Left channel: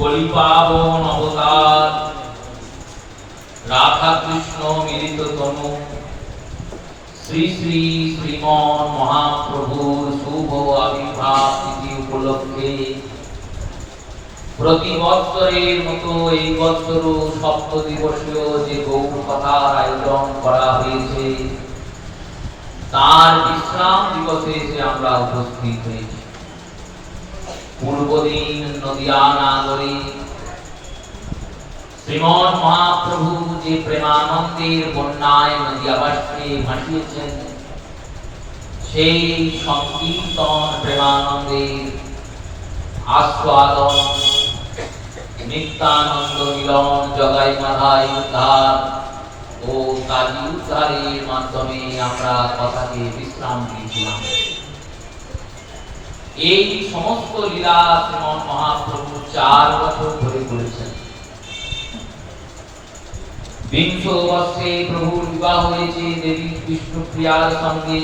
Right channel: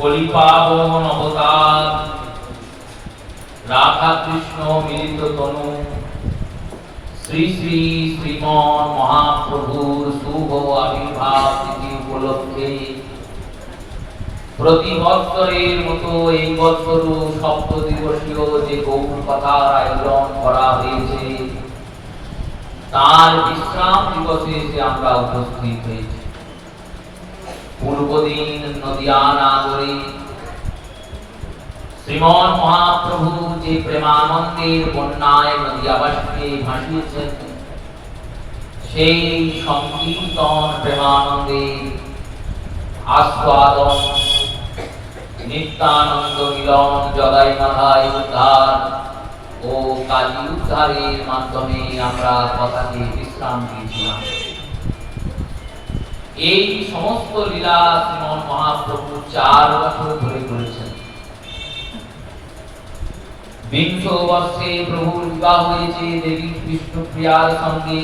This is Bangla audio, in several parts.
কলিপাবন অবতার রাধা কৃষ্ণ মিলিত তনু শ্রী শ্রী শ্রীমন মহাপ্রভুর শুভ আবির্ভাব তিথি উপলক্ষে প্রতি বৎসরের মতো এই বৎসরও সপ্ত দিবসীয় যে গৌর কথার আয়োজন করা হয়েছে তার বিশ্রাম দিবসে এসে আমরা উপস্থিত হয়েছি। পূর্বদিন নদিয়া নাগরে শ্রীমন মহাপ্রভু যে প্রেমানন্দের বন্যায় নদিয়াবাসীকে ভাসিয়েছেন সেই সংকীর্তন প্রেমানন্দের আস্বাদন নিত্যানন্দ মিলন জগাই মাধাই উদ্ধার ও কালী উদ্ধারের মাধ্যমে আমরা কথাকে বিশ্রাম দিয়েছিলাম। এই সমস্ত লীলা শ্রীমন মহাপ্রভু 4 বছর ধরে করেছেন। বিংশ বর্ষে প্রভুর বিবাহ হয়েছে দেবী বিষ্ণুপ্রিয়ার সঙ্গে,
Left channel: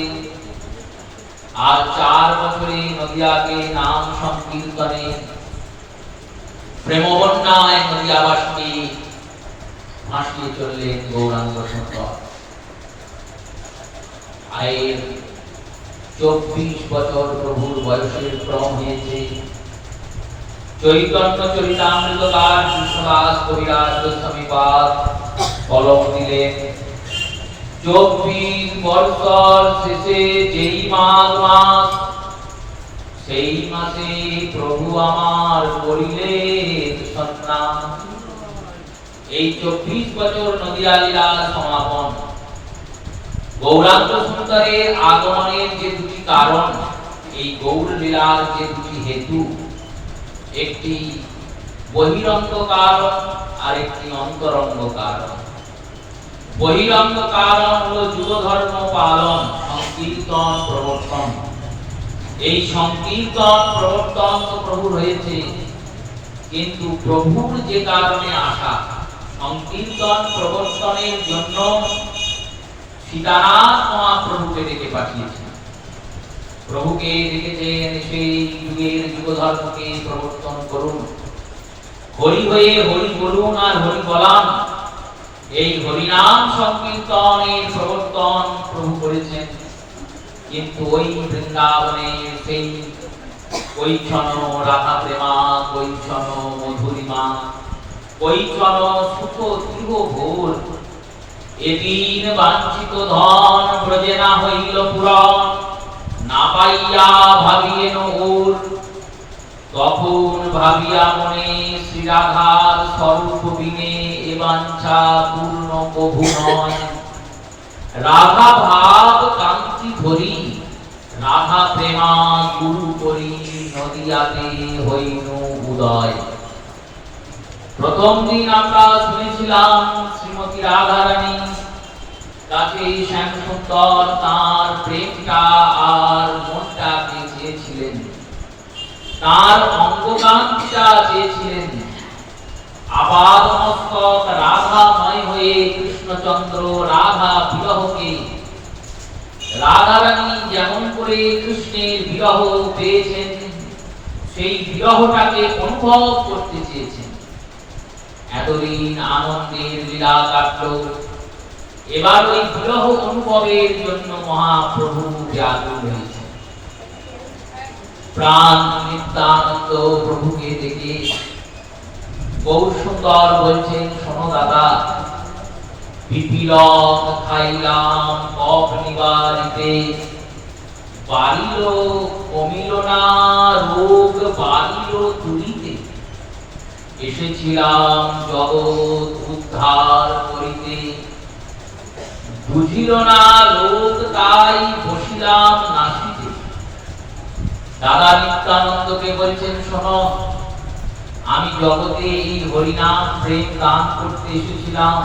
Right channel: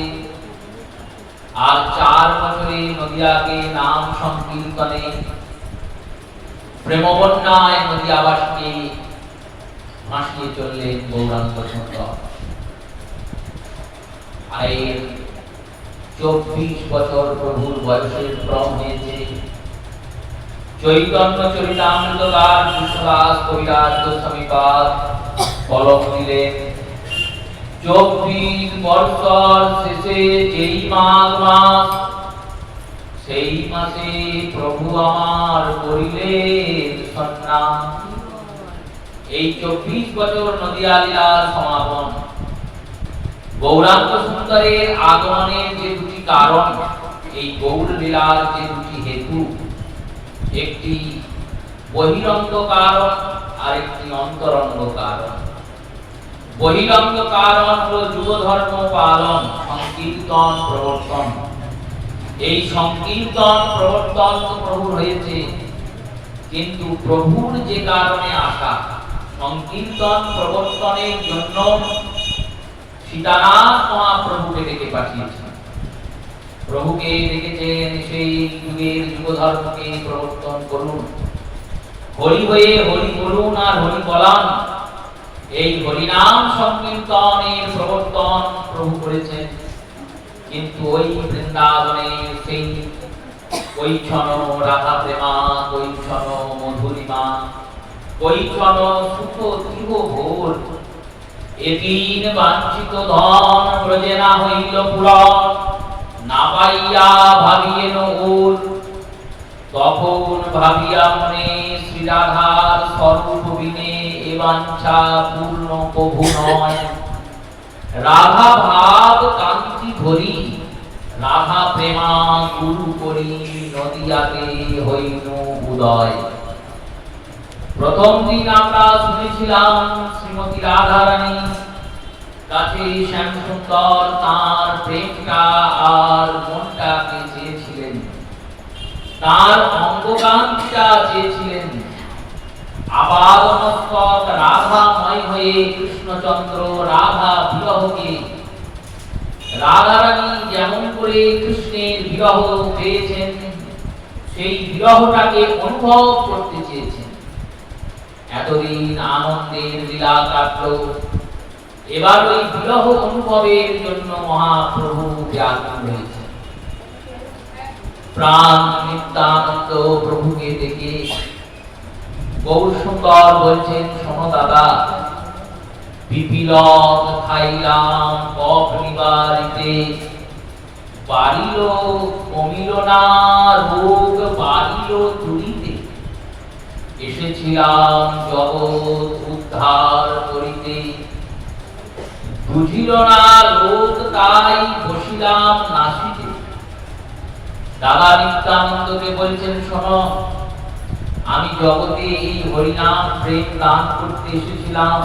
আর 4 বছরে নদিয়াকে নাম সংকীর্তনে প্রেমবন্যায় নদিয়াবাসীকে ভাসিয়ে চললেন গৌরাঙ্গ সুন্দর। আয়ের 24 বছর প্রভুর বয়সের ক্রম হয়েছে। চৈতন্য চরিতামৃতকার কৃষ্ণদাস কবিরাজ গোস্বামীপাদ কলম দিলেন। 24 বছর শেষে যেই মাঘ মাস, সেই মাসে প্রভু আমার করিলেন সন্ন্যাস। এই 24 বছর নদিয়া লীলার সমাপন। গৌরাঙ্গ সুন্দরের আগমনের যে দুটি কারণ, এই গৌর লীলার যে দুটি হেতু, একটি বহিরঙ্গ কারণ আর একটি অন্তরঙ্গ কারণ। বহিরঙ্গ কারণ হলো যুগ ধর্ম পালন, সংকীর্তন প্রবর্তন। এই সংকীর্তন প্রবর্তন তো প্রভুর হয়েছে, কিন্তু প্রভুর যে কারণে আসা সংকীর্তন প্রবর্তনের জন্য সীতানাথ মহাপ্রভুকে ডেকে পাঠিয়েছেন। প্রভুকে ডেকেছেন সেই যুগের যুগ ধর্মকে প্রবর্তন করুন, হরি হয়ে হরি বলুন আর হরি বলান। এই হরিনাম সংকীর্তনের প্রবর্তন প্রভু করেছেন। কিন্তু ওই বৃন্দাবনে সেই কৈছন রাধা প্রেমা, কৈছন মধুরিমা, কৈছন সুখ দীর্ঘ ভোর, এদিন বাঞ্ছিত ধন ব্রজে না হইল পূরণ, না পাইয়া ভাবিয়েন ওর। তখন ভাবিয়া মনে শ্রীরাধার স্বরূপ বিনে এ বাঞ্ছা পূর্ণ প্রভু নয়। রাধা ভাব কান্তি ধরি, রাধা প্রেমা গুরু করি, নদিয়াতে হইল উদয়। প্রথম দিন আমরা শুনেছিলাম শ্রীমতী রাধারানী কাছে শ্যামসুন্দর তার প্রেমটা আর মনটাকে চেয়েছিলেন, তার অঙ্গকান্তিটা চেয়েছিলেন। আবার মস্তক রাধাময় হয়ে কৃষ্ণচন্দ্র রাধা বিরহকে, রাধারানী যেমন করে কৃষ্ণের বিরহ পেয়েছেন সেই বিরহটাকে অনুভব করতে চেয়েছেন। এতদিন আনন্দের লীলা কাটল, এবার ওই বিরহ অনুভবের জন্য মহাপ্রভু ব্যাকুল হয়েছেন। প্রাণ নিত্যানন্দ প্রভুকে দেখে গৌর সুন্দর বলছেন, শোনো দাদা, পিপিলক খাইলাম কফ নিবারিতে, বাড়িল কমিল না রোগ বাড়িল তুলিতে, এসেছিলাম জগৎ উদ্ধার করিতে, বুঝিল না লোক তাই বসিলাম নাসিতে। দাদা নিত্যানন্দকে বলছেন, শোনো, আমি জগতে এই হরিনাম প্রেম দান করতে এসেছিলাম,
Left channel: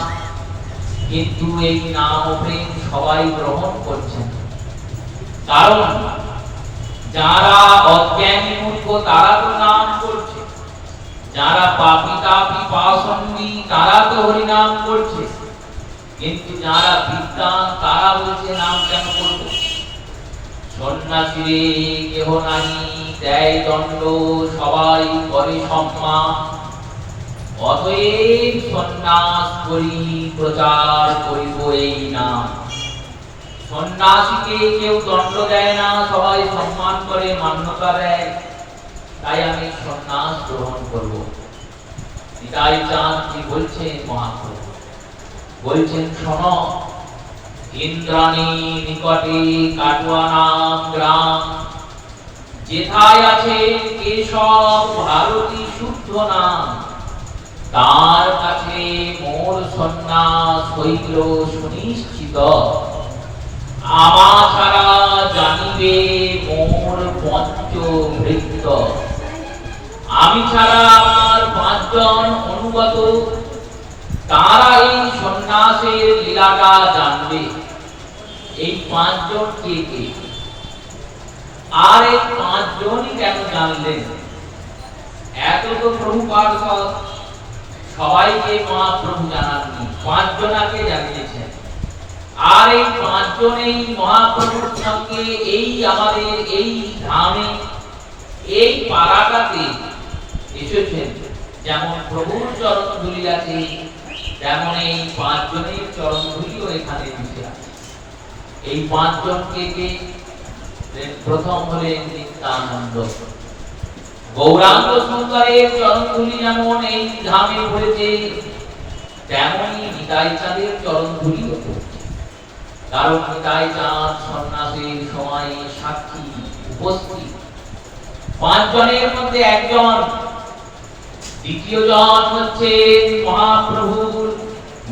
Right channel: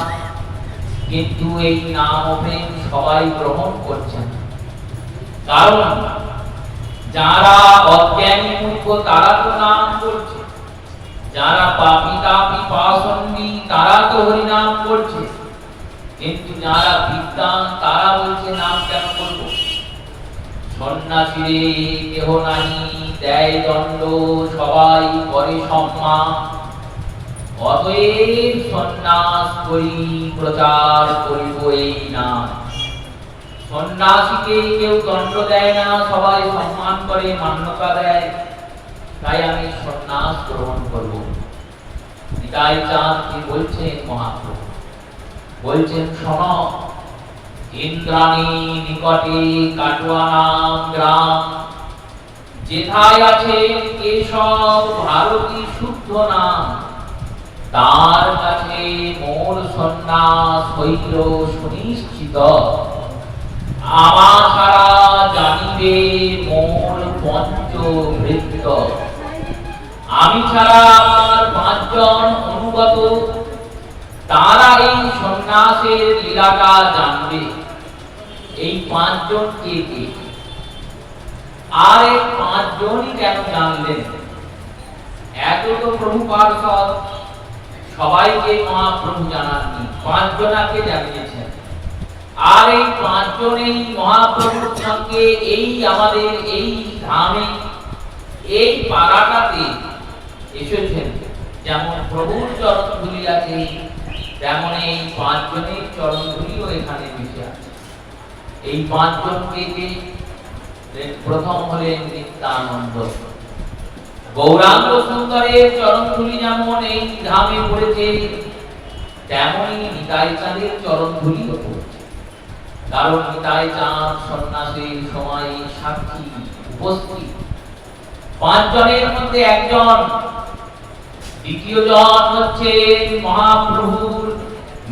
কিন্তু এই নাম ও প্রেম সবাই গ্রহণ করছেন। কারণ যারা অজ্ঞানী মূর্খ তারা তো নাম করছে, যারা পাপী তাপী পাষণ্ডী তারা তো হরিনাম করছে, কিন্তু যারা বিদ্বান তারা বলছে নাম কেন করব। সন্ন্যাসীরে কেহ নাই দেয় দণ্ড, সবাই করে সম্মান, অতএব সন্ন্যাস করি, প্রচার করিব এই নাম। সন্ন্যাসীকে কেউ দণ্ড দেয় না, সবাই সম্মান করে, মান্যতা দেয়। তাই আমি সন্ন্যাস গ্রহণ করব। নিতাই চাঁদ কি বলছেন মহাপ্রভু? বলছেন, শোনো, ইন্দ্রাণী নিকটে কাটোয়া নাম গ্রাম, যেথায় আছে কেশব ভারতী শুদ্ধ নাম, তার কাছে মোর সন্ন্যাস হইল সুনিশ্চিত। আমা ছাড়া জানিবে মোর পঞ্চভৃত্য। আমি ছাড়া আমার 5 জন অনুগত, তারা এই সন্ন্যাসের লীলাটা জানবে। এই 5 জন কে কে? আর এই 5 জনই কেন জানলেন? এত তো প্রভু পার্ষদ, সবাইকে মহাপ্রভু জানাননি, 5 জনাকে জানিয়েছেন। আর এই 5 জনেই মহাপ্রভুর সঙ্গে এই আমাদের এই ধামে, এই পাড়াটাতে এসেছেন। যেমন প্রভুর চরণ ধুলি আছে, তেমন এই 5 জনের চরণ ধুলিও এখানে মিশে আছে। এই 5 জনকে কে? প্রথম হলেন নিত্যানন্দ। গৌরাঙ্গ সুন্দরের চরণ ধুলি যেমন এই ধামে পড়েছে, তেমনই নিতাই চাঁদের চরণ ধুলিও পড়েছে। কারণ নিতাই চাঁদ সন্ন্যাসীর সময় সাক্ষী উপস্থিত। 5 জনের মধ্যে একজন, দ্বিতীয় জন হচ্ছেন মহাপ্রভুর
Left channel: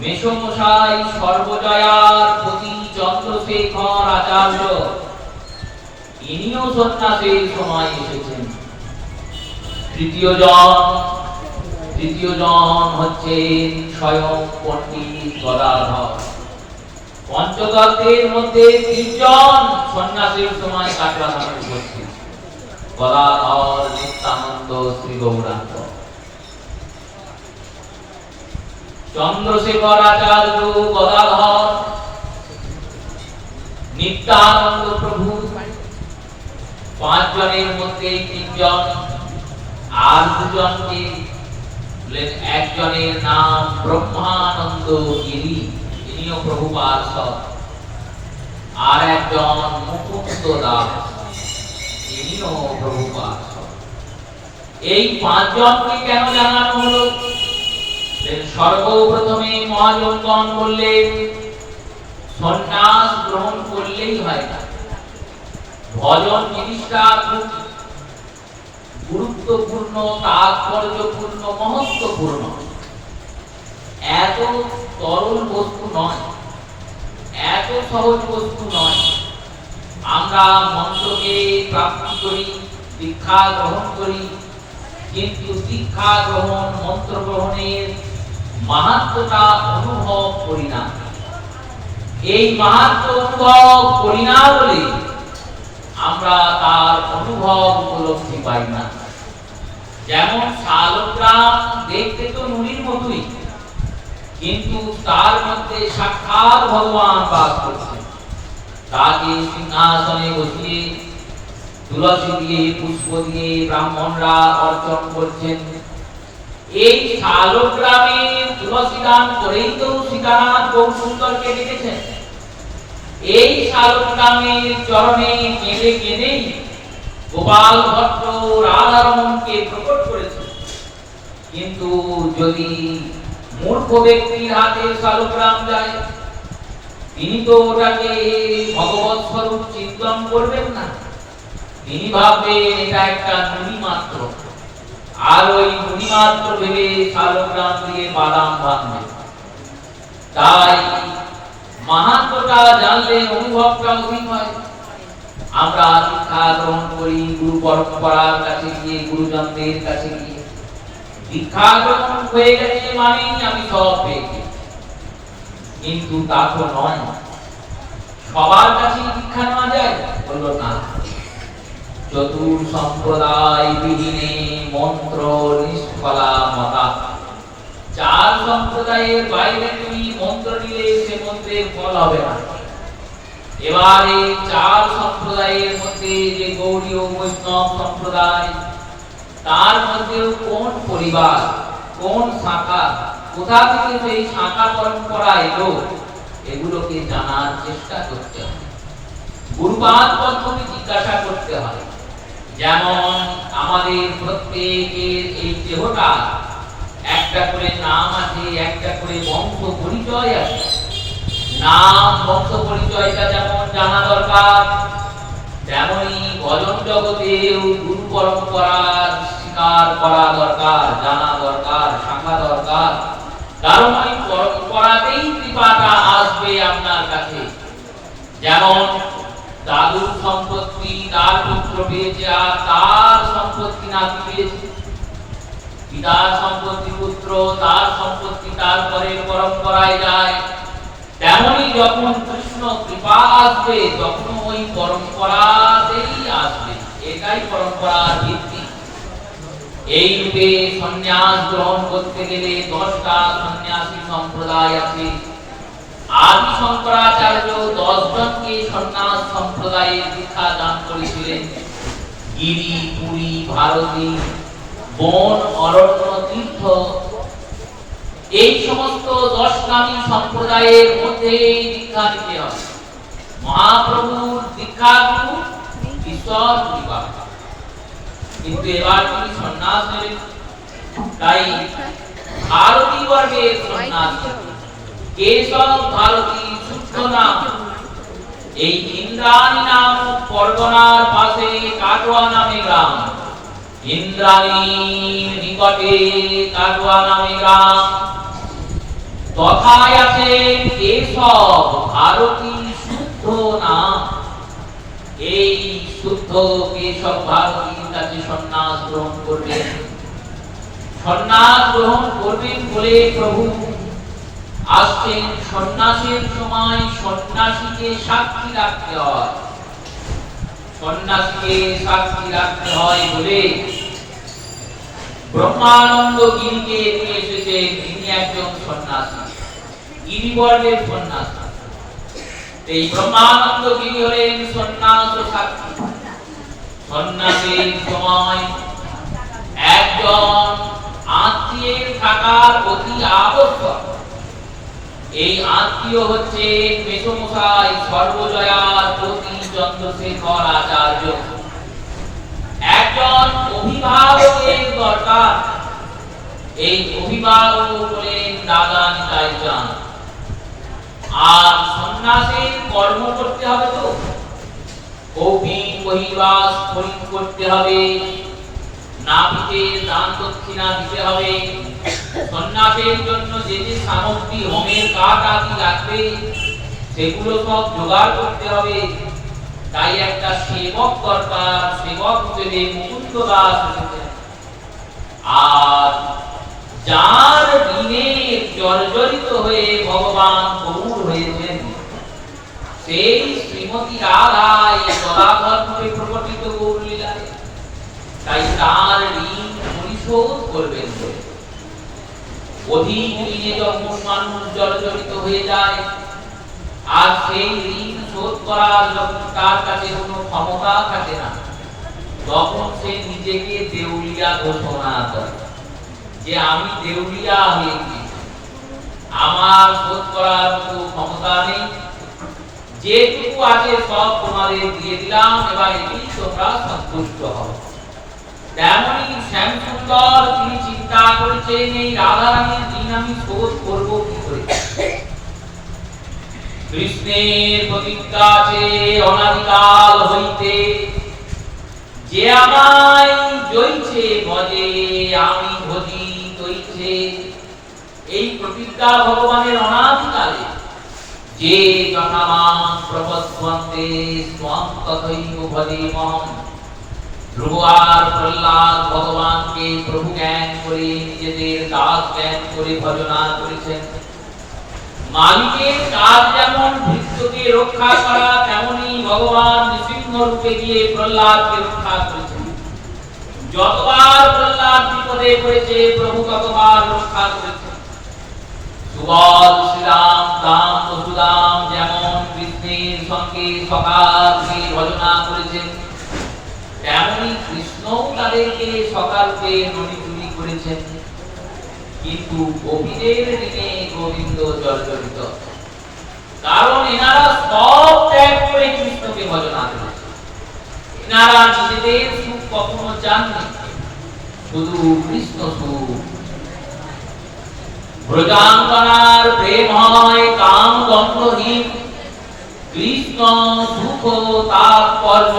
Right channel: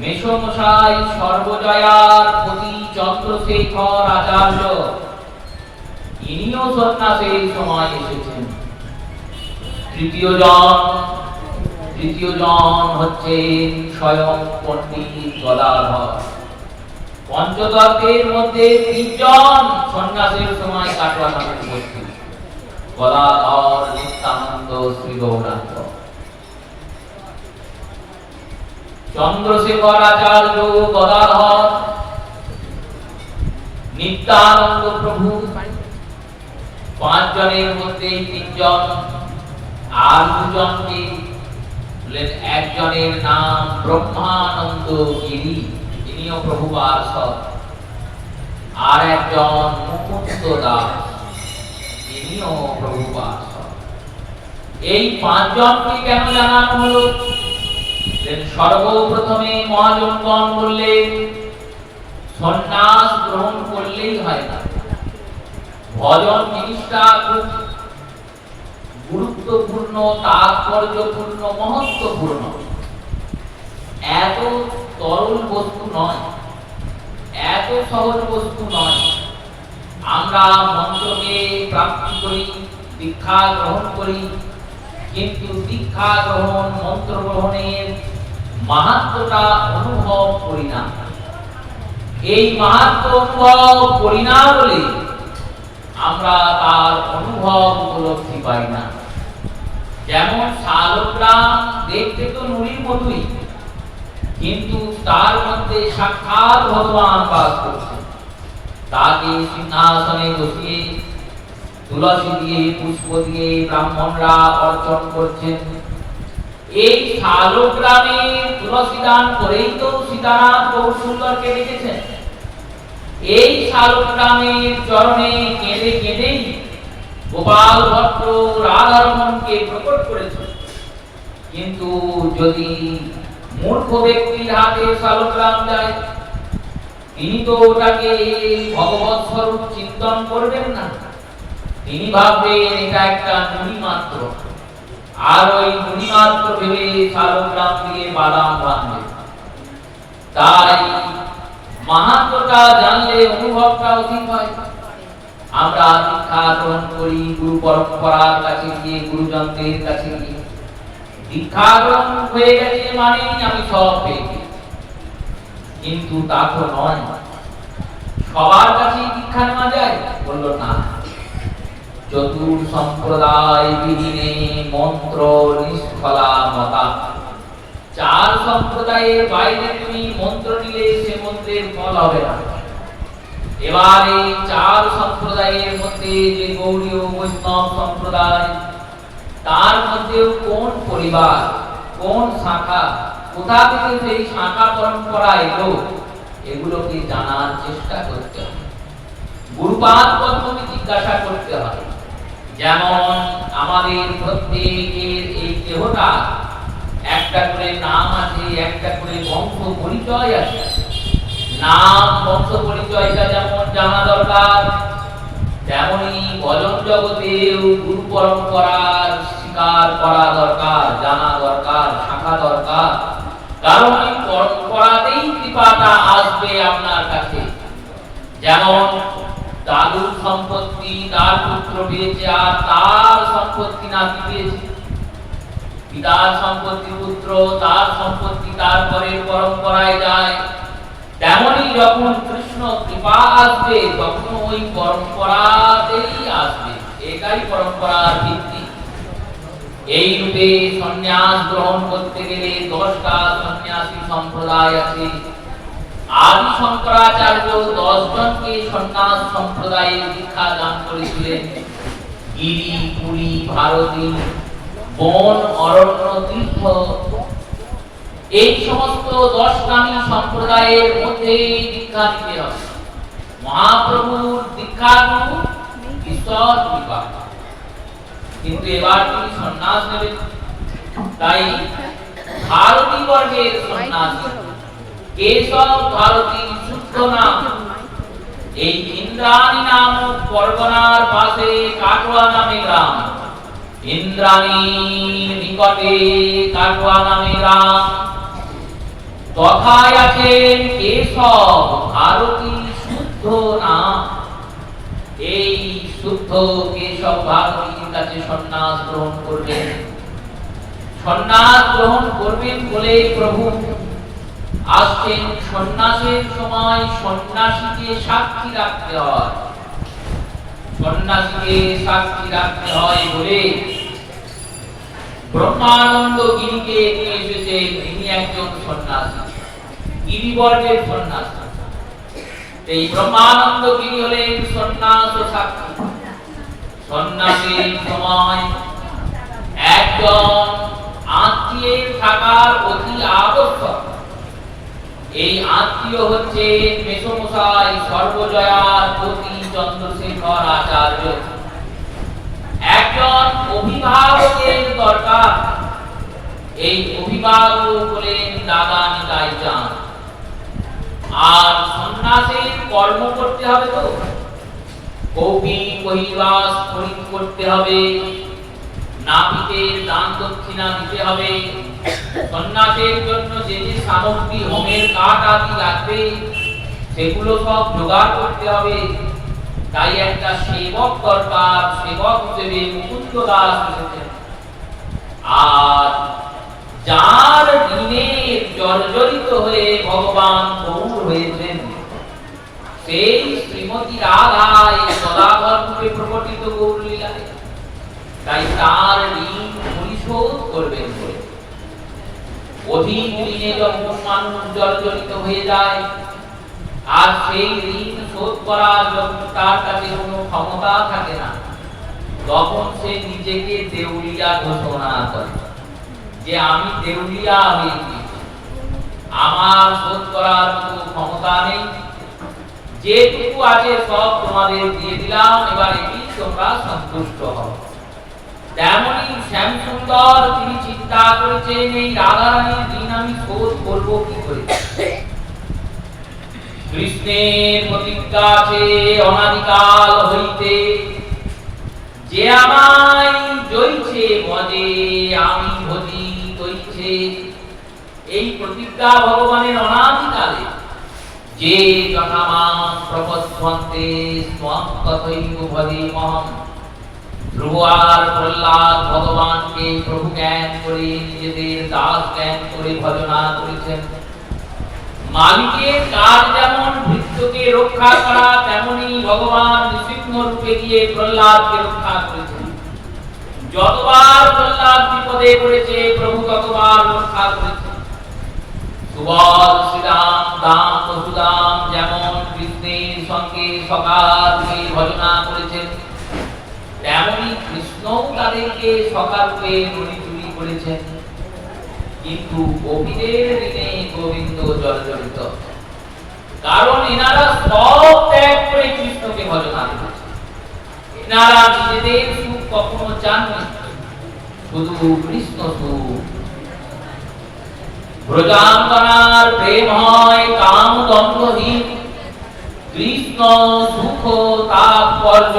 মেষমশাই সর্বজয়ার পতি চন্দ্রশেখর আচার্য। ইনিও সন্ন্যাসের সময় এসেছেন। তৃতীয় জন হচ্ছেন স্বয়ং পণ্ডিত গদাধর। পঞ্চদত্তের মধ্যে 3 জন সন্ন্যাসের সময় কাটোয়া নামে উপস্থিত: গদাধর, নিত্যানন্দ, শ্রী গৌরাঙ্গ। চন্দ্রশেখর আচার্য, গদাধর, নিত্যানন্দ প্রভু, 5 জনের মধ্যে 3 জন। আর 2 জনকে, একজনের নাম ব্রহ্মানন্দ গিরি, ইনিও প্রভু পার্ষদ। আর একজন মুকুন্দ দাস, ইনিও প্রভু পার্ষদ। এই 5 জনকে কেন জানানো হলো? সর্বপ্রথমে মহাজনগণ বললেন, সন্ন্যাস গ্রহণ করলেই হয় না, ভজন জিনিসটা খুব গুরুত্বপূর্ণ, তাৎপর্যপূর্ণ, মহত্বপূর্ণ। এত তরল বস্তু নয়, এত সহজ বস্তু নয়। আমরা মন্ত্রকে প্রাপ্তি করি, দীক্ষা গ্রহণ করি, কিন্তু দীক্ষা গ্রহণ, মন্ত্র গ্রহণের মাহাত্ম্যটা অনুভব করি না। এই মাহাত্ম্য অনুভব করি না বলে আমরা তার অনুভব উপলব্ধি পাই না। যেমন শালগ্রাম দেখতে তো নুড়ির মতোই, কিন্তু তার মধ্যে সাক্ষাৎ ভগবান বাস করছেন। তাকে সিংহাসনে বসিয়ে তুলসী দিয়ে, পুষ্প দিয়ে ব্রাহ্মণরা অর্চন করছেন। এই শালগ্রামে তুলসী দান করেই তো সীতানাথ গৌরসুন্দরকে রেখেছেন। এই শালগ্রামের চরণে কেঁদে কেঁদেই গোপাল ভট্ট রাধারমণকে প্রকট করেছেন। কিন্তু যদি মূর্খ ব্যক্তির হাতে শালগ্রাম যায়, তিনি তো ওটাকে ভগবৎ স্বরূপ চিন্তন করবেন না। তিনি ভাববেন এটা একটা নুড়ি মাত্র, আর ওই নুড়ি মাত্র ভেবে শালগ্রাম দিয়ে বাদাম বাঁধবে। তাই মাহাত্ম্যটা জানলে অনুভবটা অধিক হয়। আমরা দীক্ষা গ্রহণ করি গুরু পরম্পরার কাছে গিয়ে, গুরুজনদের কাছে গিয়ে। দীক্ষা গ্রহণ হয়ে গেছে মানে আমি সব পেয়ে গেছি, কিন্তু তা তো নয়। সবার কাছে দীক্ষা নেওয়া যায়? বলল না। চতুর সম্প্রদায় বিহীনে মন্ত্র নিষ্ফলা মতা। 4 সম্প্রদায়ের বাইরে তুমি মন্ত্র নিলে সে মন্ত্রের ফল হবে না। এবার এই 4 সম্প্রদায়ের মধ্যে যে গৌড়ীয় বৈষ্ণব সম্প্রদায়, তার মধ্যেও কোন পরিবার, কোন শাখা, কোথা থেকে সেই শাখা পরম্পরা এলো, এগুলোকে জানার চেষ্টা করতে হবে। গুরুপাদ পদ্ধতি জিজ্ঞাসা করতে হবে। যেমন আমাদের প্রত্যেকের এই দেহটা একটা করে নাম আছে, একটা করে বংশ পরিচয় আছে। নাম বংশ পরিচয়টা যেমন জানা দরকার, তেমনি ভজন জগতেও গুরু পরম্পরার স্বীকার করা দরকার, জানা দরকার, শাখা দরকার। কারণ এই পরম্পরাতেই কৃপাটা আসবে আপনার কাছে। যেমন দাদুর সম্পত্তি তার পুত্র পেয়েছে, আর তার সম্পত্তি নাতি পেয়েছে। পিতার সম্পত্তি পুত্র, তার সম্পত্তি তারপরে পরম্পরায় যায়। তেমনি যখন কৃষ্ণ কৃপা আসবে, তখন ওই পরম্পরাতেই আসবে। এটাই পরম্পরার ভিত্তি। এই রূপে সন্ন্যাস গ্রহণ করতে গেলে 10টা সন্ন্যাসী সম্প্রদায় আছে। আদি শঙ্করাচার্য 10 জনকে সন্ন্যাস সম্প্রদায়ের দীক্ষা দান করেছিলেন। গিরি, পুরী, ভারতী, বন, অরণ্য, তীর্থ, এই সমস্ত 10 গামী সম্প্রদায়ের মধ্যে দীক্ষা নিতে হবে। মহাপ্রভুর দীক্ষা গুরু ঈশ্বর কৃপা, কিন্তু এবার তিনি সন্ন্যাস নেবেন। তাই ভারতী বর্গের সন্ন্যাস কেশব ভারতী শুদ্ধ নাম। এই ইন্দ্রাণী নামক পরগনার পাশে কাটোয়া নামে গ্রাম। ইন্দ্রাণীর নিকটে কাটোয়া নামে গ্রাম। তথায় আছেন কেশব ভারতী শুদ্ধ নাম। এই শুদ্ধ কেশব ভারতীর কাছে সন্ন্যাস গ্রহণ করবেন। সন্ন্যাস গ্রহণ করবেন বলে প্রভু আসছেন। সন্ন্যাসের সময় সন্ন্যাসীকে সাক্ষী রাখতে হয়। সন্ন্যাসীকে সাক্ষী রাখতে হয় বলে ব্রহ্মানন্দ গিরিকে নিয়ে এসেছেন। তিনি একজন সন্ন্যাসী, গিরিবর্গের সন্ন্যাসী। এই ব্রহ্মানন্দ গিরি হলেন সন্ন্যাস ও সাক্ষী। সন্ন্যাসের সময় একজন আত্মীয়ের থাকার অতি আবশ্যক। এই আত্মীয় হচ্ছে মেসমশাই সর্বজয়ার পতি চন্দ্রশেখর আচার্য। একজন অভিভাবকের দরকার। এই অভিভাবক হলেন দাদা নিতাই চাঁদ। আর সন্ন্যাসের কর্ম করতে হবে, তো কৌপিন বহির্বাস খরিদ করতে হবে, নাপিতের দান দক্ষিণা দিতে হবে। সন্ন্যাসের জন্য যে যে সামগ্রী, হোমের কাঠ আদি লাগবে, সেগুলো সব জোগাড় করতে হবে। তাই একটা সেবক দরকার। সেবক হিসেবে মুকুন্দ দাস এসেছেন। আর যার ঋণে জর্জরিত হয়ে ভগবান গৌর হয়েছেন, সেই শ্রীমতী রাধাই সদাগর রূপে প্রকটিত গৌর লীলায়। তাই তার ঋণ পরিশোধ করবেন বলে। অধিক ঋণে যখন মানুষ জর্জরিত হয়ে যায়, আর সেই ঋণ শোধ করার যখন তার কাছে কোনো ক্ষমতা থাকে না, তখন সে নিজেকে দেউলিয়া ঘোষণা করে যে আমি দেউলিয়া হয়ে গিয়েছি, আমার শোধ করার কোনো ক্ষমতা নেই, যেটুকু আছে সব তোমাদের দিয়ে দিলাম, এবার এটি তোমরা সন্তুষ্ট হও। তেমনি শ্যামসুন্দর তিনি চিন্তা করেছেন এই রাধারানীর ঋণ আমি শোধ করবো কি করে। কৃষ্ণের প্রতিজ্ঞা আছে অনাদিকাল হইতে, যে আমায় জইছে ভজে আমি ভজি তৈছে। এই প্রতিজ্ঞা ভগবানের অনাদিকালে। যে জনামাং প্রপদ্বন্তে স্বং তথৈব ভজেমহং। ধ্রুব আর প্রহ্লাদ ভগবানকে প্রভু জ্ঞান করে নিজেদের দাস জ্ঞান করে ভজনা করেছেন। মালিকের কাজ যেমন ভৃত্যকে রক্ষা করা, তেমনি ভগবান নৃসিংহ রূপে গিয়ে প্রহ্লাদকে রক্ষা করেছেন। যতবার প্রহ্লাদ বিপদে পড়েছে, প্রভু ততবার রক্ষা করেছেন। সুবল শ্রীরাম দাম বসুদাম যেমন কৃষ্ণের সঙ্গে সকালকে ভজনা করেছেন, তেমনি কৃষ্ণ তাদেরকে সকালকে মণিচুরি করেছেন। কিন্তু গোপীদের ঋণে গোবিন্দ জর্জরিত, কারণ এনারা সব ত্যাগ করে কৃষ্ণকে ভজনা করেছে। এনারা নিজেদের সুখ কখনো চাননি, শুধু কৃষ্ণ সুখ। ব্রজাঙ্গনার প্রেম হয় কাম দ্বন্দ্বহীন, কৃষ্ণ সুখ তাৎপর্য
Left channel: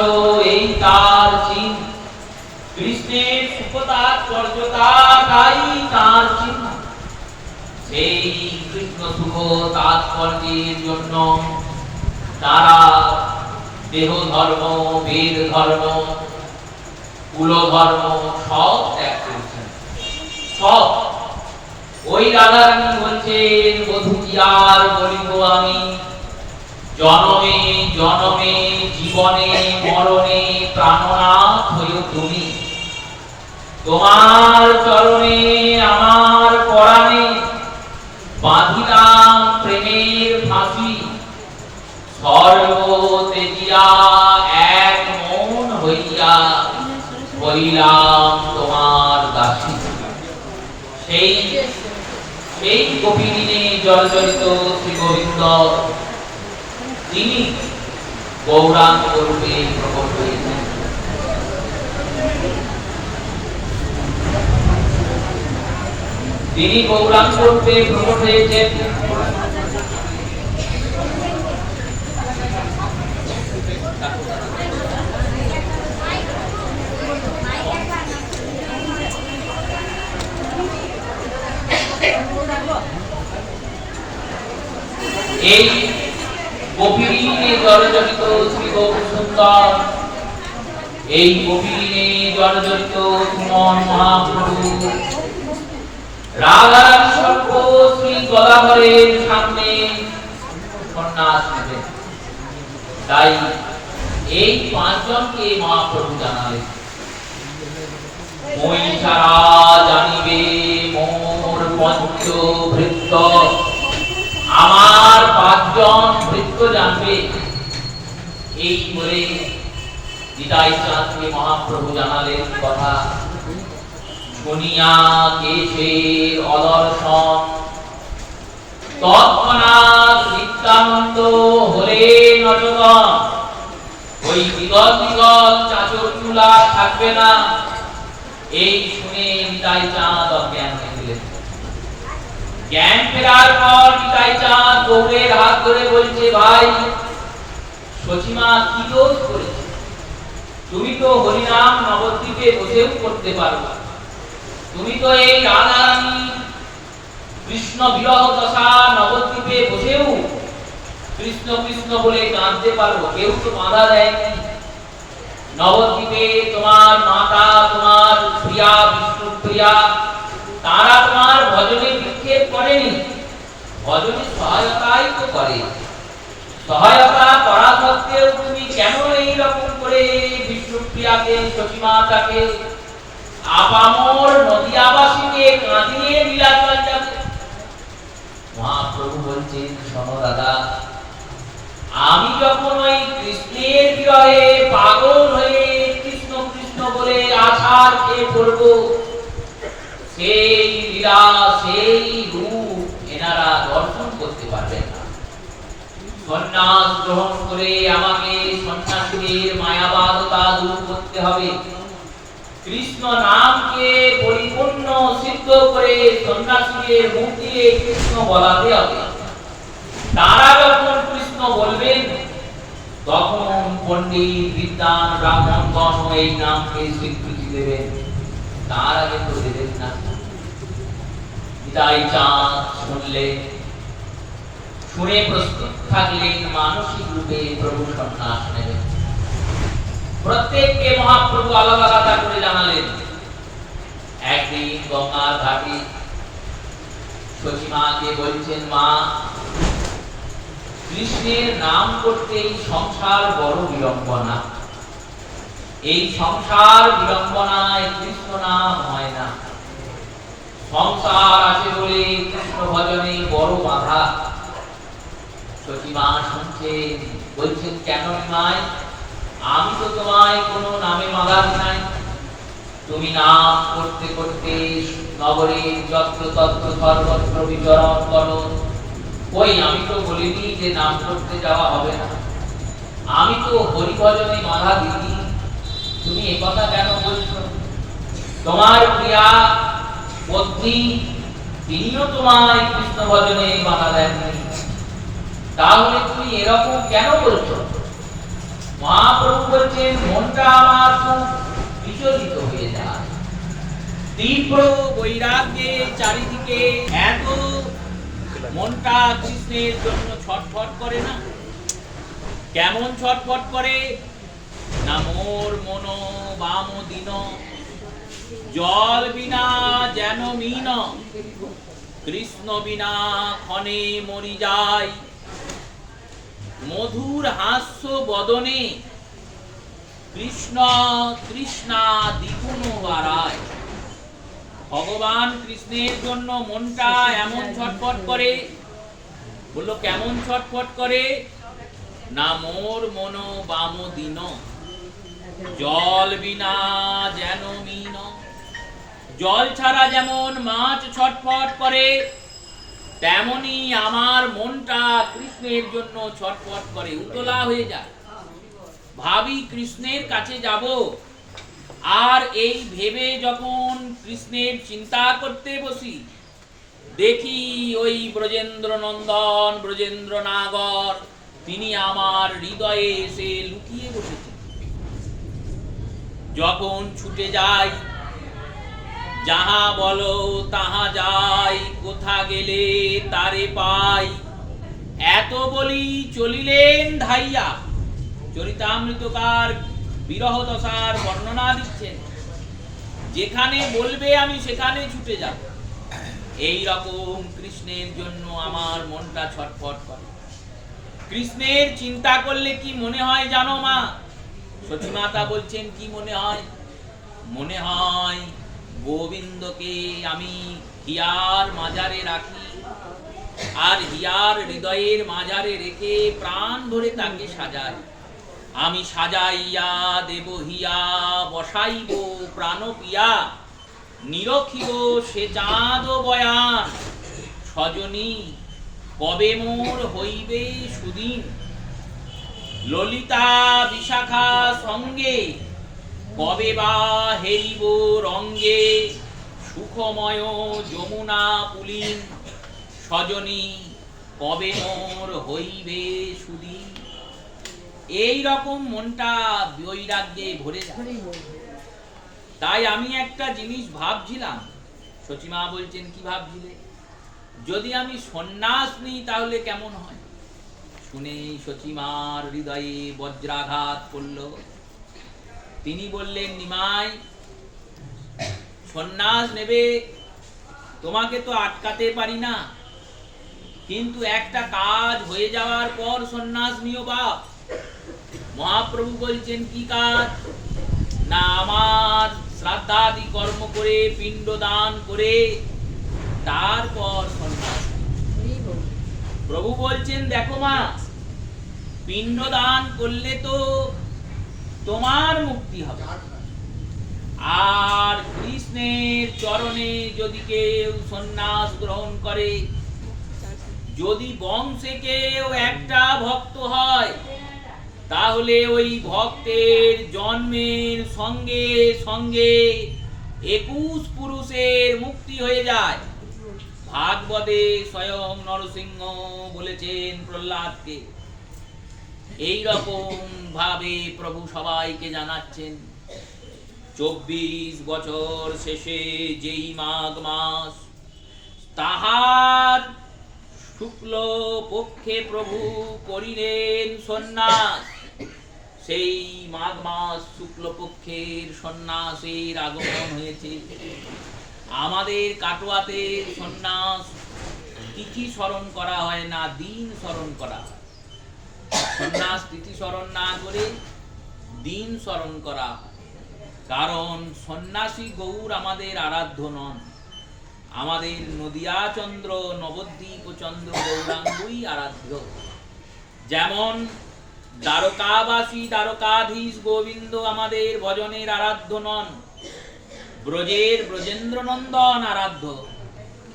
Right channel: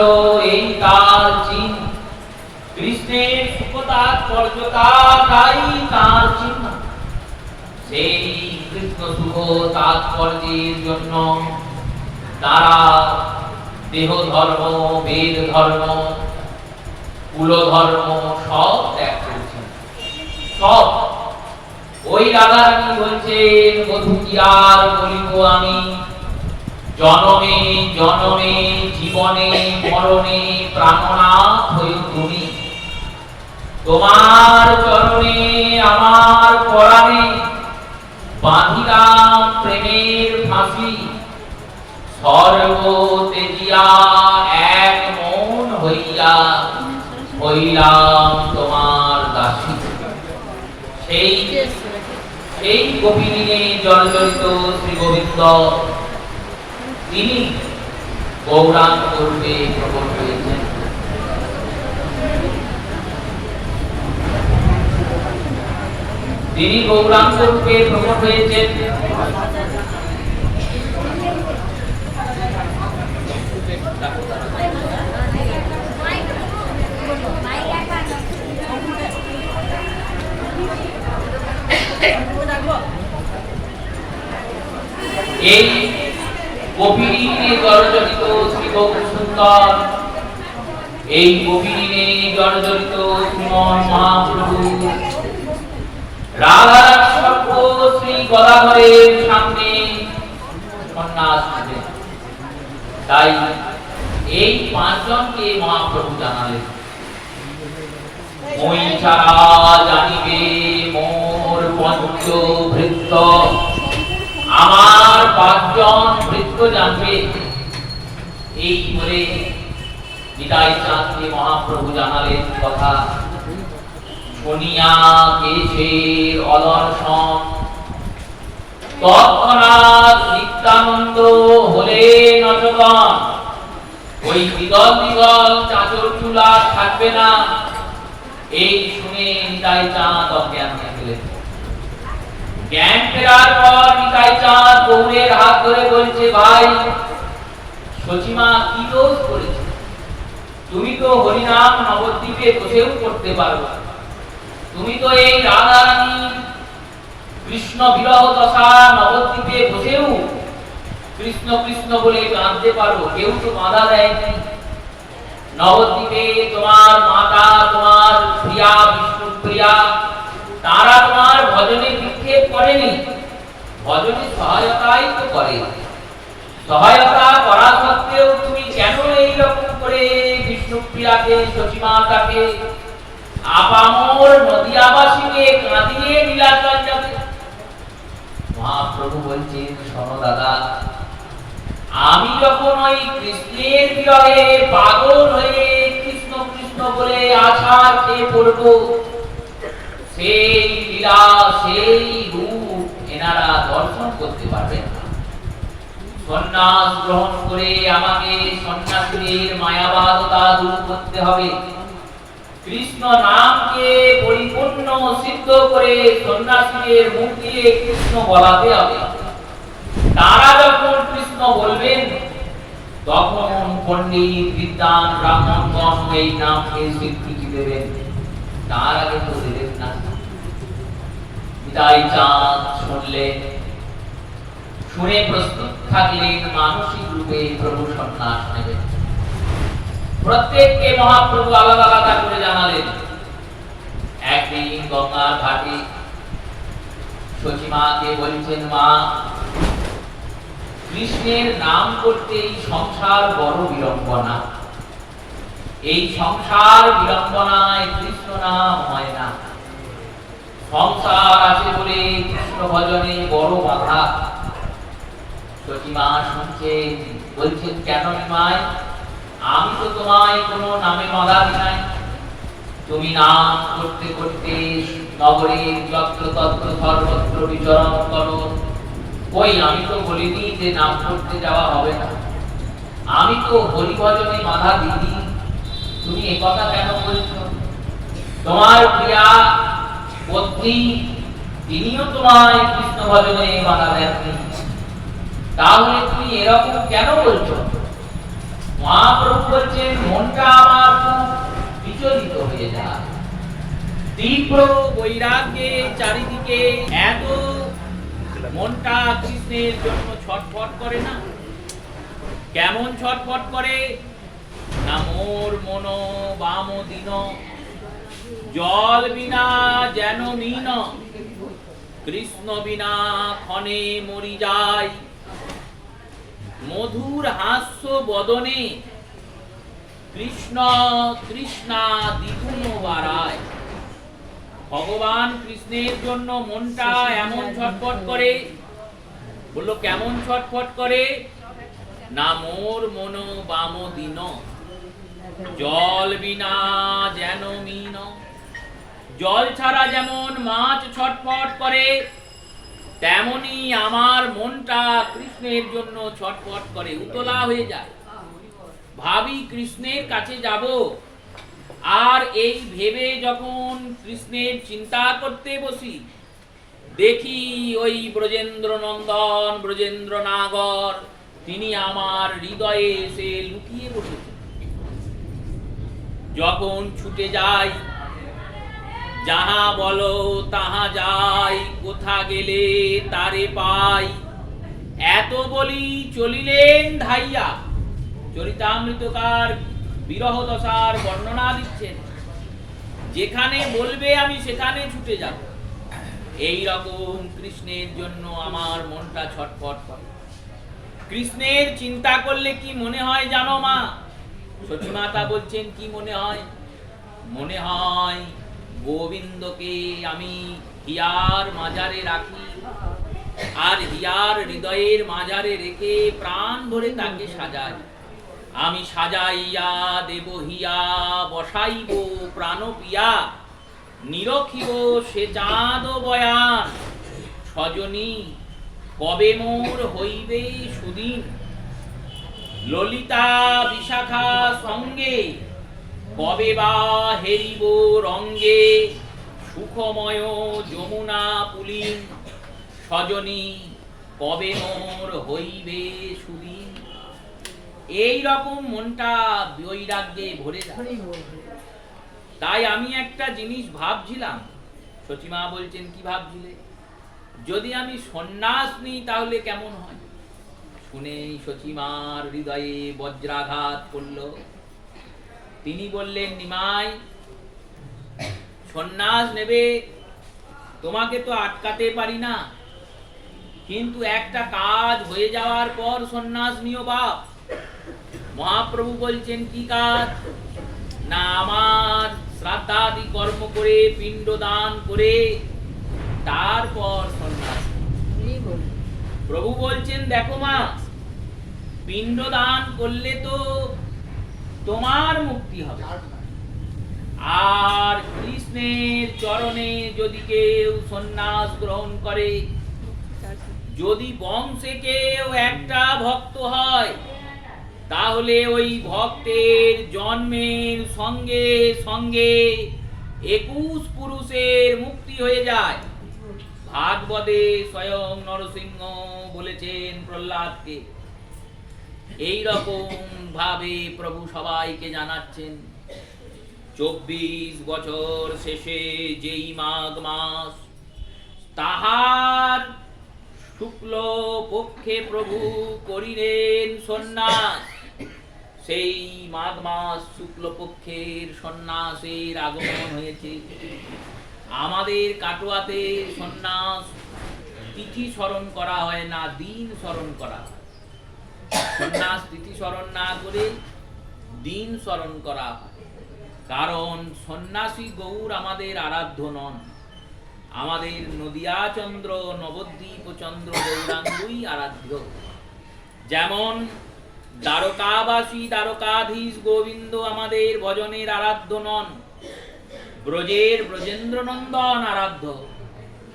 এই তার চিহ্ন। কৃষ্ণের সুখ তাৎপর্য তাই তার চিহ্ন। সেই কৃষ্ণ সুখ তাৎপর্যের জন্য তারা দেহ ধর্ম, বেদ ধর্ম, কুল ধর্ম সব ত্যাগ করেছেন। সব। ওই রাধারানী বলছেন, বধূ কি আর বলিব আমি, জনমে জনমে জীবনে মরণে প্রাণনাথ হইও তুমি। তোমার চরণে আমার পরাণে বাঁধিলাম প্রেমের ফাঁসি। সর্ব তেজিয়া এক মন হইয়া হইলাম তোমার দাসী। সেই গোপীনে জর্জরিত শ্রী গোবিন্দ তিনি গৌরাঙ্গ রূপে প্রকট হয়েছেন। তিনি গৌরাঙ্গ রূপে প্রকট হয়েছেন। এই গোপীনে জর্জরিত শ্রী গৌর সুন্দর, এই গোপীনে জর্জরিত শ্রীমন মহাপ্রভু রাধার সর্ব শ্রী গদাধরের সামনে সন্ন্যাস নিতেন। তাই এই পাঁচজনকে মহাপ্রভু জানালেন, মই সারা জানিবে মোর পঞ্চ ভৃত্য, আমার পাঁচজন ভৃত্য জানবে। এই বলে নিতাই চাঁদকে মহাপ্রভু জানালেন কথা। শুনিয়া কেশের অদর্শন, তৎক্ষণাৎ নিত্যানন্দ হলেন অচেতন। ওই বিগল বিগল চাঁচর চুলা থাকবে না, এই শুনে নিতাই চাঁদ অজ্ঞান হয়ে গেলেন। জ্ঞান ফেরার পর নিতাই চাঁদ গৌরের হাত ধরে বলছে, ভাই সচিমা কি দোষ করেছে? তুমি তো হরিনাম নবদ্বীপে বসেও করতে পারো, তুমি তো এই রাধারানী কৃষ্ণ বিরহ দশা নবদ্বীপে বসেও কৃষ্ণ কৃষ্ণ বলে কাঁদতে পারো, কেউ তো বাধা দেয়নি। নবদ্বীপে তোমার মাতা, তোমার প্রিয়া বিষ্ণু প্রিয়া, তারা তোমার ভজনে বিক্ষেপ করেনি, ভজনে সহায়তাই তো করে। সহায়তা করা সত্ত্বেও তুমি কেন এই রকম করে বিষ্ণুপ্রিয়াকে, সচিমাতাকে, আপামর নদিয়াবাসীকে কাঁদিয়ে নীলাচল যাবে? মহাপ্রভু বলছেন, শোনো দাদা, আমি যখন ওই কৃষ্ণের বিরহে পাগল হয়ে কৃষ্ণ কৃষ্ণ বলে আছাড় খেয়ে পড়ব, সেই লীলা সেই রূপ এনারা দর্শন করতে পারবেন না। সন্ন্যাস গ্রহণ করে আমাকে সন্ন্যাসীদের মায়াবাদতা দূর করতে হবে। কৃষ্ণ নামকে পরিপূর্ণ সিদ্ধ করে সন্ন্যাসীদের মুখ দিয়ে কৃষ্ণ বলাতে হবে। তারা যখন কৃষ্ণ বলবেন, তখন পণ্ডিত বিদ্বান ব্রাহ্মণগণ এই নামকে স্বীকৃতি দেবেন। তার আগে তো দেবেন না। নিতাই চাঁদ শুনলেন, শুনে প্রস্তুত থাকলেন মানসিক রূপে প্রভু সন্ন্যাস নেবেন। প্রত্যেককে মহাপ্রভু আলাদা আলাদা করে জানালেন। একদিন গঙ্গার ঘাটে সচিমাকে বলছেন, মা, কৃষ্ণের নাম করতে এই সংসার বড় বিড়ম্বনা। এই সংসার বিড়ম্বনায় কৃষ্ণ নাম হয় না। সংসার আছে বলে কৃষ্ণ ভজনে বড় বাধা। সচিমা শুনছেন, বলছেন, কেন নিমাই? আমি তো তোমায় কোনো নামে বাধা নাই। তুমি নাম করতে করতে নগরের যত্র তত্র সর্বত্র বিচরণ করো। কই, আমি তো বলিনি যে নাম করতে যাওয়া হবে না, আমি তো হরিভজনে বাধা দিই। তুমি এই কথা কেন বলছো? তোমার প্রিয়া পত্নী তিনিও তোমায় কৃষ্ণ ভজনে বাধা দেননি, তাহলে তুমি এরকম কেন বলছো? মহাপ্রভু বলছেন, মনটা আমার খুব বিচলিত হয়ে যায়। তীব্র বৈরাগ্যে চারিদিকে এত মনটা কৃষ্ণের জন্য ছটফট করে না। কেমন ছটফট করে না, মোর মন বাম দিন, জল বিনা যেন মিন, কৃষ্ণ বিনা ক্ষণে মরি যায়, মধুর হাস্য বদনে কৃষ্ণ তৃষ্ণা দ্বিগুণ বাড়ায়। ভগবান কৃষ্ণের জন্য মনটা এমন ছটফট করে। বললো কেমন ছটফট করে না, মোর মন বাম দিন, জল বিনা যেন মিন। জল ছাড়া যেমন মাছ ছটফট করে, তেমনি আমার মনটা কৃষ্ণের জন্য ছটফট করে, উতলা হয়ে যায়। ভাবি কৃষ্ণের কাছে যাব, আর এই ভেবে যখন কৃষ্ণের চিন্তা করতে বসি, দেখি ওই ব্রজেন্দ্র নন্দন ব্রজেন্দ্র নাগর তিনি আমার হৃদয়ে এসে লুকিয়ে বসেছেন। যখন ছুটে যাই, যাহা বলো তাহা যাই, কোথা গেলে তারে পাই, এত বলি চলিলেন ধাইয়া। চরিতামৃতকার বিরহ দশার বর্ণনা দিচ্ছেন, যেখানে বলবে আমি সেখানে ছুটে যাব। এই রকম কৃষ্ণের জন্য আমার মনটা ছটফট করে। কৃষ্ণের চিন্তা করলে কি মনে হয় জানো মা? সচিমাতা বলছেন, কি মনে হয়? মনে হয় গোবিন্দকে আমি হিয়ার মাজারে রাখি, আর হিয়ার হৃদয়ের মাজারে রেখে প্রাণ ভরে তাকে সাজাই। আমি সাজাইয়া দেব হিয়া, বসাইব প্রাণ পিয়া, নিরখিব সে চাঁদ বয়ান, সজনী কবে মোর হইবে সুদিন, ললিতা বিশাখা সঙ্গে কবে বা হেরিব রঙ্গে, সুখময় যমুনা পুলিন, সজনী কবে মোর হইবে সুদিন। এই রকম মনটা বৈরাগ্যে ভরে যায়। তাই আমি একটা জিনিস ভাবছিলাম। সচিমা বলছেন, কি ভাবছিলে? যদি আমি সন্ন্যাস নিই তাহলে কেমন হয়? শুনে সচিমার হৃদয়ে বজ্রাঘাত পড়ল। তিনি বললেন, নিমাই, সন্ন্যাস নেবে তোমাকে তো আটকাতে পারি না, কিন্তু একটা কাজ হয়ে যাওয়ার পর সন্ন্যাস নিও বাপ। মহাপ্রভু বলছেন, কি কাজ? না, আমার শ্রাদ্ধাদি কর্ম করে পিণ্ড দান করে তারপর সন্ন্যাস। প্রভু বলছেন, দেখো মা, পিণ্ড দান করলে তো তোমার মুক্তি হবে, আর কৃষ্ণের চরণে যদি কেউ সন্ন্যাস গ্রহণ করে, যদি বংশে কেউ একটা ভক্ত হয়, তাহলে ওই ভক্তের জন্মের সঙ্গে সঙ্গে 21 পুরুষের মুক্তি হয়ে যায়। ভাগবতে স্বয়ং নরসিংহ বলেছেন প্রহ্লাদকে। এই রকম ভাবে প্রভু সবাইকে জানাচ্ছেন, 24 বছর শেষে যেই মাঘ মাস, তাহার শুক্ল পক্ষে প্রভু করিলেন সন্ন্যাস। সেই মাঘ মাস শুক্লপক্ষের সন্ন্যাসের আগমন হয়েছে। আমাদের কাটোয়াতে সন্ন্যাস তিথি স্মরণ করা হয় না, দিন স্মরণ করা হয়। সন্ন্যাস তিথি স্মরণ না করে দিন স্মরণ করা হয়, কারণ সন্ন্যাসী গৌর আমাদের আরাধ্য নন। আমাদের নদিয়া চন্দ্র, নবদ্বীপ চন্দ্র গৌরাঙ্গই আরাধ্য। যেমন দ্বারকাবাসী দ্বারকাধীশ গোবিন্দ আমাদের ভজনের আরাধ্য নন, ব্রজের ব্রজেন্দ্র নন্দন আরাধ্য,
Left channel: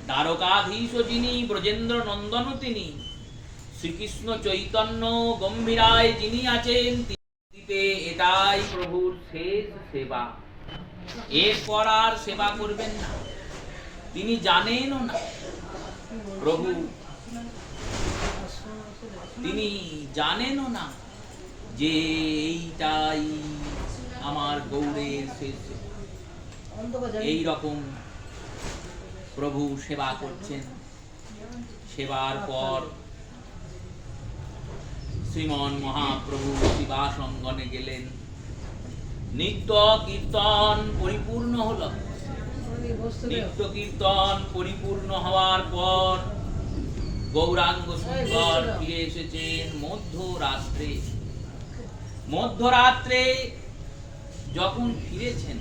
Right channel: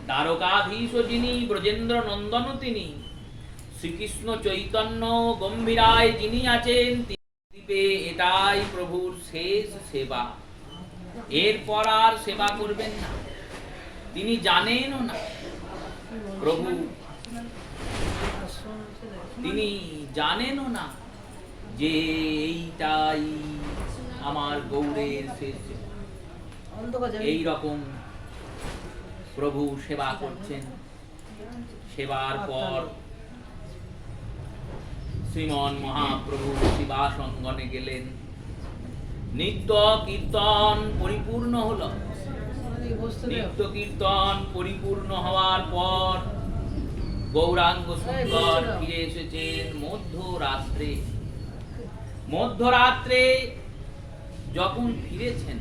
দ্বারকাধীশ যিনি ব্রজেন্দ্র নন্দন তিনি, শ্রীকৃষ্ণ চৈতন্য গম্ভীরায় যিনি আছেন, দ্বীপে এটাই প্রভুর শেষ সেবা। এরপর আর সেবা করবেন না। তিনি জানেনও না প্রভু, তিনি জানেনও না যে এইটাই আমার গৌরের শেষ সেবা। এই রকম প্রভু সেবা করছেন। সেবার পর শ্রীমন মহাপ্রভু শিবাসঙ্গনে গেলেন। নিত্য কীর্তন পরিপূর্ণ হল। নিত্য কীর্তন পরিপূর্ণ হওয়ার পর গৌরাঙ্গ সুন্দর ফিরে এসেছেন মধ্যরাত্রে। মধ্যরাত্রে যখন ফিরেছেন,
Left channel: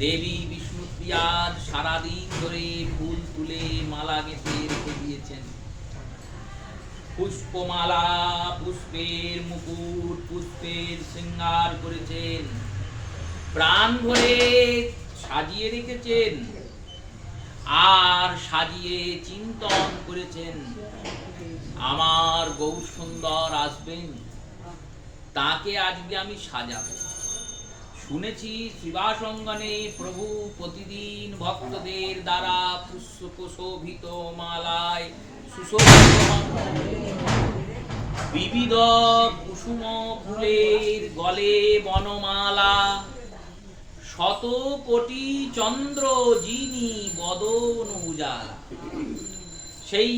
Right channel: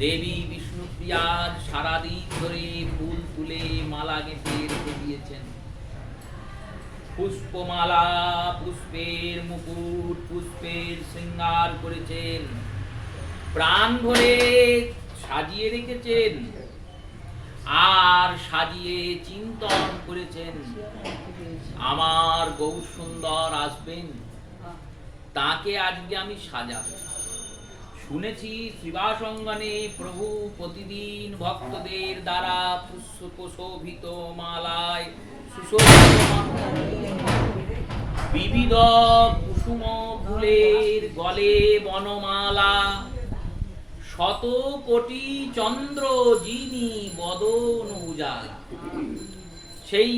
দেবী বিষ্ণুপ্রিয়া সারাদিন ধরে ফুল তুলে মালা গেঁথে রেখে দিয়েছেন। পুষ্পমালা, পুষ্পের মুকুট, পুষ্পের শৃঙ্গার করেছেন, প্রাণ ভরে সাজিয়ে রেখেছেন, আর সাজিয়ে চিন্তন করেছেন আমার গৌর সুন্দর আসবেন, তাকে আজকে আমি সাজাবো। শুনেছি শ্রীবাসঙ্গনে প্রভু প্রতিদিন ভক্তদের দ্বারা পুষ্পশোভিত মালায় সুশোভিত বিবিধ কুসুম ফুলের গলে বনমালা, শত কোটি চন্দ্র যিনি বদন উজালা। সেই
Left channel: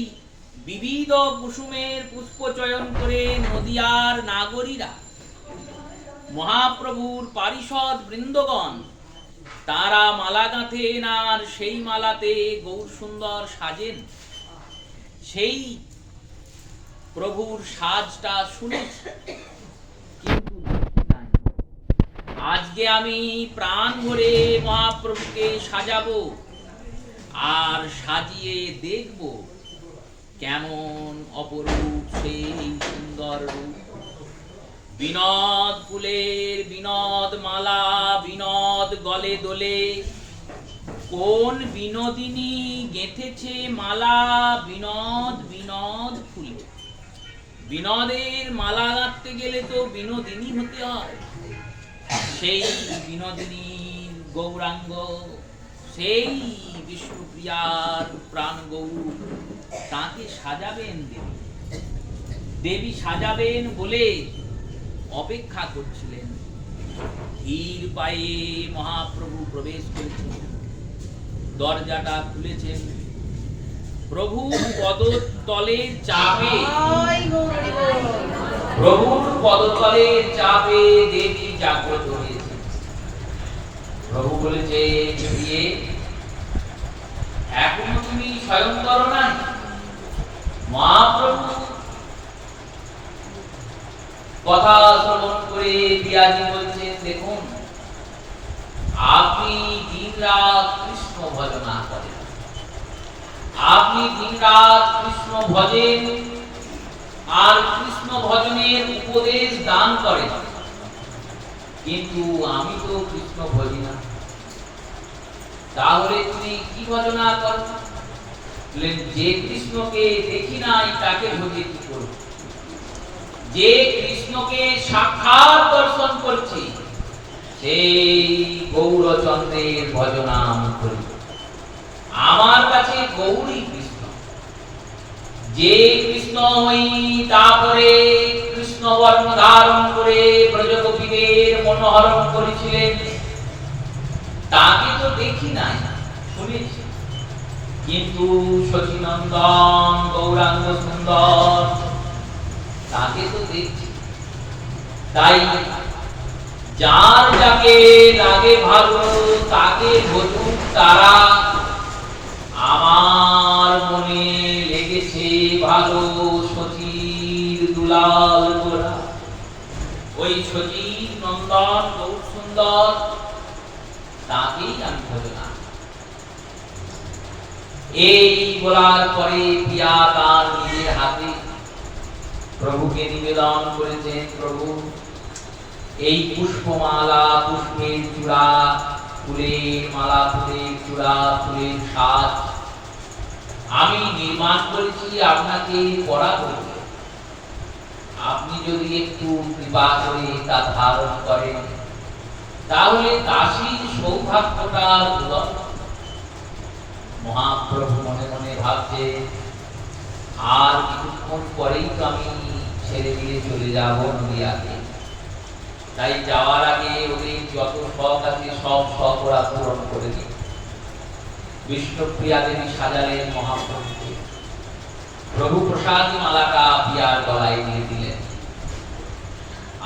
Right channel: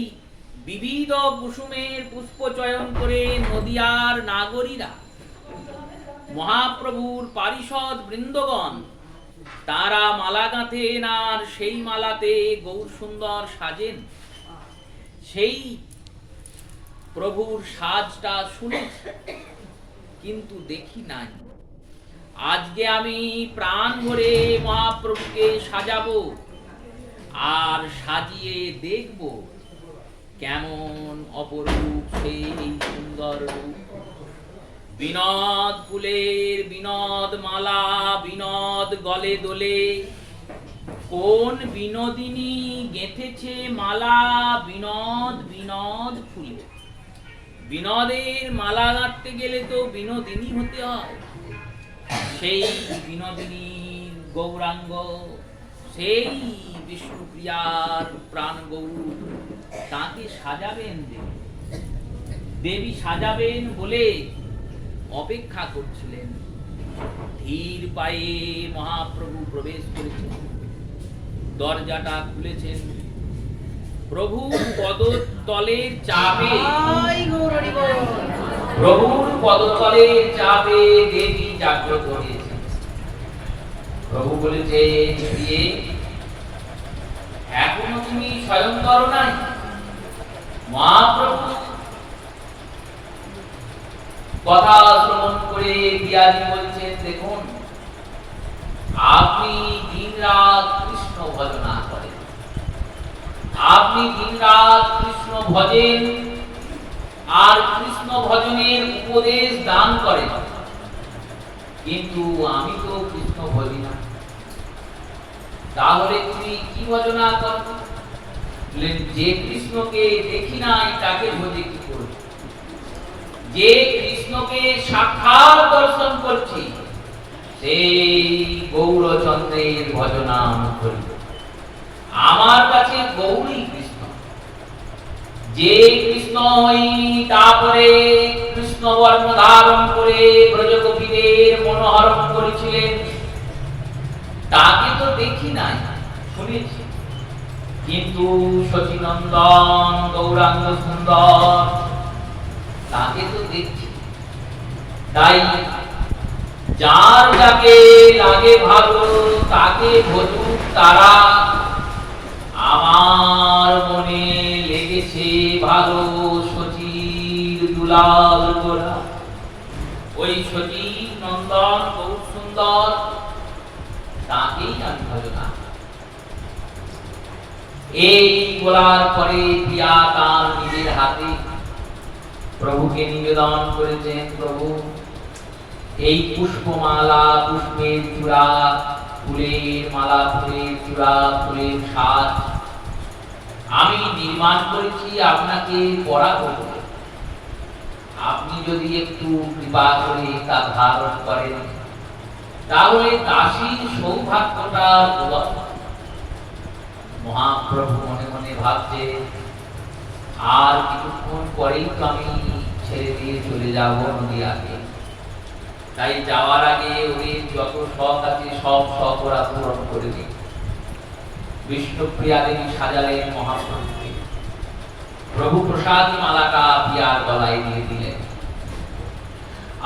বিবিধ কুসুমের পুষ্প চয়ন করে নদিয়ার নাগরীরা, মহাপ্রভুর পারিষদ বৃন্দগণ, তারা মালা গাঁথেন, আর সেই মালাতে গৌর সুন্দর সাজেন। সেই প্রভুর সাজটা শুনেছি, কিন্তু দেখি নাই। আজকে আমি প্রাণ ভরে মহাপ্রভুকে সাজাবো, আর সাজিয়ে দেখব কেমন অপরূপ সেই সুন্দর রূপ। বিনোদ ফুলের বিনোদ মালা, বিনোদ গলে দোলে, কোন বিনোদিনী গেঁথেছে মালা বিনোদ বিনোদ ফুলে। বিনোদের মালা গাঁথতে গেলে তো বিনোদিনী হতে হয়। সেই বিনোদিনী গৌরাঙ্গ, সেই বিষ্ণুপ্রিয়ার প্রাণ গৌর, তাকে সাজাবেন দেবী। দেবী সাজাবেন বলে অপেক্ষা করছিলেন। ধীর পায়ে মহাপ্রভু প্রবেশ করেছেন, দরজাটা খুলেছেন। প্রভুর পদতলের চাপে, প্রভুর পদতলের চাপে দেবী জাগ্রত হয়েছে। প্রভু বলেছে, বিয়ে এখনো তুমি স্বয়ংবর নাই। মহাপ্রভু কথা শ্রবণ করে পিয়াজি বলছেন, দেখুন আপনি দিন রাত কৃষ্ণ ভজনা করেন, আপনি দিন রাত কৃষ্ণ ভজেন, আর কৃষ্ণ ভজনের উপদেশ দান করেন, কিন্তু আমি তো কৃষ্ণ ভজি না। তাহলে তুমি কি ভজনা করো? যে কৃষ্ণকে দেখি নাই তাকে ভজি কি করো? যে কৃষ্ণকে সাক্ষাৎ দর্শন করছি, সেই গৌরচন্দ্রের ভজনা আমি করি। আমার কাছে গৌরী কৃষ্ণ। যে কৃষ্ণ হই, তারপরে কৃষ্ণ বর্ণ ধারণ করে ব্রজগোপীদের মনোহরণ করেছিলেন, তাকে তো দেখি নাই, শুনেছি, কিন্তু শচীনন্দন গৌরাঙ্গ সুন্দর তাকে তো দেখছি। তাই যার যাকে লাগে ভালো তাকে ভজুক তারা, আমার মনে লেগেছে ভালো শচীর দুলাল গোরা। ওই শচীর নন্দন গৌর সুন্দর, তাকেই আমি ভজনা। এই বলার পরে পিয়া তার নিজের হাতে প্রভুকে নিবেদন করেছেন, প্রভু এই পুষ্পমালা, পুষ্পের চূড়া ফুলের মালা, ফুলের চূড়া, ফুলের সাজ আমি নির্মাণ করেছি আপনাকে পরাবো। আপনি যদি একটু কৃপা করে তা ধারণ করেন তাহলে দাসীর সৌভাগ্যটা দুর্লভ। মহাপ্রভু মনে মনে ভাবছে আর কিছুক্ষণ পরেই তো আমি ছেড়ে দিয়ে চলে যাব নদিয়াকে, তাই যাওয়ার আগে ওদের যত শখ আছে সব শখ ওরা পূরণ করে দিই। বিষ্ণুপ্রিয়া দেবী সাজালেন মহাপ্রভুকে, প্রভু প্রসাদী মালাটা পিয়ার গলায় দিয়ে দিলেন।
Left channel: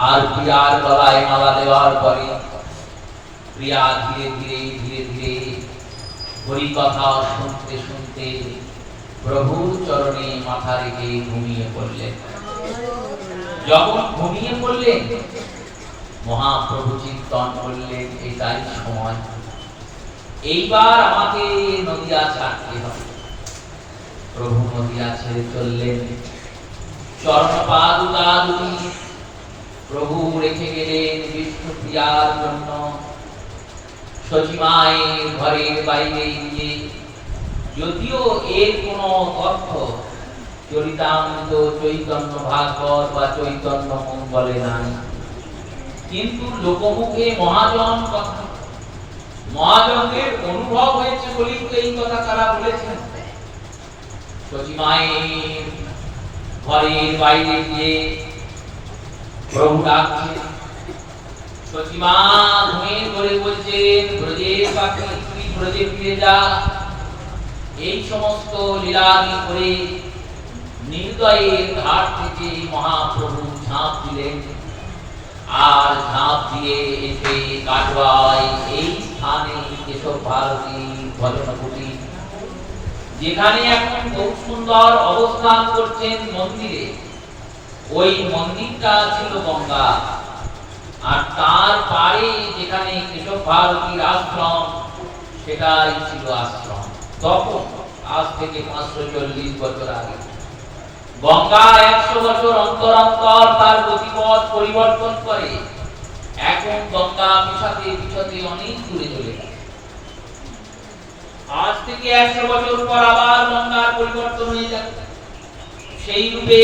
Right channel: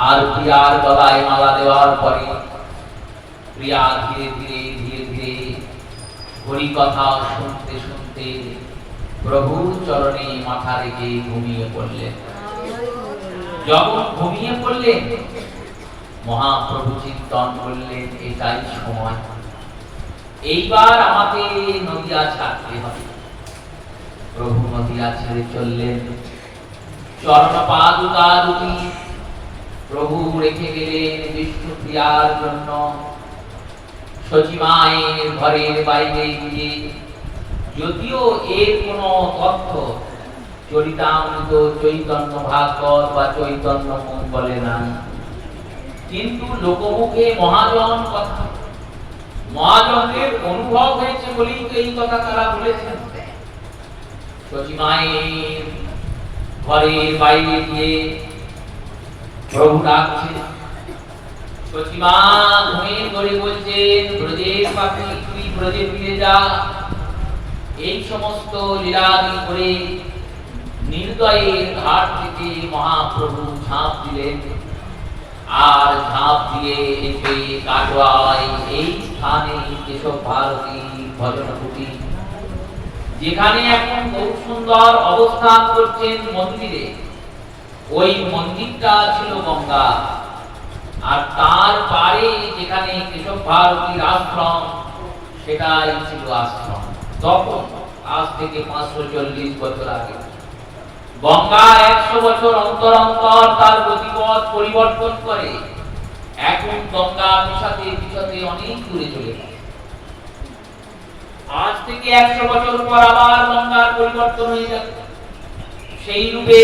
আর পিয়ার গলায় মালা দেওয়ার পরে প্রিয়া ধীরে ধীরে ধীরে ধীরে হরি কথা শুনতে শুনতে প্রভুর চরণে মাথা রেখে ঘুমিয়ে পড়লেন। যখন ঘুমিয়ে পড়লেন মহাপ্রভু চিন্তন করলেন এটাই সময়, এইবার আমাকে নদিয়া ছাড়তে হবে। প্রভু নদিয়া ছেড়ে চললেন। চরণ পাদুকা দুটি প্রভু রেখে গেলেন বিষ্ণুপ্রিয়ার জন্য। সচিমায়ের ঘরের বাইরে গিয়ে যদিও এর কোনো তথ্য চরিতামৃত, চৈতন্য ভাগবত বা চৈতন্য মঙ্গলে নাই, কিন্তু লোকমুখে মহাজন কথা, মহাজনের অনুভব হয়েছে বলেই তো এই কথা তারা বলেছেন। সচিমায়ের ঘরের বাইরে গিয়ে প্রভু ডাকছে। সচিমা ঘুমের ঘরে বলছেন, ব্রজের পাখি তুই ব্রজে ফিরে যা। এই সমস্ত লীলাদি করে নির্দয়ের ঘাট থেকে মহাপ্রভু ঝাঁপ দিলেন। আর ঝাঁপ দিয়ে এসে কাটোয়ায় এই স্থানে কেশব ভারতী ভজন কুটি, যেখানে এখন খুব সুন্দর অবস্থান করছেন মন্দিরে, ওই মন্দিরটা ছিল গঙ্গা। আর তার পারে যেখানে কেশব ভারতীর আশ্রম, সেটাই ছিল আশ্রম। তখন আজ থেকে 540 বছর আগে গঙ্গা 100 বছর অন্তর অন্তর তার গতিপথ পরিবর্তন করে। এখন গঙ্গা পিছাতে পিছাতে অনেক দূরে চলে গেছে। আজ থেকে 100 বছর পর আবার গঙ্গার পরিবর্তন হয়ে যাবে। সেই রূপে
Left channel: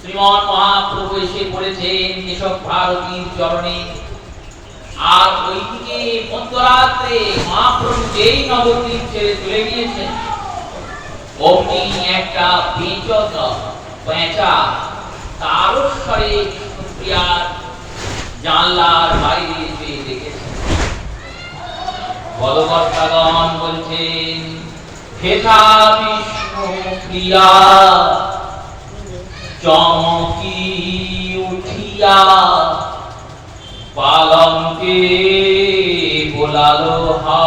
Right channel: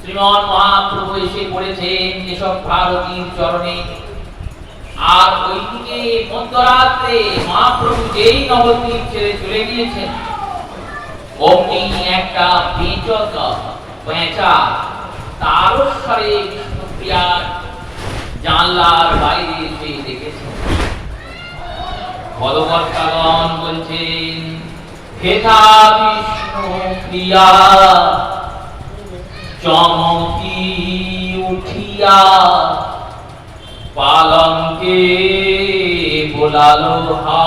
শ্রীমান মহাপ্রভু এসে পড়েছেন কেশব ভারতীর চরণে। আর ওইদিকে মধ্যরাত্রে মহাপ্রভু যেই নবদ্বীপ ছেড়ে চলে গিয়েছেন, অমনি একটা পেঁচা তারস্বরে বিষ্ণুপ্রিয়ার জানলার বাইরে এসে দেখেছেন। ভগবৎগণ বলছেন, হেথা বিষ্ণুপ্রিয়া চমকি উঠিয়া পালঙ্কে বোলালো হা।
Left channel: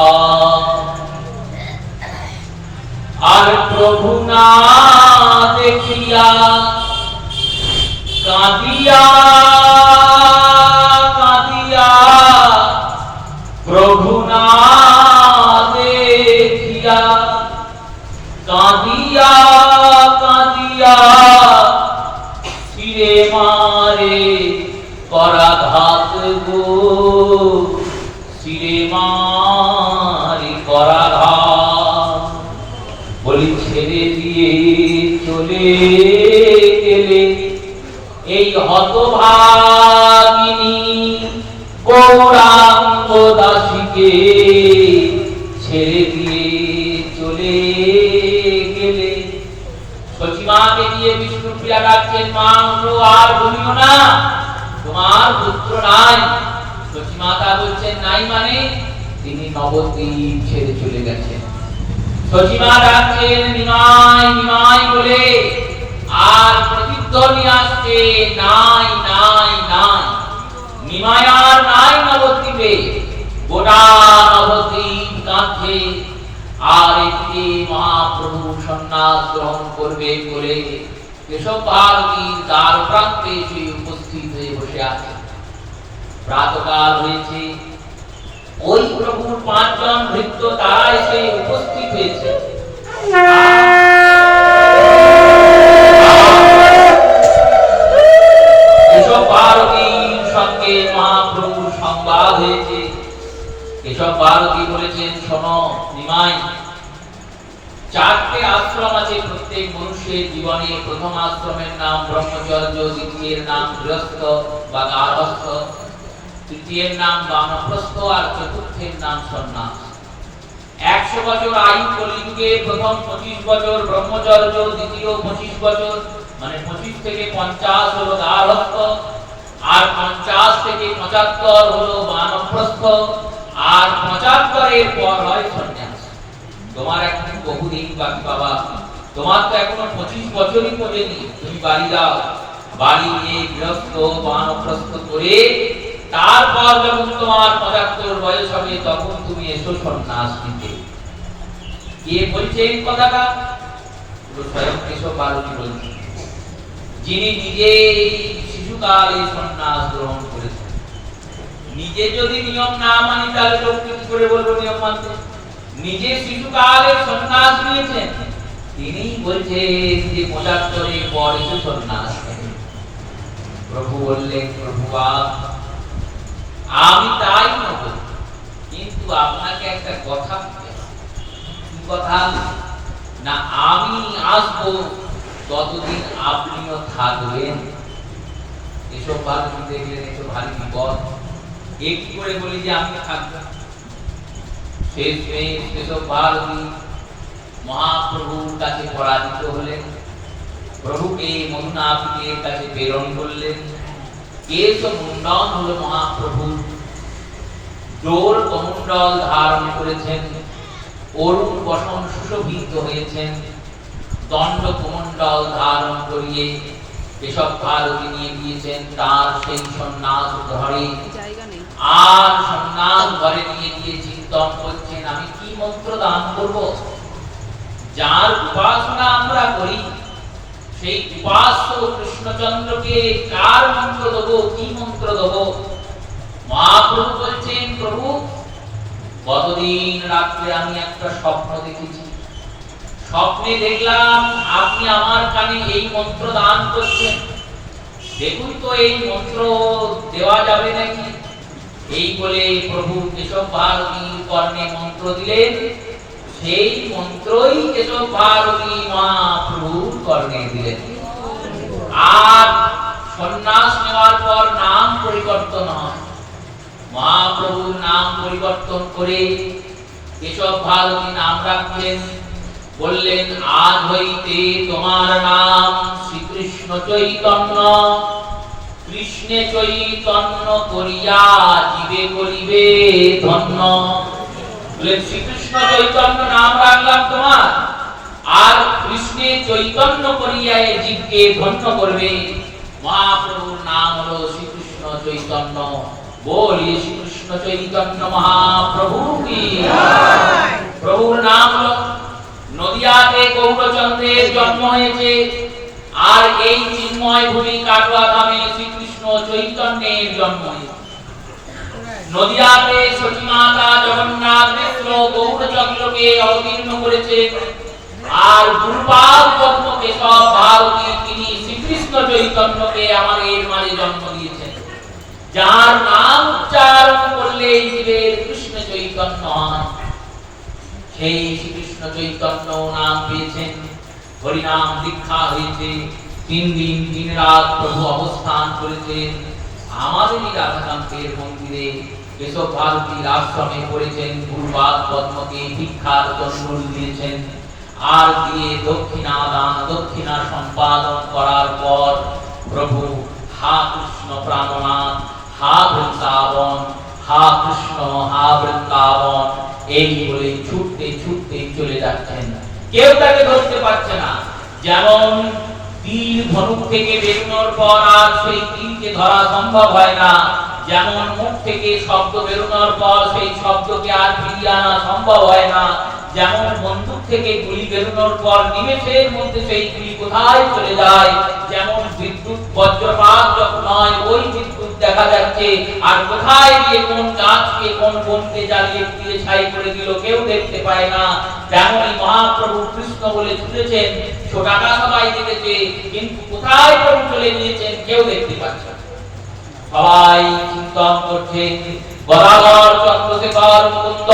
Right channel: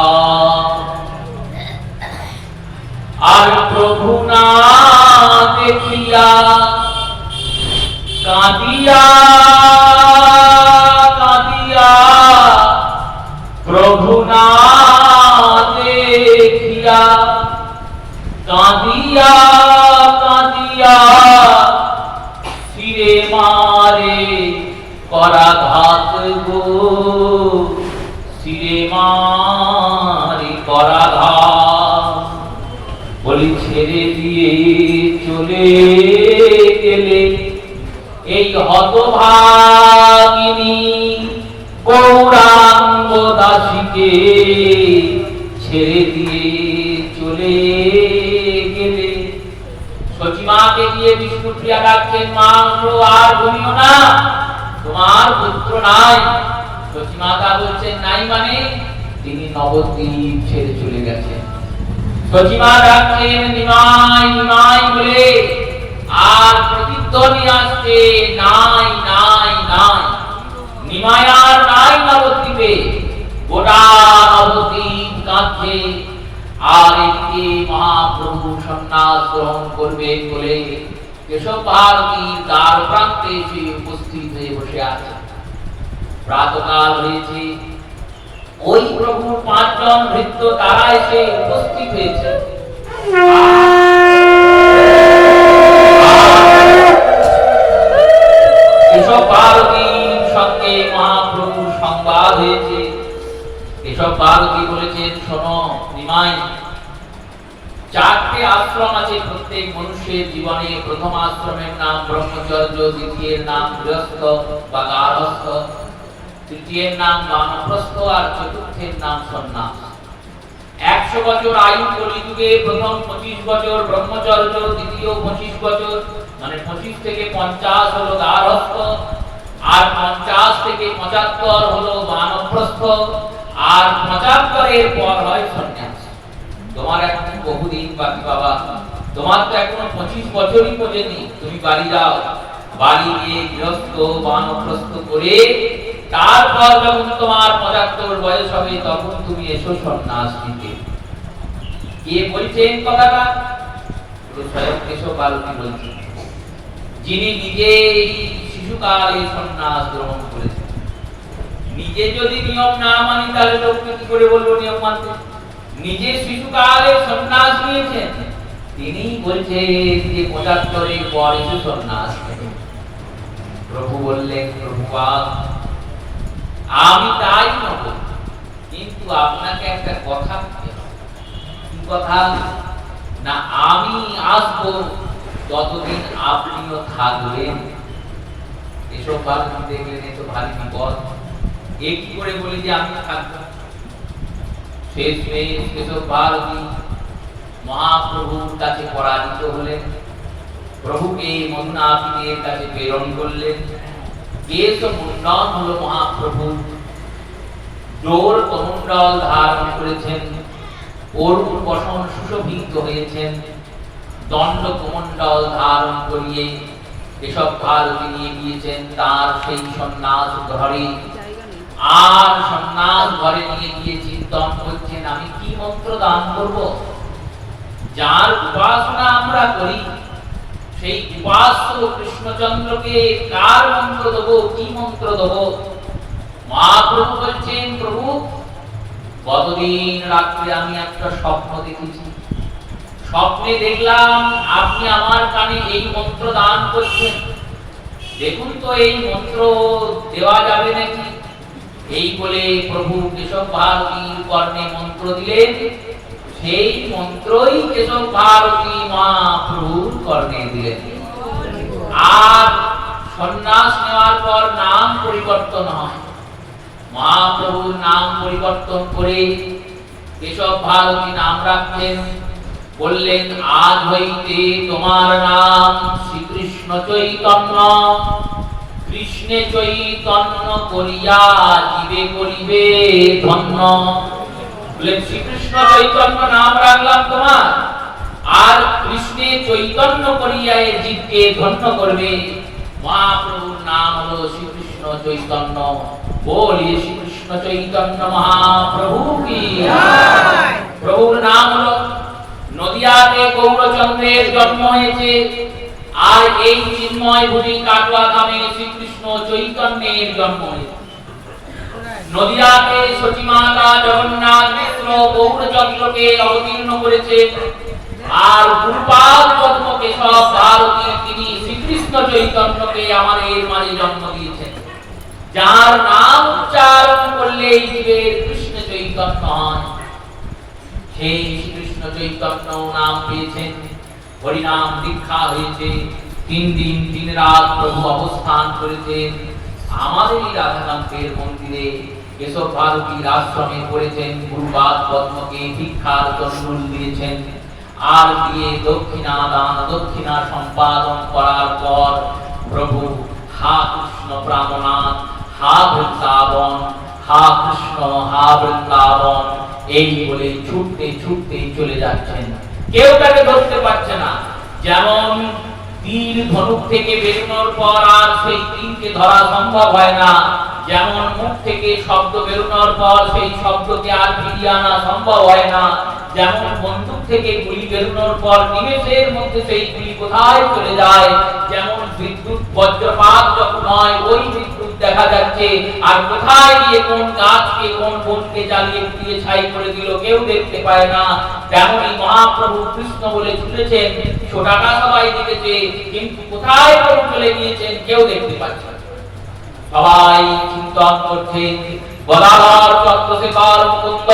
আর প্রভু না দেখিয়া কাঁদিয়া কাঁদিয়া, প্রভু না দেখিয়া কাঁদিয়া কাঁদিয়া, শিরে মারে করাঘাত গো, শিরে মারে করাঘাত। বলি ছেড়ে দিয়ে চলে গেলে এই হতভাগিনী গৌরাঙ্গ দাসীকে, ছেড়ে দিয়ে চলে গেলে। সচিমাকে দিয়ে বিষ্ণুপ্রিয়া ডাকছেন, মা আর ঘুমিও না, তোমার পুত্র নাই। সচিমাতা বলছেন, নাই মানে? তিনি নবদ্বীপ ছেড়ে চলে গেছেন। সচিমা ডাকছেন নিমাই নিমাই বলে, আর প্রতিধ্বনি আসছে নাই নাই নাই। নিমাই আর নাই নবদ্বীপে। গোটা নবদ্বীপ কাঁদছে। আর এদিকে মহাপ্রভু সন্ন্যাস গ্রহণ করবে বলে কেশব ভারতীর দ্বার প্রান্তে এসে উপস্থিত হয়ে বসে আছে। প্রাতকাল হয়েছে। ওই প্রভুর 5 জন ভৃত্য তারা এসে উপস্থিত হয়েছে। কেশব ভারতীর সঙ্গে মহাপ্রভুর সংবাদ হয়েছে। কেশব ভারতী বলেছেন, শোনো নিমাই, চারটে আশ্রম আছে প্রত্যেক মানুষের জীবনে। প্রথম আশ্রমের নাম ব্রহ্মচর্য, দ্বিতীয়ের নাম গৃহস্থ বা গার্হস্থ, তৃতীয়ের নাম বানপ্রস্থ, আর চতুর্থের নাম সন্ন্যাস। 100 বছর আয়ু কলিযুগে প্রথম 25 বছর ব্রহ্মচর্য, দ্বিতীয় 25 বছর মানে 25 থেকে 50 হলো গার্হস্থ, আর 50 থেকে 75 হলো বানপ্রস্থ, আর 75 এর পর হয় সন্ন্যাস। তোমার এখন বহুদিন বাকি বাবা, তোমার তো এখনো 25 বছরই পড়েনি। তুমি বাড়ি যাও, বাড়ি গিয়ে গৃহস্থ বানপ্রস্থ করে তারপর যখন তোমার 75 বয়স হবে তখন তুমি এসো সন্ন্যাস নিতে। কে বলছেন কথাটা? স্বয়ং কেশব ভারতী বলছেন, যিনি নিজে শিশুকালে সন্ন্যাস গ্রহণ করেছেন। নিজে যদি নিয়ম না মানি তাহলে লোককে কি করে বলবো নিয়ম মানতে? নিজে শিশুকালে সন্ন্যাস নিয়েছেন, তিনি বলছেন যে 75 এর পর এসে সন্ন্যাস নেবেন। প্রভু বললেন, প্রভুপাদ আমি তাই নেব, কিন্তু আপনাকে একটা কথা বলতে হবে। কি কথা? না আমি আসবো ততদিন আপনিও থাকবেন। এসব ভারতী দেখলেন এত ভারী বিপদ, এ কি করে বলি যে আমি থাকবো? শেষ কেশব ভারতী মহাপ্রভুর কাছে পরাজিত হলেন, প্রভুকে মন্নাপিতের কাছে প্রেরণ করলেন। কেশব মুন্ডন হলো মহাপ্রভুর, জোর কমণ্ডল ধারণ করেছেন, অরুণ বসন সুশোভিত হয়েছেন, দণ্ড কমণ্ডল ধারণ করিয়ে কেশব ভারতী নিয়ে গিয়েছেন তার সেই সন্ন্যাস ঘরে। আর সন্ন্যাস ঘরে নিয়ে গিয়ে চিন্তন করছেন, আমি কি মন্ত্র দান করব? যার উপাসনা আমরা করি সেই উপাস্য কৃষ্ণচন্দ্রকে কার মন্ত্র দেব, কি মন্ত্র দেব? মহাপ্রভু বলছেন, প্রভু গতদিন রাত্রে আমি একটা স্বপ্ন দেখেছি, স্বপ্নে দেখলাম আপনি আমার কানে এই মন্ত্র দান করছেন, দেখুন তো এই মন্ত্র দেওয়া যাবে নাকি? এই বলে প্রভু কেশব ভারতীর কর্ণে মন্ত্র দিলেন। সেই মন্ত্রই কেশব ভারতী মহাপ্রভুর কর্ণে দিলেন। আর সন্ন্যাস নেওয়ার পর নাম পরিবর্তন হয়। মহাপ্রভুর নাম পরিবর্তন করে কেশব ভারতী নাম রাখলেন। বললেন, আজ হইতে তোমার নাম শ্রীকৃষ্ণ চৈতন্য, কৃষ্ণে চৈতন্য করিয়া জীবে করিবে ধন্য। বললেন, শ্রীকৃষ্ণ চৈতন্য নাম রাখলাম তোমার, আর কৃষ্ণে চৈতন্য করিয়া এই জীবকে ধন্য করবে। মহাপ্রভুর নাম হলো শ্রীকৃষ্ণ চৈতন্য। বলিয়ে শ্রীকৃষ্ণ চৈতন্য মহাপ্রভু কি জয়। প্রভুর নাম হলো, নদিয়াতে গৌরচন্দ্রের জন্ম হয়েছে, আর এই চিন্ময় ভূমি কাটোয়া গ্রামে শ্রীকৃষ্ণ চৈতন্যের জন্ম হয়েছে। নদিয়াতে সতীমাতা জগন্নাথ মিশ্র গৌরচন্দ্রকে অবতীর্ণ করেছে, আর গুরুপাদ পদ্ম কেশব ভারতী তিনি শ্রীকৃষ্ণ চৈতন্যকে আমাদের মাঝে জন্ম দিয়েছেন। যার নাম উচ্চারণ করলে জীবের কৃষ্ণ চৈতন্য হয়, সেই শ্রীকৃষ্ণ চৈতন্য নাম পেয়েছেন। হরিনাম দীক্ষা হয়েছে, 3 দিন 3 রাত প্রভু অবস্থান করেছেন আমাদেরই রাধাকান্তের মন্দিরে। কেশব ভারতীর আশ্রমে পড়েছেন, গুরুপাদ পদ্মকে দীক্ষার চন্দন দিয়েছেন, আর দিয়ে দক্ষিণা দান দক্ষিণা সম্পাদন করার পর প্রভু হা কৃষ্ণ প্রাণনাথ, হা বৃন্দাবন, হা কৃষ্ণ, হা বৃন্দাবন এই বলে ছুটতে ছুটতে চলে যাচ্ছেন। কেউ তাকে ধরতে পারছে না। যেমন তীর ধনুক থেকে বেরোনোর পর আর সেই তীরকে ধরা সম্ভব হয় না, যেমন মুখ থেকে শব্দ বেরোনোর পর সেই শব্দকে আর ফিরিয়ে আনা সম্ভব হয় না, যেমন বন্দুক থেকে গুলি বেরোনোর পর নিমেষের মধ্যে সেই গুলি কোথায় চলে যায়, যেমন বিদ্যুৎ বজ্রপাত যখন হয় ওই বিদ্যুৎ দেখা যাচ্ছে, আর কোথায় গিয়ে কোন গাছকে কোন বনকে জ্বালিয়ে পুড়িয়ে ছাই করে দিল কেউ দেখতে পায় না। তেমনি মহাপ্রভু কৃষ্ণ বলে ছুটেছেন, ছোটাকা সবাই দেখেছে, কিন্তু কোথায় প্রভু চলে গিয়েছেন কেউ দেখতে পাচ্ছে না। সবাই চিন্তন করছেন। গদাধর, চন্দ্রশেখর, মুকুন্দ,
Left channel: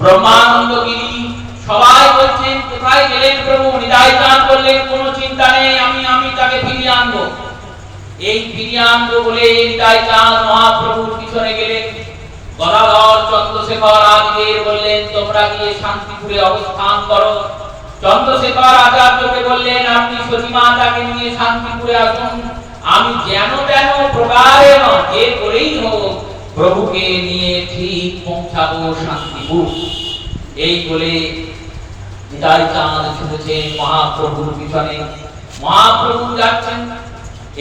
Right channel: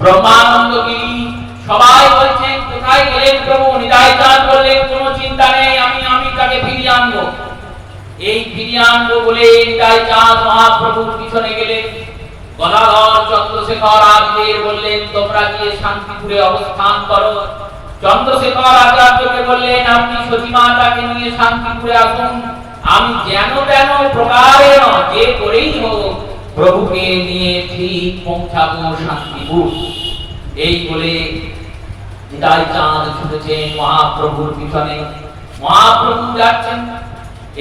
ব্রহ্মানন্দগিরি সবাই বলছেন কোথায় গেলেন প্রভু? নিতাই চাঁদ বললেন কোনো চিন্তা নেই, আমি তাকে ফিরিয়ে আনবো। এই ফিরিয়ে আনবো বলে নিতাই চাঁদ মহাপ্রভুর পিছনে গেলেন। গদাধর, চন্দ্রশেখর আদিদের বললেন তোমরা গিয়ে শান্তিপুরে অবস্থান করো। চন্দ্রশেখর আচার্যকে বললেন আপনি সতীমাতাকে নিয়ে শান্তিপুরে আসুন, আমি যেন তেন প্রকারে যে করেই হোক প্রভুকে নিয়ে ঠিক পৌঁছাবো শান্তিপুর। এই বলে নিতাই চাঁদ ছুটেছেন মহাপ্রভুর পিছনে। মহাপ্রভু যাচ্ছেন।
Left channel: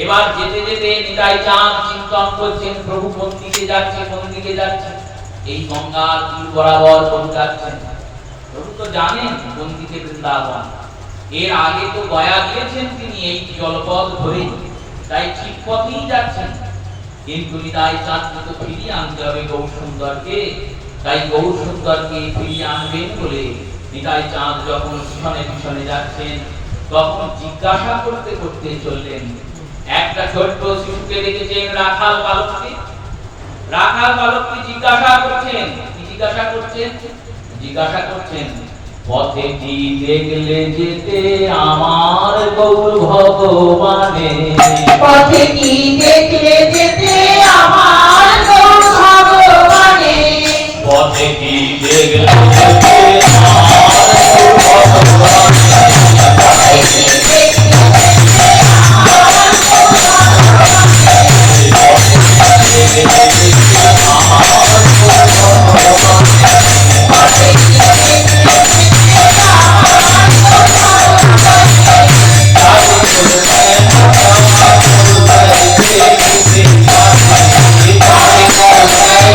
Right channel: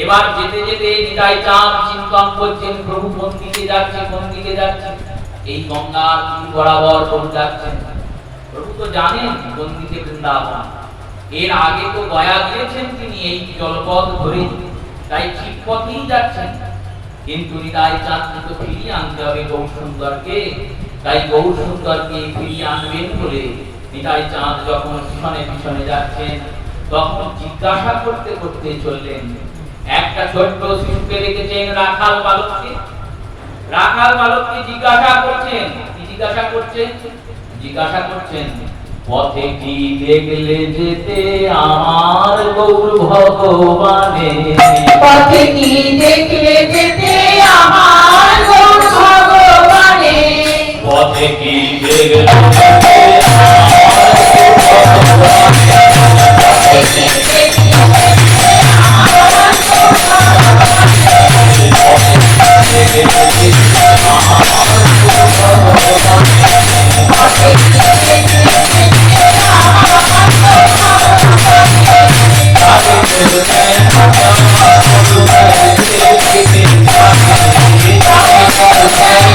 এবার যেতে যেতে নিতাই চাঁদ চিন্তন করছেন প্রভু কোন দিকে যাচ্ছে, কোন দিকে যাচ্ছে। এই গঙ্গার তীর বরাবর প্রভু যাচ্ছেন। প্রভু তো জানেন কোন দিকে বৃন্দাবন, এর আগে তো গয়া গিয়েছেন তিনি এই জলপথ ধরে, তাই ঠিক পথেই যাচ্ছেন। কিন্তু নিতাই চাঁদকে তো ফিরিয়ে আনতে হবে গৌর সুন্দরকে, তাই গৌর সুন্দরকে ফিরিয়ে আনবেন বলে নিতাই চাঁদ যখন পিছনে পিছনে যাচ্ছেন তখন জিজ্ঞাসা করতে করতে চললেন। একটা ছোট্ট শিশুকে দেখেছেন, রাখাল বালককে। রাখাল বালককে জিজ্ঞাসা করছেন, কি জিজ্ঞাসা করছেন? জিজ্ঞাসা করছেন পথে কি দেখলে যেতে আমার গৌর ভগবানে, পথে কি দেখলে যেতে আমার গৌর ভগবানে, পথে কি দেখলে যেতে আমার গৌর ভগবানে, পথে কি দেখলে যেতে আমার গৌর ভগবানে, পথে কি দেখলে যেতে আমার গৌর ভগবানে, পথে কি দেখলে যেতে আমার গৌর জয়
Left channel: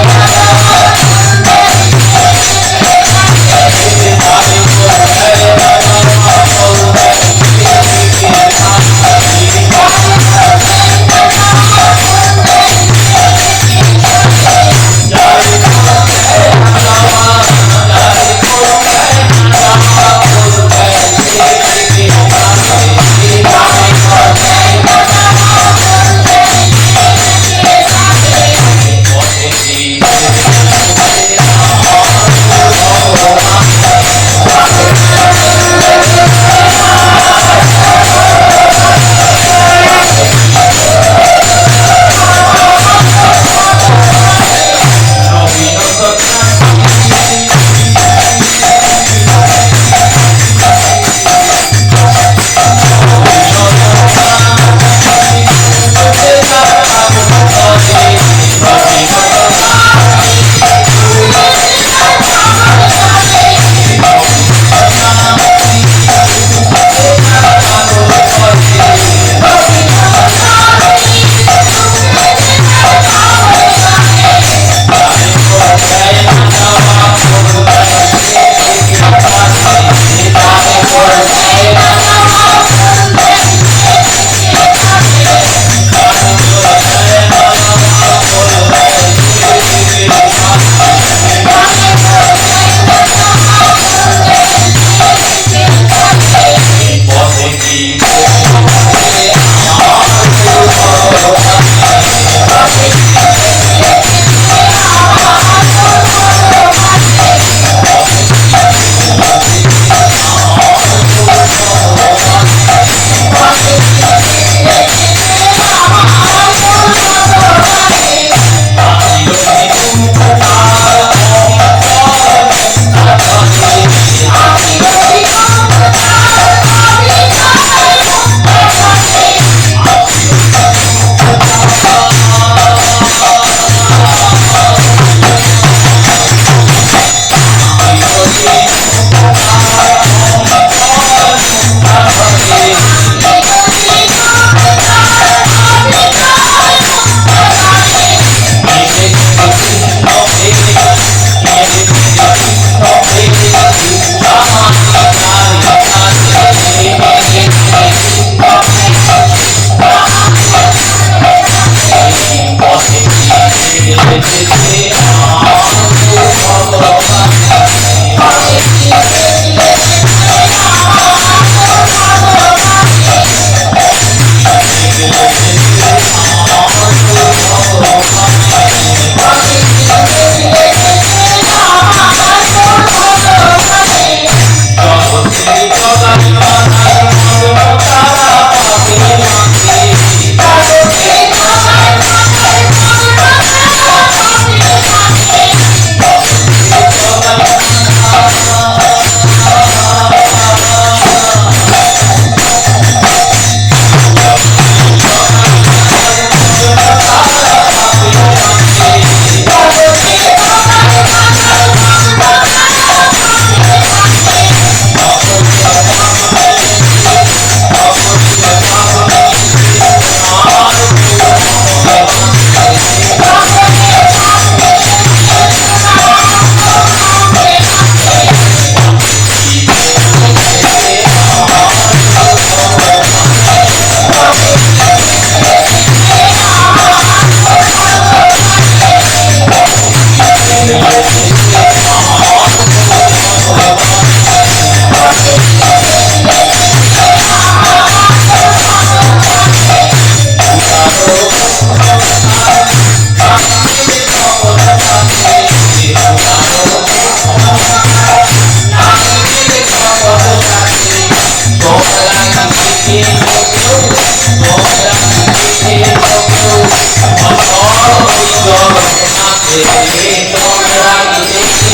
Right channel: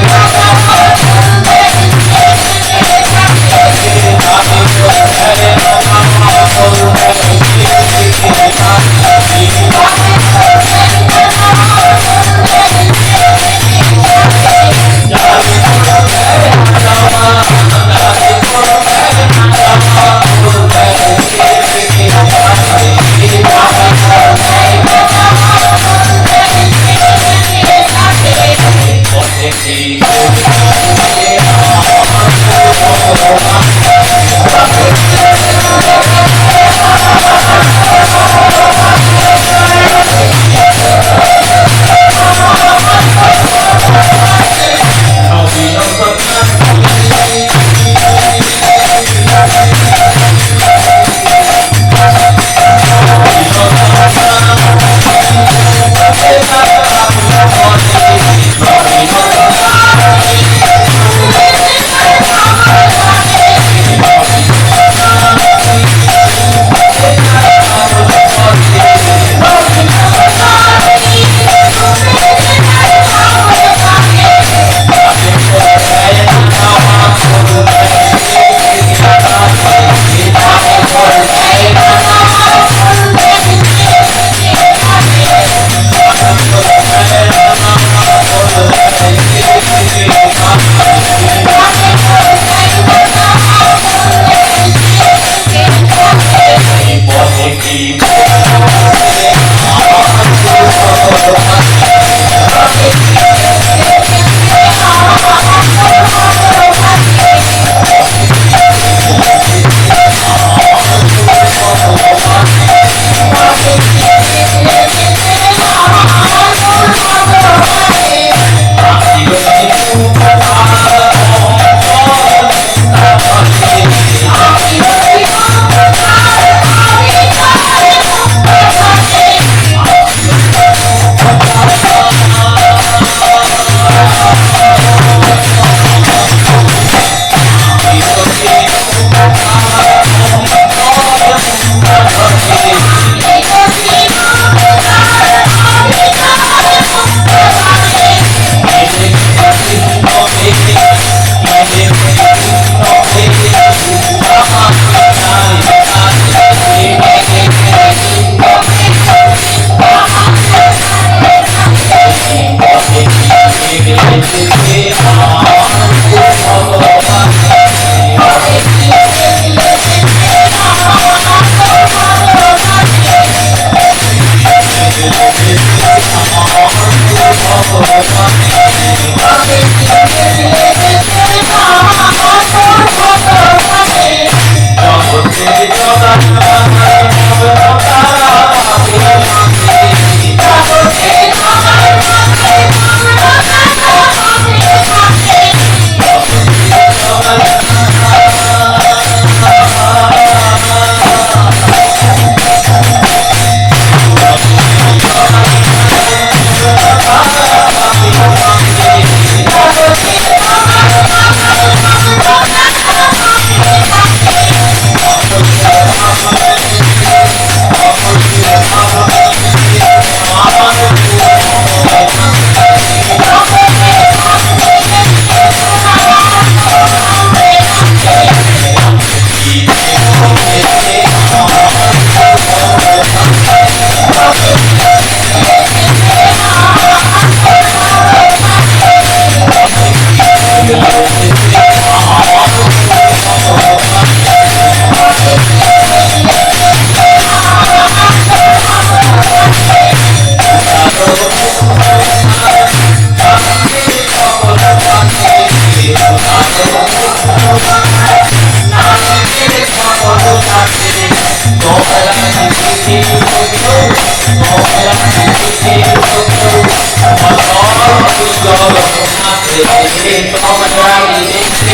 জগন্নাথ রে তোমরা দেখতে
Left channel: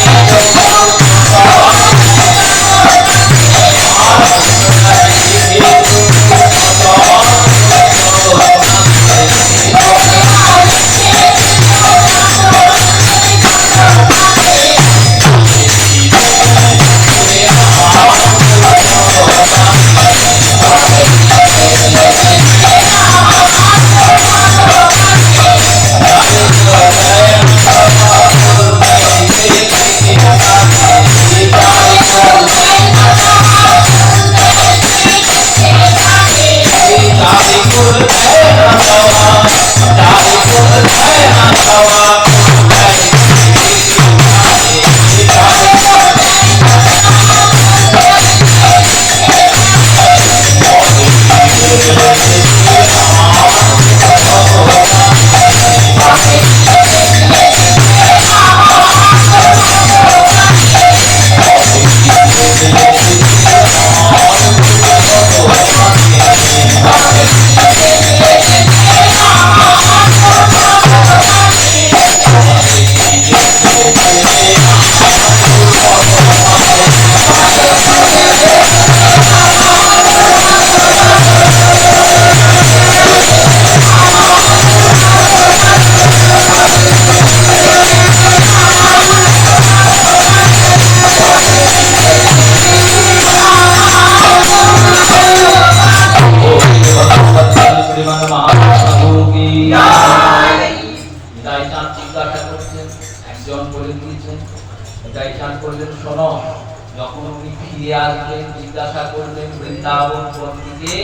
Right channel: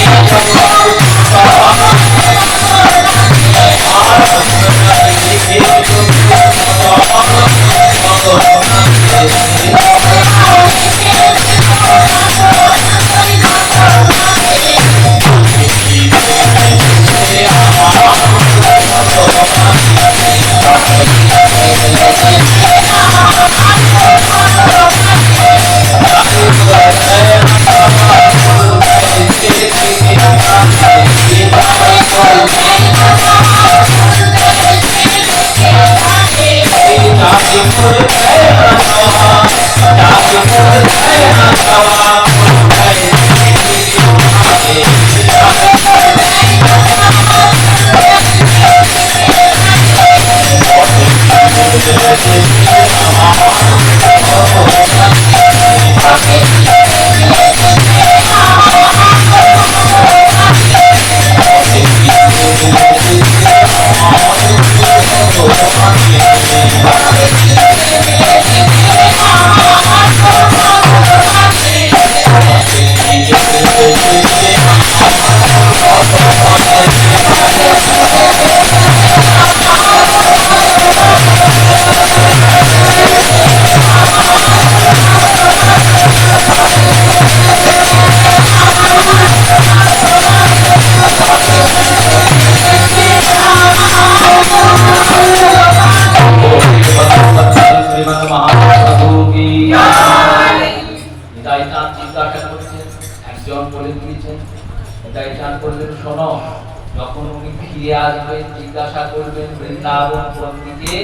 যখন উনি ফিরে আসবেন জিজ্ঞাসা করবেন বৃন্দাবন পন্থীকে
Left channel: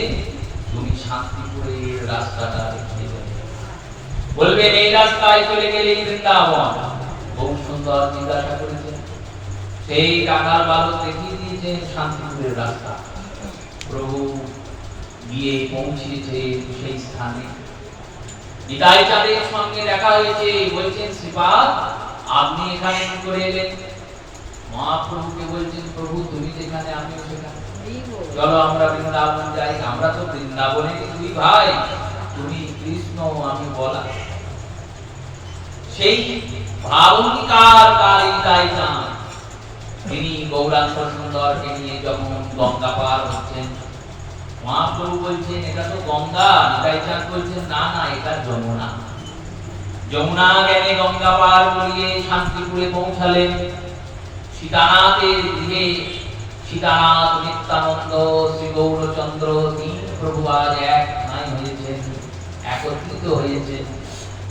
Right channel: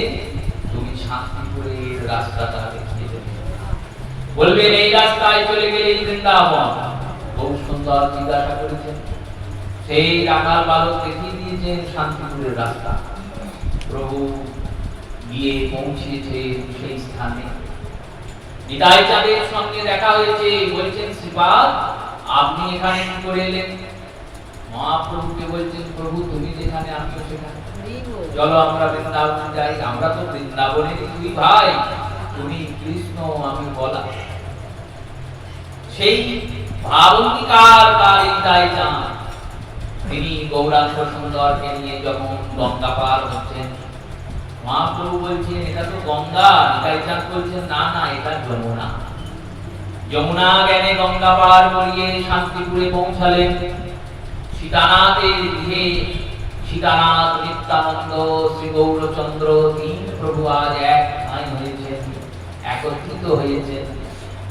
তুমি শান্তিপুরের রাস্তাটা দেখিয়ে দেবে, বলবেন এই রাস্তায় চলে গেলেই বৃন্দাবন। বহু সুন্দর জিজ্ঞাসা করেছেন, সেই রাখাল বালক দেখিয়ে দিয়েছেন শান্তিপুরের রাস্তা। প্রভু গিয়ে পৌঁছেছে সেই স্থানে। নিতাই চাঁদের সঙ্গে দেখা হয়েছে, বলছেন শ্রীপাদ আপনি এখানে কি করে এলেন? মহাপ্রভুকে বলছেন প্রভু তুমি যেখানে আমি সেখানে, চলো আমরা বৃন্দাবন যাই। আমরা তো বৃন্দাবনে দুই ভাই, তুমি কৃষ্ণ আমি বলা। সেই ভাবনিকার কালী নিতাই চাঁদ তিনি গৌরাঙ্গ সুন্দরকে নিয়ে যখন গঙ্গা পার হচ্ছেন, মহাপ্রভু বলছেন এটা তো গঙ্গা। নিতাই চাঁদ বলছেন না না এটা যমুনা। যমুনা জ্ঞানে গঙ্গা পার করিয়ে শান্তিপুরে পৌঁছালেন। সীতানাথের গৃহে সীতানাথ নিত্যানন্দ শ্রী গৌরচন্দ্র তিন প্রভু আজ এক ঠাঁই হয়েছেন, একত্রিত হয়েছেন।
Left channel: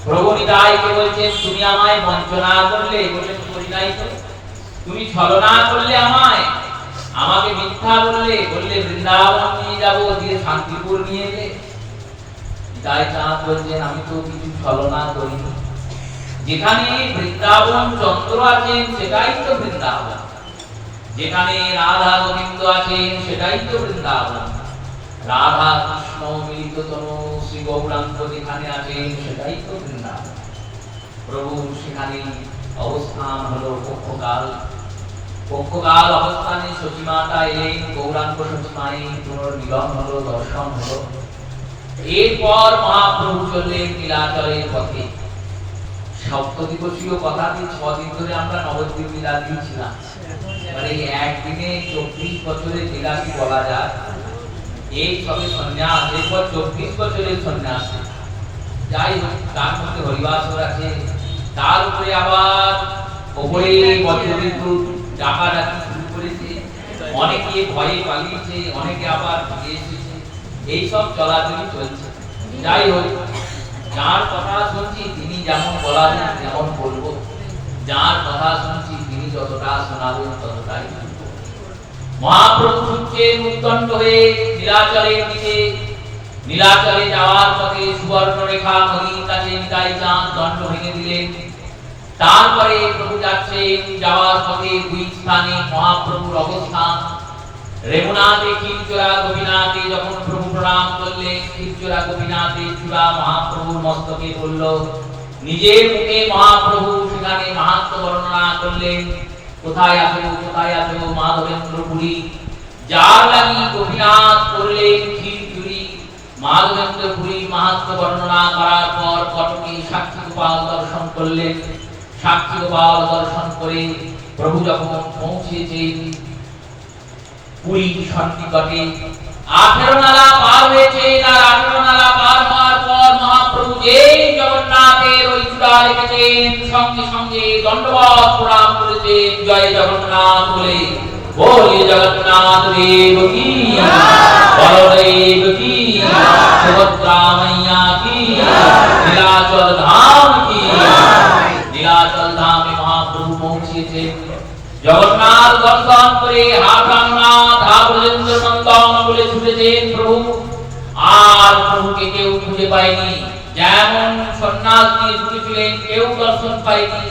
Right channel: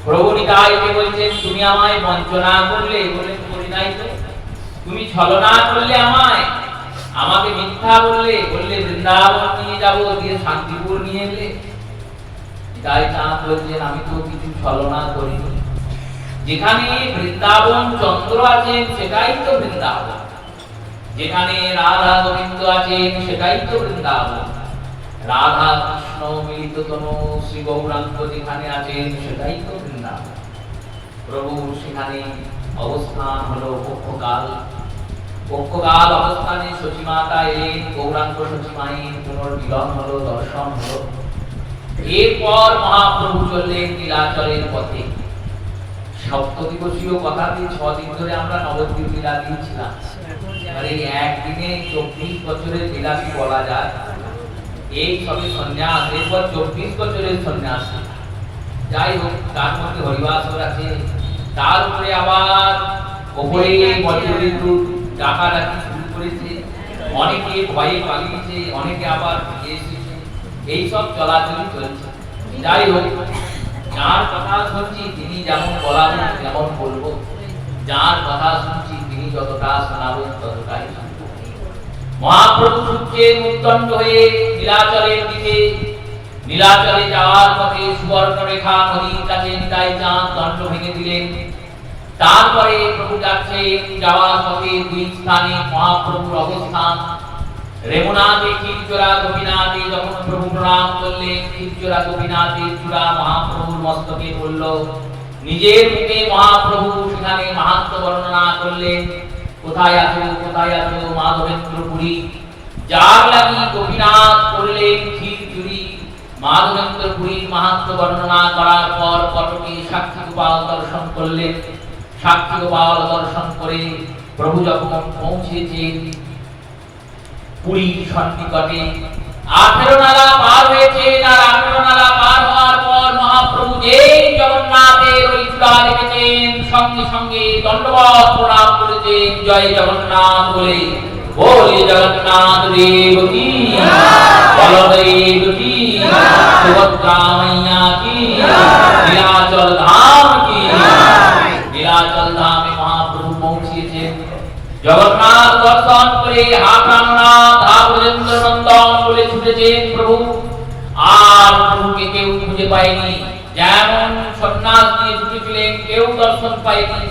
প্রভু নিতাইকে বলছেন তুমি আমায় বঞ্চনা করলে, বললেন করি নাই তো। তুমি ছলনা করলে আমায়, আমাকে মিথ্যা বললে, বললে বৃন্দাবন নিয়ে যাব, দিয়ে শান্তিপুর নিয়ে এলে। নিতাই চাঁদ বলছেন আমি তো কিছু ছলনা করিনি। যেখানে বৃন্দাবন চন্দ্র আছেন সেটাই তো বৃন্দাবন, যেখানে রাধা গোবিন্দ আছেন সেটাই তো বৃন্দাবন। রাধা কৃষ্ণ মিলিততম শ্রী গৌরাঙ্গ যেখানে আছেন সেটাই তো বৃন্দাবন। প্রভু সেখানে অবস্থান হলো পক্ষকাল। পক্ষকাল অবস্থানে সচিমাতা এলেন, গৌরাঙ্গ সচিমায়ের পুনর্মিলন হলো, দর্শন হলো। এরপর মহাপ্রভু চললেন নীলাচলের পথে। সপ্তদিবসীয় কথাতে 6 দিন ধরে আমরা নবদ্বীপ লীলা দিয়েছিলাম। মানে একদিনে 24 বছরের লীলা কি বলা যায়? এই সবে সন্ন্যাস, এরপর 24 বছরের সন্ন্যাস। যাই হোক, তার মধ্যে হরিবাসর আছে, তার উপরে আবার ওপরে বছরের ডাকাডাকি শুরু করেছে, অনেকে ভয়ে পালিয়েছে, অনেকে আবার ফিরে এসেছে। এইসব চলাচলি চলছে। যাই হোক, যার কথা শুনছি তিনি যেমন বলাবেন তেমন বলবো, যার কথা শুনছি তিনি যতটা শোনাবেন ততটাই। মহাপ্রভু ছুটছেন উদ্দণ্ড হয়ে নীলাচলের দিকে। নীলাচলে যাওয়ার পথে সুবর্ণরেখা নদীর কাছে নিতাই চাঁদ দণ্ড ভেঙে দিলেন। তারপরে প্রভু যাচ্ছেন, যাওয়ার পথে দুই স্থানে মহাপ্রভুর অবস্থান। রেমুনাতে ক্ষীরচোরা গোপীনাথে যখন প্রভু প্রণাম করলেন, ক্ষীরচোরা গোপীনাথের চূড়া মহাপ্রভুর মস্তকে পড়ল। নিজের মুখে মহাপ্রভু সেখানে মাহাত্ম্য বর্ণনা করলেন। কোথায় আছো মাধবেন্দ্রপুরী, যার লাগি গোপীনাথ করলেন ক্ষীরচুরি। মাধবেন্দ্রপুরী মাহাত্ম্য বর্ণনা করার পর কটকে সাক্ষী গোপাল দর্শন করলেন। সাক্ষী গোপাল দর্শন করে প্রভু যখন পৌঁছেছেন পুরীর সন্নিকটে, 18 নালা পার হয়েছেন। আর 18 নালা পার হওয়ার পর মহাপ্রভু যেই জগন্নাথের ওই চূড়া দেখেছেন, সঙ্গে সঙ্গে দণ্ডবত প্রণাম করেছেন, জয় জগন্নাথ বলে। बोले जगन्नाथ देव की, बलदेव की, सुभद्रा मैया की, नीलाचल धाम की। नीलाचल धाम में महाप्रभु पहुंचे। जगन्नाथ दर्शन करे हाप्राणनाथ ब्रजेंद्र नंदन बोले छुटेছেন প্রভু। আর প্রভুকে কেউ খুঁজে পায়নি। যেমন সন্ন্যাস নিয়ে ছুটেছিলেন, কেউ দর্শন পায়নি,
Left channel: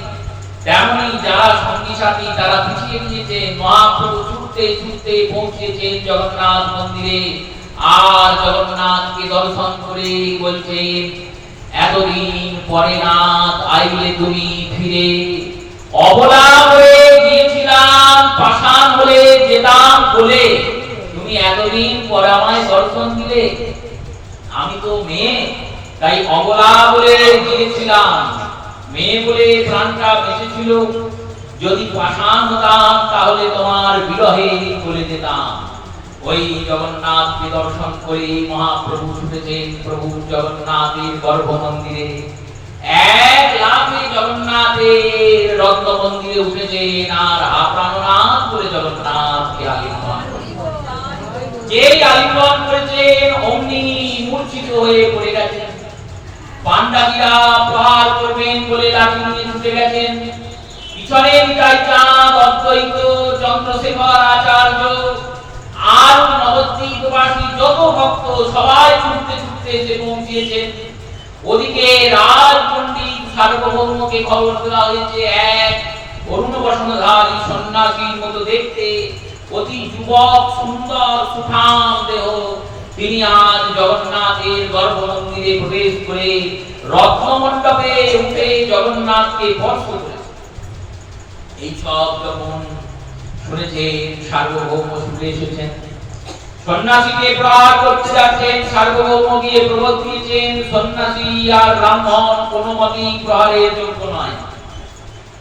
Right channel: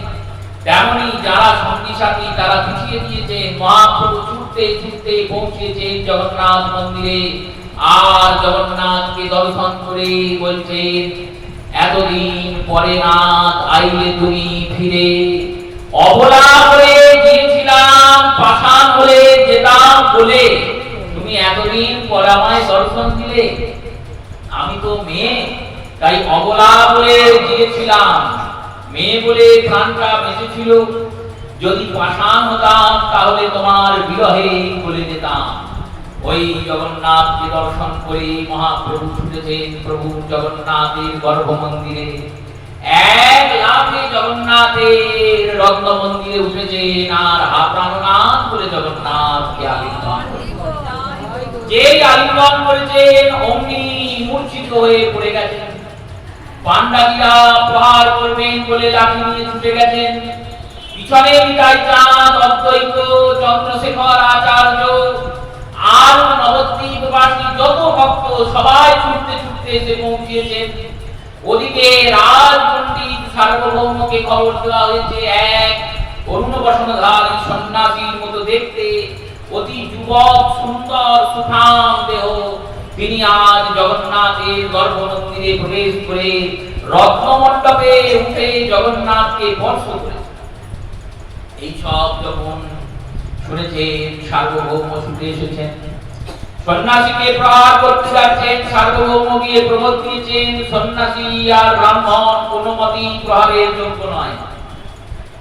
তেমনি যারা সঙ্গী সাথী তারা পিছিয়ে দিয়েছে। মহাপ্রভু ছুটতে ছুটতে পৌঁছেছেন জগন্নাথ মন্দিরে। আর জগন্নাথকে দর্শন করে বলছেন, এতদিন পরে নাথ আইলে তুমি ফিরে। অবলা হয়ে গিয়েছিলাম, পাষাণ হলে যেতাম বলে, তুমি এতদিন পর আমায় দর্শন দিলে। আমি তো মেয়ে, তাই অবলা বলে গিয়েছিলাম, মেয়ে বলে প্রাণটা বেঁচেছিল। যদি পাষাণ হতাম তাহলে তোমার বিরহে চলে যেতাম। ওই জগন্নাথকে দর্শন করে মহাপ্রভু ছুটেছেন প্রভু জগন্নাথের গর্ভ মন্দিরে। এক লাফে জগন্নাথের রত্ন মন্দিরে উঠেছেন। আর হাপ্রাণনাথ বলে জগন্নাথকে আলিঙ্গন যেই আলিঙ্গন করেছেন, অমনি মূর্ছিত হয়ে পড়ে গেছেন। পাণ্ডাদিরা প্রহার করবেন বলে লাঠি নিয়ে ছুটে গেছেন। পিছনে নিতাই চাঁদ, অদ্বৈত, চন্দ্রশেখর আচার্য আর নবদ্বীপবাসী যত ভক্ত সবাই ছুটতে ছুটতে এসে পৌঁছেছেন। ওদিকে রাজ পণ্ডিত সার্বভৌমকে খবর দেওয়া হয়েছে, এক অরুণ বসনধারী সন্ন্যাসীর মতো দেখতে, অতি যুবক, সুন্দর, সুঠাম দেহ, তিনি আজ জগন্নাথের গর্ভ মন্দিরে প্রবেশ করে রত্নমণ্ডপে উঠে জগন্নাথকে স্পর্শ করেছে। এই সব যখন শুনেছেন, সার্বভৌম ছুটে এসেছেন, সন্ন্যাসীকে প্রহার করতে যাচ্ছেন। সার্বভৌম গিয়ে প্রবোধ দিয়েছেন, সন্ন্যাসী আর ব্রাহ্মণ কোনো মতেই প্রহারের যোগ্য নয়।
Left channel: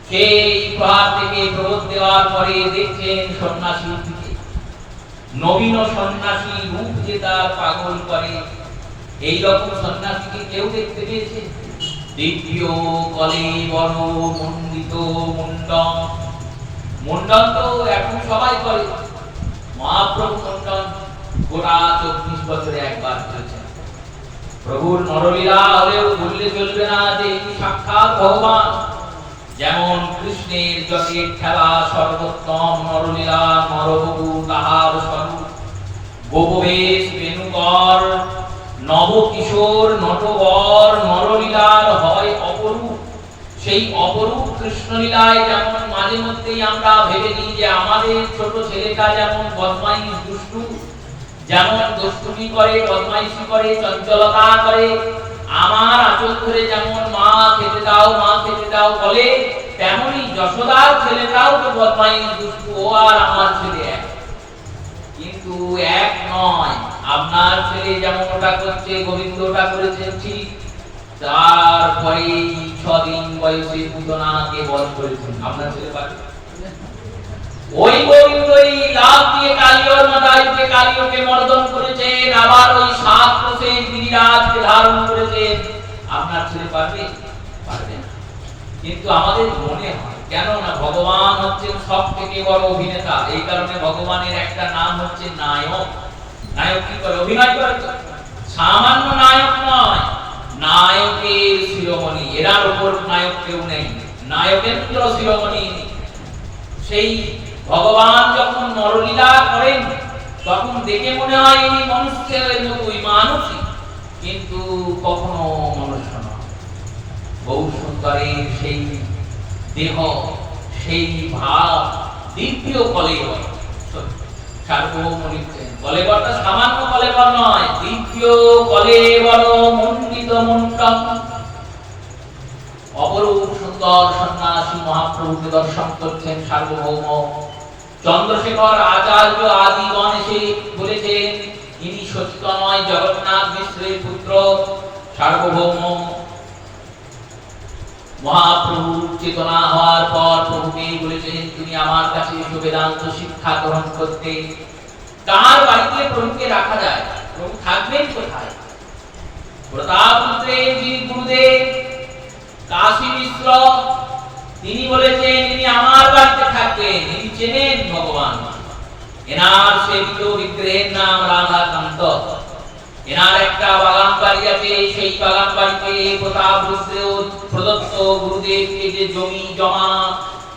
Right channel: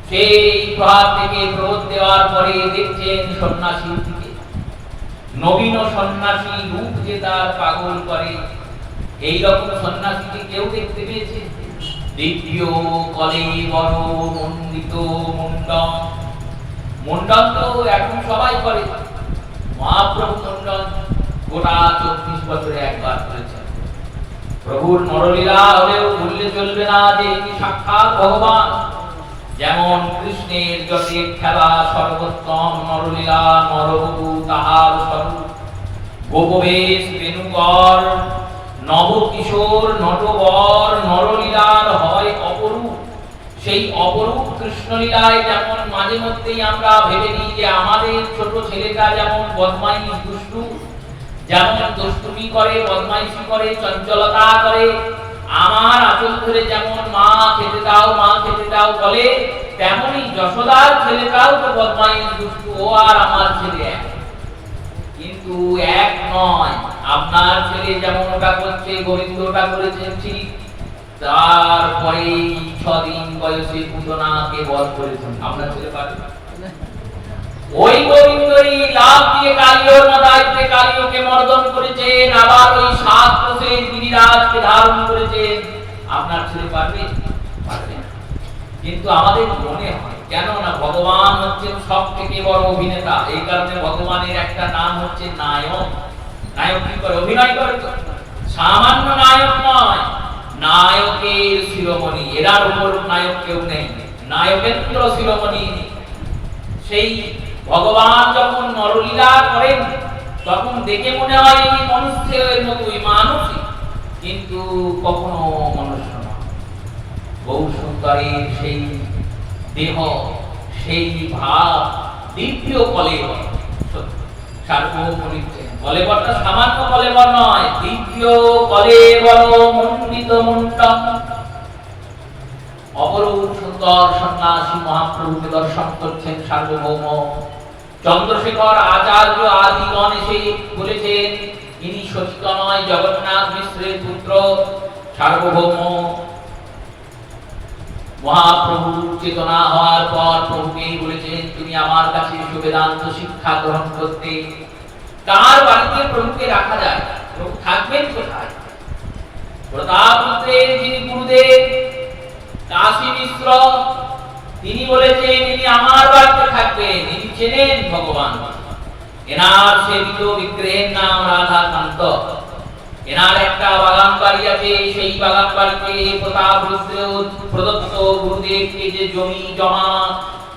সেই প্রহার থেকে প্রবোধ দেওয়ার পরে দেখছেন সন্ন্যাসীর দিকে নবীন সন্ন্যাসী রূপ যে তার পাগল করে, এই রকম সন্ন্যাসীকে কেউ দেখতে পেয়েছে? দিব্য কলে বড় মণ্ডিত মুন্ডন। মুন্ডন তো এখন সবাই করে। মহাপ্রভু মুন্ডন গোটা 24 বছরে একবার করেছেন। প্রভুর নরলীলা হলেও ভুললে চলবে না যে ইনি সাক্ষাৎ ভগবান। যেমন কৃষ্ণের জটের খেলা সর্বোত্তম নরলীলা, নরবধূ তাহার স্বরূপ, গোপবেশ বেণুকর, নবকিশোর নটবর, নরলীলার হয় অপরূপ। সেই অপরূপ কৃষ্ণলীলায় যেমন মাঝে মধ্যেই আমরা ভেবে নিই যে আমাদের ছোট ছেলেটা যেমন বদমাইশ দুষ্টু, যেমন দুষ্টুমি করে, বদমাইশি করে, চঞ্চলতা করে, আমার আঁচল ধরে যেমন মা খেতে দাও মা খেতে দাও বলে, তেমনি যশোদার ছেলেটাও তো বদমাইশ দুষ্টু, ও আর আমার ছেলে এক। কিন্তু এক নয়। আপনার ছেলে যেমন ওটা করছে, গোবিন্দ ওটা করেছেন ঠিক, তারপরে 6 দিন বয়সে পুতনাকে বধ করেছেন। আপনার ছেলে পারবে? ওই গোবিন্দই লাভ দিয়ে কালিয়র মাথায় কালিয়কে মর্দন করেছেন, আবার ওই 7 কোষের গিরিরাজকে ধারণ করেছেন। আপনার ছেলে পারবে? পারবে না। কিন্তু আমাদের মনে হয়, কেন না ভগবান হচ্ছেন সব থেকে বড় অভিনেতা। এই কারণে ভগবানের একটা নাম হচ্ছে নায়ক। নায়ক কি করে? অভিনয় করে। সামান্য নায়ক নয়, নায়কের শিরোমণি। এরার উপর নায়ক কেউ নেই, নায়কেন্দ্র শিরোমণি। সেই ভগবান যখন নরলীলা করেন তখন দেখে মনে হয় ইনি মনুষ্যের মতোই, মানুষই, কিন্তু কখনো মনুষ্য নয়। বহু সুন্দরের সেই দেহ, সেই ভাব, দিব্য কলেবর। সার্বভৌম লিখছেন, কলেবরটা সামান্য কলেবর নয়, দিব্য কলেবর মণ্ডিত মুন্ডম। অপরূপ সুন্দর সন্ন্যাসী মহাপ্রভুকে দর্শন করছেন সার্বভৌম। চন্দ্রশেখর আচার্য আদিগণ এসে বলেছেন, ইনি সচিত নয়, জগন্নাথ মিশ্রের পুত্র। সার্বভৌম মহাপ্রভু চেতনা হওয়ার পর প্রভুকে বলেছেন তুমি আমার কাছে এসো বেদান্ত শিক্ষা গ্রহণ করতে। কার বাড়িতে প্রভুকে রাখা যায়? প্রভু থাকবেন কোথায়? প্রতাপপুত্রের যিনি গুরুদেব কাশী মিশ্র, তিনি বলেছেন ইনি আমার বাড়িতে থাকবেন। ইনি চেনেন ভগবান। এনার সেবিত বিগ্রহের নাম রাধাকান্ত। এনার একটা বাগান বাড়ি আছে, সেই বাগান বাড়িতে প্রতাপরুদ্র প্রদত্ত গুরুদেবকে যে জমি জমা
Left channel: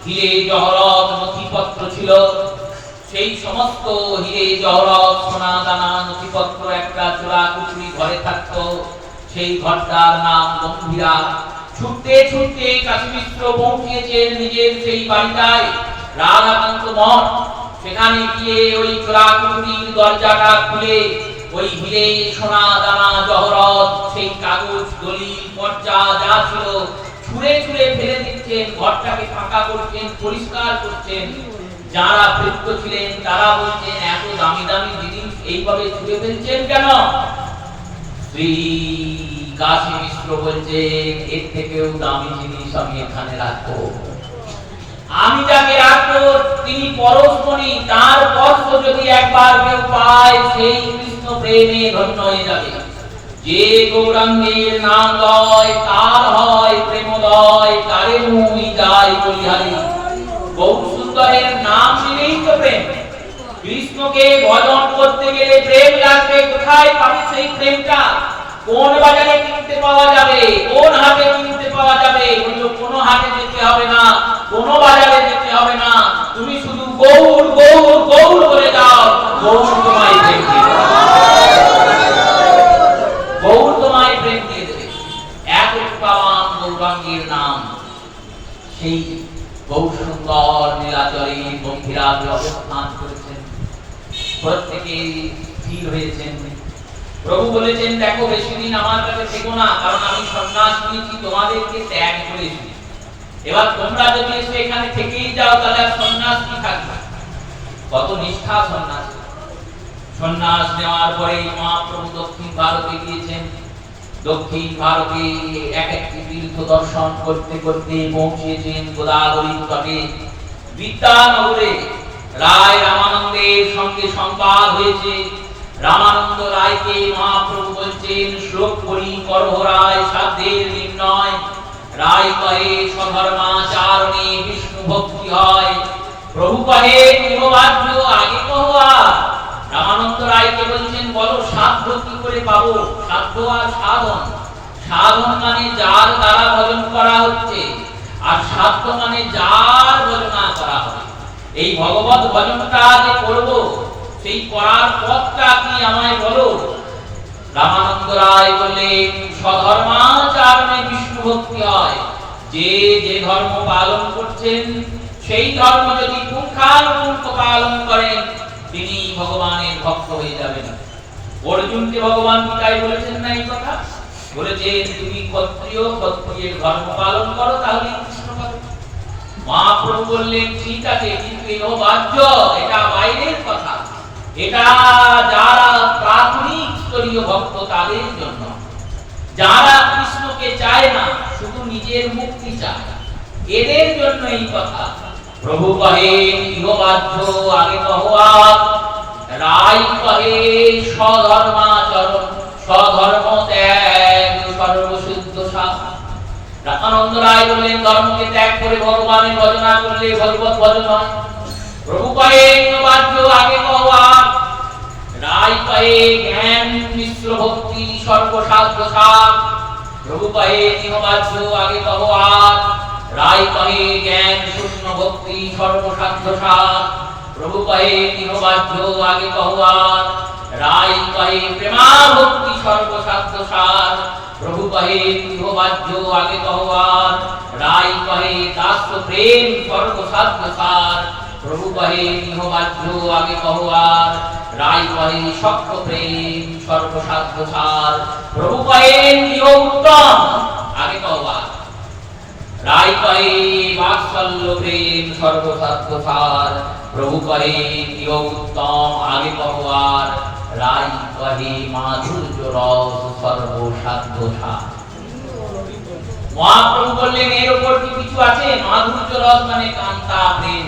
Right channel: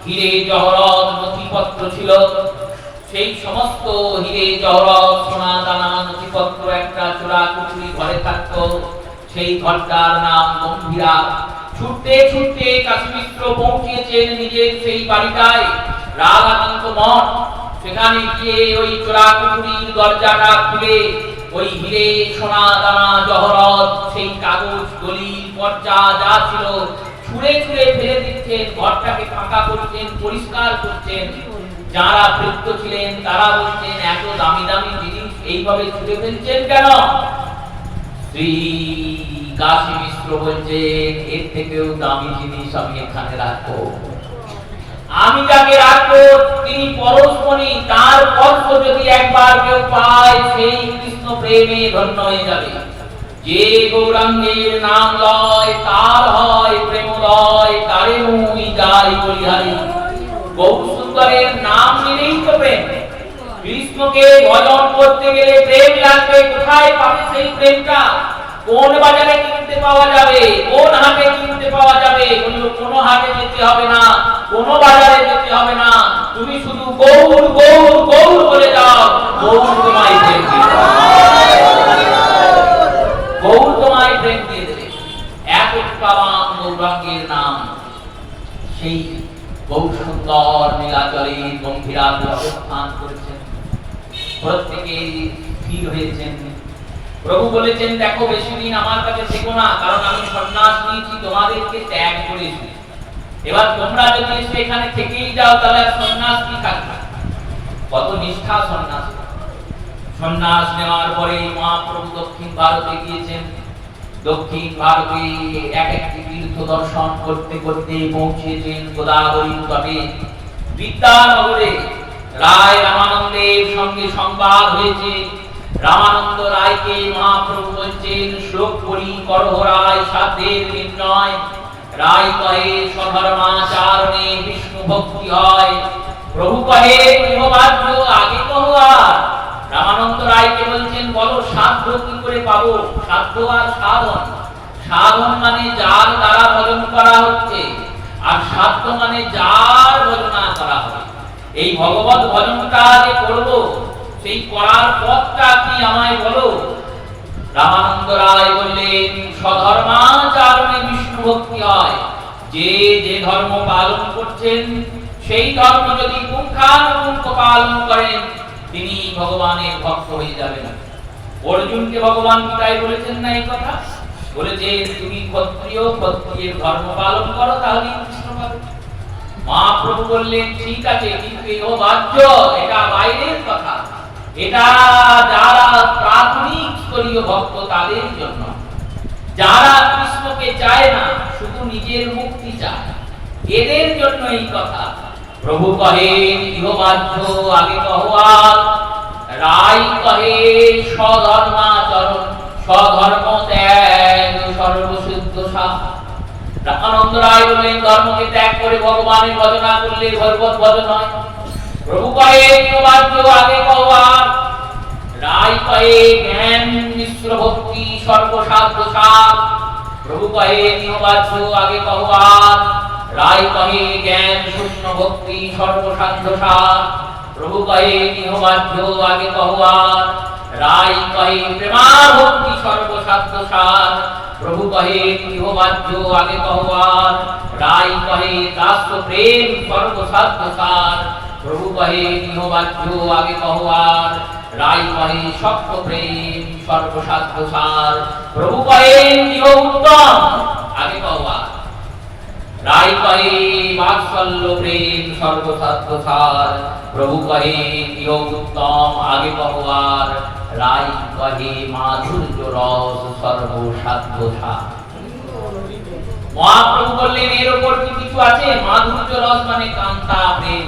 হিরে জহরত নথিপত্র ছিল, সেই সমস্ত হিরে জহরত সোনা দানা নথিপত্র একটা চোরা কুঠুরি ঘরে থাকতো। সেই ঘরটার নাম গম্ভীরা। ছুটতে ছুটতে কাশী মিশ্র পৌঁছেছেন নিজের সেই বাড়িটায়, রাধাকান্ত মঠ। সেখানে গিয়ে ওই চোরা কুঠুরির দরজাটা খুলে ওই হিরে সোনা দানা জহরত সেই কাগজ দলিল পর্চা যা ছিল ছুঁড়ে ছুঁড়ে ফেলে দিচ্ছেন। ঘরটাকে ফাঁকা করছেন, পরিষ্কার করছেন। যারা ভৃত্য ছিলেন তারা বলছেন এত দামি দামি জিনিস এইভাবে ছুঁড়ে ফেলছেন কেন? শ্রী কাশী মিশ্র বলছেন এর থেকেও দামি জিনিস আমি এখানে রাখবো। আমি যাকে রাখবো তিনি পরশমণি, তার স্পর্শ যদি একবার কেউ পায় সেই কৃষ্ণ প্রেমে ধন্য হয়ে যাবে। যে গৌরাঙ্গের নাম লয় তার হয় প্রেমলয়, তারে মুই যাই বলিহারি। গৌর সুন্দরের নাম নিলেই তো প্রেম। কৃষ্ণকে ভজন করতে গেলে প্রেম লাগবে। কোথায় পাবে সেই প্রেমটা? কোন বাজারে কিনতে পাওয়া যাবে? কোন হাটে কিনতে পাওয়া যাবে? বললো কোনো হাটে যেতে হবে না, কোন বাজারে যেতে হবে না, তুমি শুধু গৌর গৌর গৌর বলে যাও, গৌর তোমায় প্রেম দিয়ে দেবে। গৌর তোমায় প্রেম দিয়ে দেবে। এত পাওয়ান গৌরাঙ্গের নাম। সেই গৌর সুন্দর নীলাচলে গম্ভীরাতে অবস্থান করেছেন। প্রত্যেকে স্থির হয়েছেন। প্রভু বলেছেন দেখো বেশি দিন আমার কাছে থেকো না, কারণ আমি সন্ন্যাস নিয়েছি, তোমাদেরকে ত্যাগ করেছি। এবার তোমরা যদি এসে এখানে থেকেই যাও তাহলে আর সন্ন্যাস কি থাকবে? কত নিষ্ঠা সন্ন্যাস। সন্ন্যাস নেওয়ার পরে মহাপ্রভু দক্ষিণ ভারতে গিয়েছেন। দক্ষিণ ভারতে এক একটি তীর্থ দর্শন করতে করতে পৌঁছেছেন গোদাবরী তটে বিদ্যানগরে। রায় রামানন্দের সঙ্গে সংবাদ হয়েছে। রামানন্দ রায়কে মহাপ্রভু বলছেন শ্লোক করি করহ রায় সাধ্যের নির্ণয়। রায় কহে স্বধর্মাচারণে বিষ্ণু ভক্তি হয়। প্রভু কহে গৃহবাদ্য আগে কহ আর। রামানন্দ রায়কে বলছেন বলো সাধ্য কি করে পাবো? সাধ্য আর সাধন। সাধন মানে যার দ্বারা ভজন করা হচ্ছে, আর সাধ্য মানে যার ভজনা করা হবে। এই ভগবত ভজনটা যে করব সেই করার পথটা কি আমায় বলো। রামানন্দ রায় বললেন স্বধর্মাচারণে বিষ্ণু ভক্তি হয়। যে যে ধর্ম পালন করছেন সেই ধর্ম যদি পুঙ্খানুপুঙ্খ পালন করেন তিনি ভগবানের ভক্ত হয়ে যাবেন। অর্জুনকে ভগবান তাই বলেছেন না এই কথা? বলেছেন তুমি ক্ষত্রিয়, ক্ষত্রিয়ের ধর্ম পালন করো তাহলে কৃষ্ণ পাবে। মহাপ্রভু বললেন ঠিক আছে, কিন্তু এই বাহ্য, এটা বাইরের কথা। এটা যারা প্রাথমিক স্তরীয় ভক্ত তাদের জন্য, যারা কৃষ্ণকে চায় না, শুধু নিজের মুক্তি চায়, এদের জন্য এই কথা। প্রভু কহে ইহবাহ্য আগে কহওয়াত। রায় কহে স্বধর্মাচরণ, স্বধর্ম ত্যাগ সর্বশুদ্ধ সাধ। রামানন্দ রায় বললেন ধর্মকে ত্যাগ করে ভগবানের ভজনা করলে ভগবত ভজন হয়। প্রভু কহে ইহবাহ্য আগে কহওয়াত। রায় কহে জ্ঞান মিশ্র ভক্তি সর্বসাধ্য সার। প্রভু কহে ইহবাহ্য আগে কহওয়াত। রায় কহে জ্ঞান শূন্য ভক্তি সর্বসাধ্য সার। প্রভু কহে ইহবাহ্য আগে কহওয়াত। রায় কহে প্রেমা ভক্তি সর্বসাধ্য সার। প্রভু কহে ইহবাহ্য আগে কহওয়াত। রায় কহে দাস্য প্রেম সর্বসাধ্য সার। প্রভু কহে ইহবাহ্য আগে কহওয়াত। রায় কহে শক্ত প্রেম সর্বসাধ্য সার। প্রভু কহে ইহ উত্তম আগে কহওয়াত। রায় কহে বাৎসল্য প্রেম সর্বসাধ্য সার। প্রভু কহে ইহ উত্তম আগে কহওয়াত। রায় কহে মাধুর্য রস সর্বসাধ্য সার। মহাপ্রভু বললেন এর উপর কি কিছু আছে? মাধুর্য রস মানে কান্তা প্রেম,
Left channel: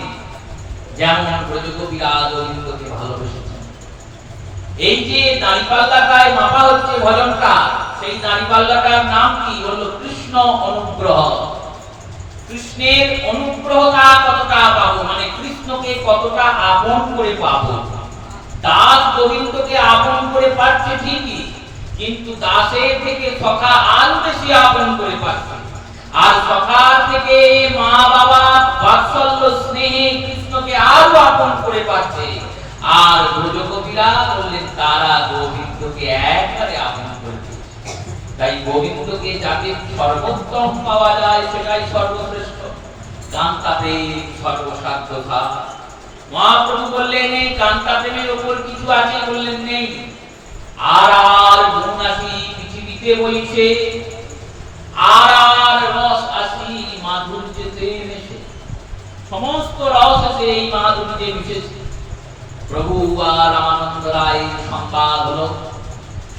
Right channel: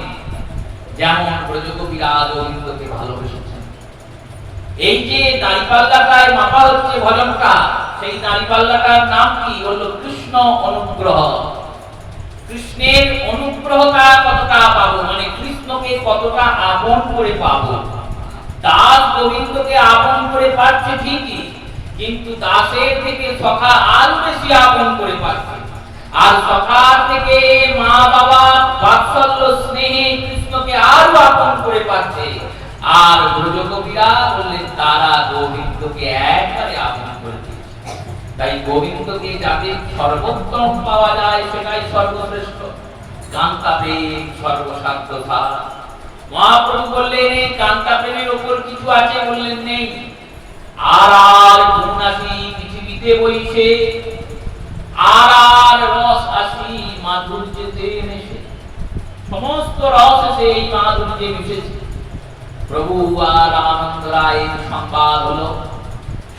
যেমন ব্রজগোপীরা গোবিন্দকে ভালোবেসেছেন। এই যে দাঁড়িপাল্লাটায় মাপা হচ্ছে ভজনটা, সেই দাঁড়িপাল্লাটার নাম কি? হলো কৃষ্ণ অনুগ্রহ। কৃষ্ণের অনুগ্রহটা কতটা পাবো, মানে কৃষ্ণকে কতটা আপন করে পাবো। দাস গোবিন্দকে আপন করে পাচ্ছে ঠিকই, কিন্তু দাসের থেকে সখা আরো বেশি আপন করে পাচ্ছে। আর সখার থেকে মা বাবা বাৎসল্য স্নেহে কৃষ্ণকে আরো আপন করে পাচ্ছে। আর ব্রজগোপীরা বললেন তারা গোবিন্দকে একবারে আপন করে দিয়েছে। তাই গোবিন্দকে যাদের সর্বোত্তম পাওয়া যায় সেটাই সর্বশ্রেষ্ঠ। কান্তা প্রেম সর্বসাধ্যতা। মহাপ্রভু বললেন এই কান্তা প্রেমের উপর কিছু আছে? বললেন নেই। আর গুণ আসি পৃথিবীতে বইছে, আর রস আসি মাধুর্যতে মেশে। সমস্ত রস এসে এই মাধুর্যে মিশেছে। প্রভু আর রামানন্দ রায়ের সংবাদ হলো।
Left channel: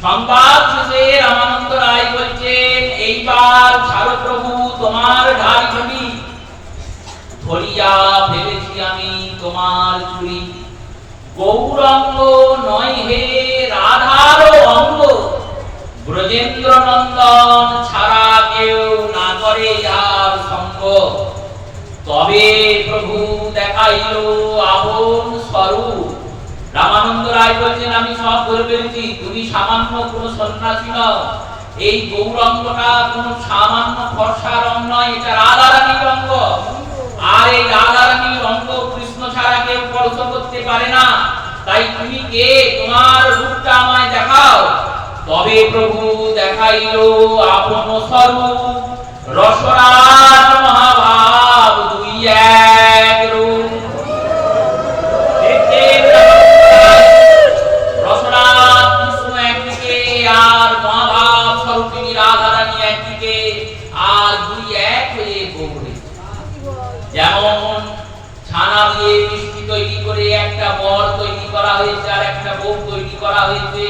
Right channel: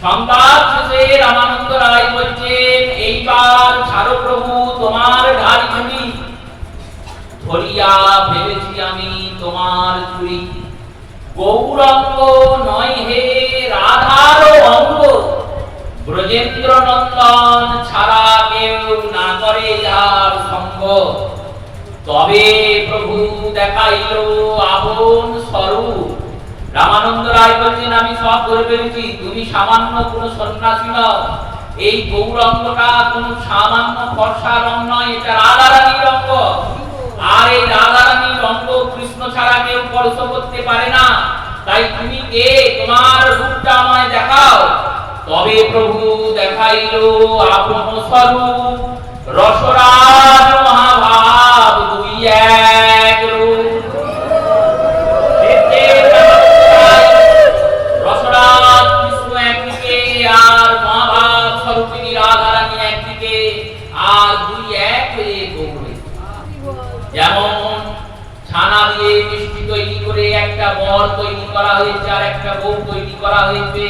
সংবাদ শেষে রামানন্দ রায় বলছেন এইবার ছাড়ো প্রভু তোমার ঢাই ছবি, ধরিয়া ফেলেছি আমি তোমার চুরি। গৌরাঙ্গ নয় হে রাধার অঙ্গ, ব্রজেন্দ্র নন্দন ছাড়া কেউ না করে আর সঙ্গ। তবে প্রভু দেখাইল আপন স্বরূপ। রামানন্দ রায় বলছেন আমি সব ধরে ফেলেছি, তুমি সামান্য কোন সন্ন্যাসী নও। এই গৌরাঙ্গটা কোন সামান্য ফর্সা রং নয়, এটা রাধারানীর অঙ্গ। আর এই রাধারানীর অঙ্গ কৃষ্ণ ছাড়া কেউ স্পর্শ করতে পারে না। তাই তুমি কে? তোমার রূপটা আমায় দেখাও। তবে প্রভু দেখাইল আপন স্বরূপ, রসরাজ মহাভাব দুই এক রূপ। রসরাজ কৃষ্ণ একদিকে, আর মহাভাব স্বরূপিণী রাধারানী একদিকে, আর দুই এক হয়ে গৌরী। যেমন ছানা দিয়ে মিষ্টি তৈরি করে একটা বর তৈরি করা হয়েছে আর একটা বউ তৈরি করা হয়েছে।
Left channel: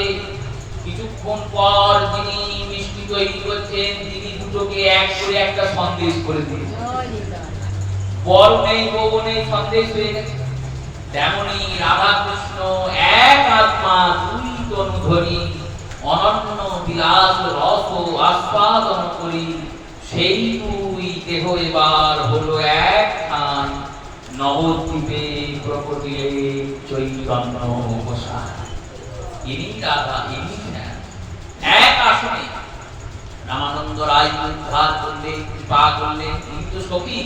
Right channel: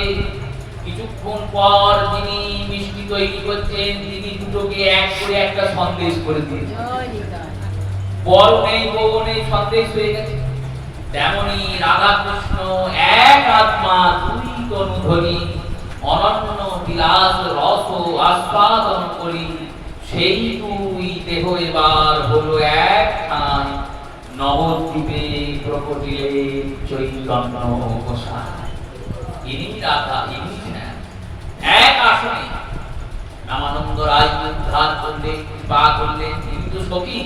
কিছুক্ষণ পর যিনি মিষ্টি তৈরি করছেন তিনি দুটোকে এক করে একটা সন্দেশ করে দিয়েছেন। বর নেই বউ নেই, সন্দেশ হয়ে গেছে। তেমনি রাধা কৃষ্ণ এক আত্মা দুই তনু ধরি, অনন্য বিলাস রস আস্বাদন করি। সেই দুই দেহ এবার হলো এক ঠান, নবদ্বীপে প্রকটিলে চৈতন্য গোসাই। ইনি রাধা, ইনি কৃষ্ণ, এক আসনে। রামানন্দ রায় উদ্ধার করলেন, কৃপা করলেন। তিনি তো সখী,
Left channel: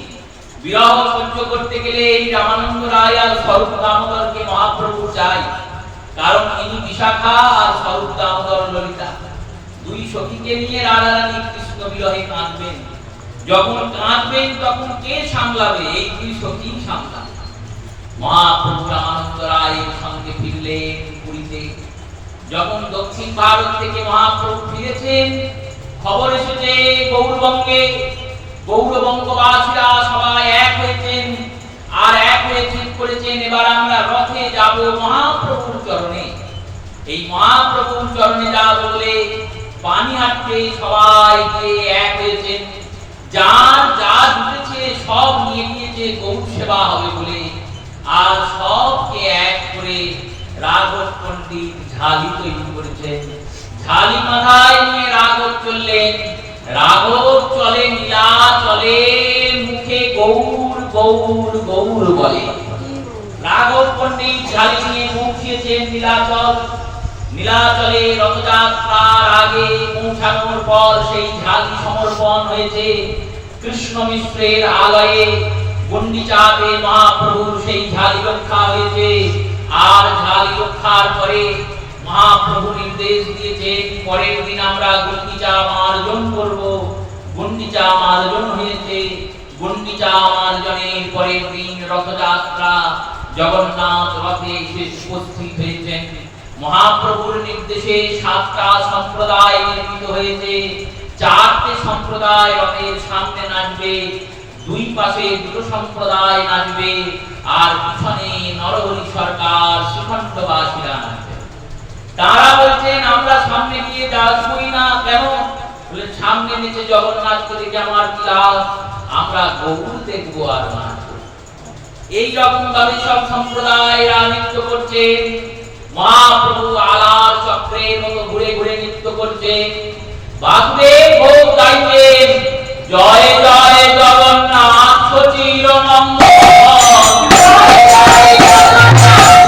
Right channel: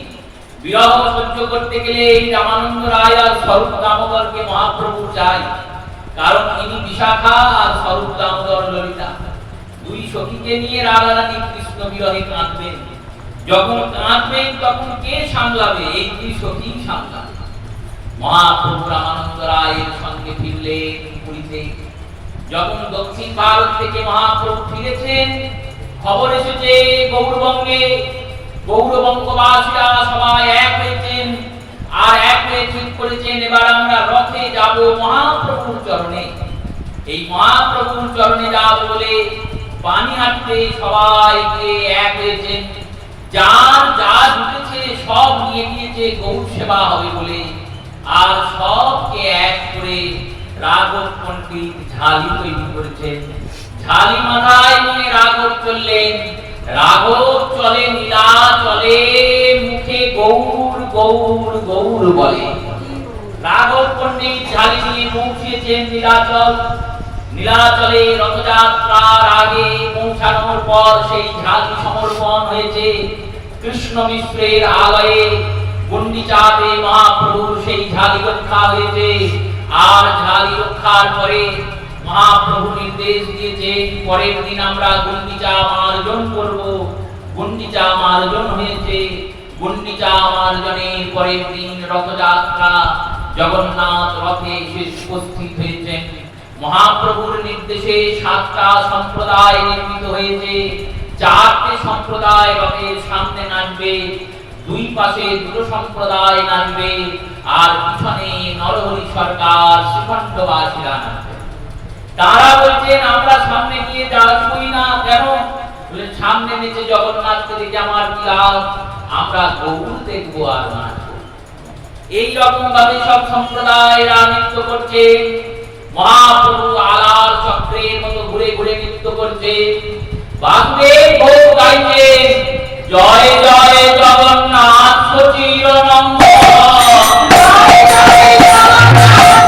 বিরহ সহ্য করতে গেলে এই রামানন্দ রায় আর স্বরূপ দামোদরকে মহাপ্রভু চাই। কারণ ইনি বিশাখা আর স্বরূপ দামোদর ললিতা। দুই সখীকে নিয়ে রাধারানী কৃষ্ণ বিরহে কাঁদবেন। যখন কাঁদবেন তখন কে সামলাবে? এই দুই সখী সামলাবে। মহাপ্রভু রামানন্দ রায়ের সঙ্গে ফিরলেন পুরীতে। যখন দক্ষিণ ভারত থেকে মহাপ্রভু ফিরেছেন, খবর এসেছে গৌরবঙ্গে গৌরবঙ্গবাসীরা সবাই এক হয়েছেন, আর এক হয়ে ঠিক করেছেন এবার আমরা রথে যাব মহাপ্রভুর চরণে। এই মহাপ্রভুর চরণে যাব বলে পানিহাটিতে সবাই গিয়ে এক হয়েছেন। যার যা জুটেছে সব নিয়ে গিয়েছে গৌর সেবা হবে বলে। আর সবকে এক করে রাঘব পণ্ডিত ঝালি তৈরি করেছেন। ঝালি মাথায় নিয়ে রাঘব চললেন। রাঘব চলে নীলা চলে, মুখে গৌর গৌর গৌর বলে। রাঘব পণ্ডিত ঝালি নিয়ে পৌঁছেছেন নীলাচল। নীলাচলে রথযাত্রার আগে পৌঁছানোর পর সেই ঝালি সমর্পণ হয়েছে কৃষ্ণ মিশ্রের আলয়ে। গুন্ডিচাতে মহাপ্রভুর সেই ঝালি রক্ষা হয়েছে। আর ঝালি রক্ষার পরে মহাপ্রভু নির্দেশ দিয়েছেন পরের দিন আমরা গুন্ডিচা মার্জন করব। গুন্ডিচা মার্জন হয়েছে। গুন্ডিচা মার্জনের পরের দিন রথযাত্রা। জগন্নাথ রথে এসে উপস্থিত হয়েছেন। মহাপ্রভুর নির্দেশে 7টা সম্প্রদায় নির্মিত হয়েছে। 4টে সম্প্রদায় রথের সামনে নাচবে, দুই পাশে দুটো সম্প্রদায় নাচবে, আর পিছনে নরহরি সরকার শ্রীখণ্ডবাসীরা নাচবে। তারা বলছেন আমরা সামনে গিয়ে যাচ্ছই না কেন? বলে সামনে সামনে নিচে জগন্নাথকে দেখে আমার কি লাভ, আমরা গৌর দেখবো আর নাচবো। এই রকম ভাবে সব সম্প্রদায়েরা নৃত্য করছে। মহাপ্রভু আলার চক্রের মতো ঘুরে ঘুরে নৃত্য করছে। বাসুদেব ভোগ গাইছেন, জয় জয় জগন্নাথ সচির মঙ্গল, জয় জয় জগন্নাথ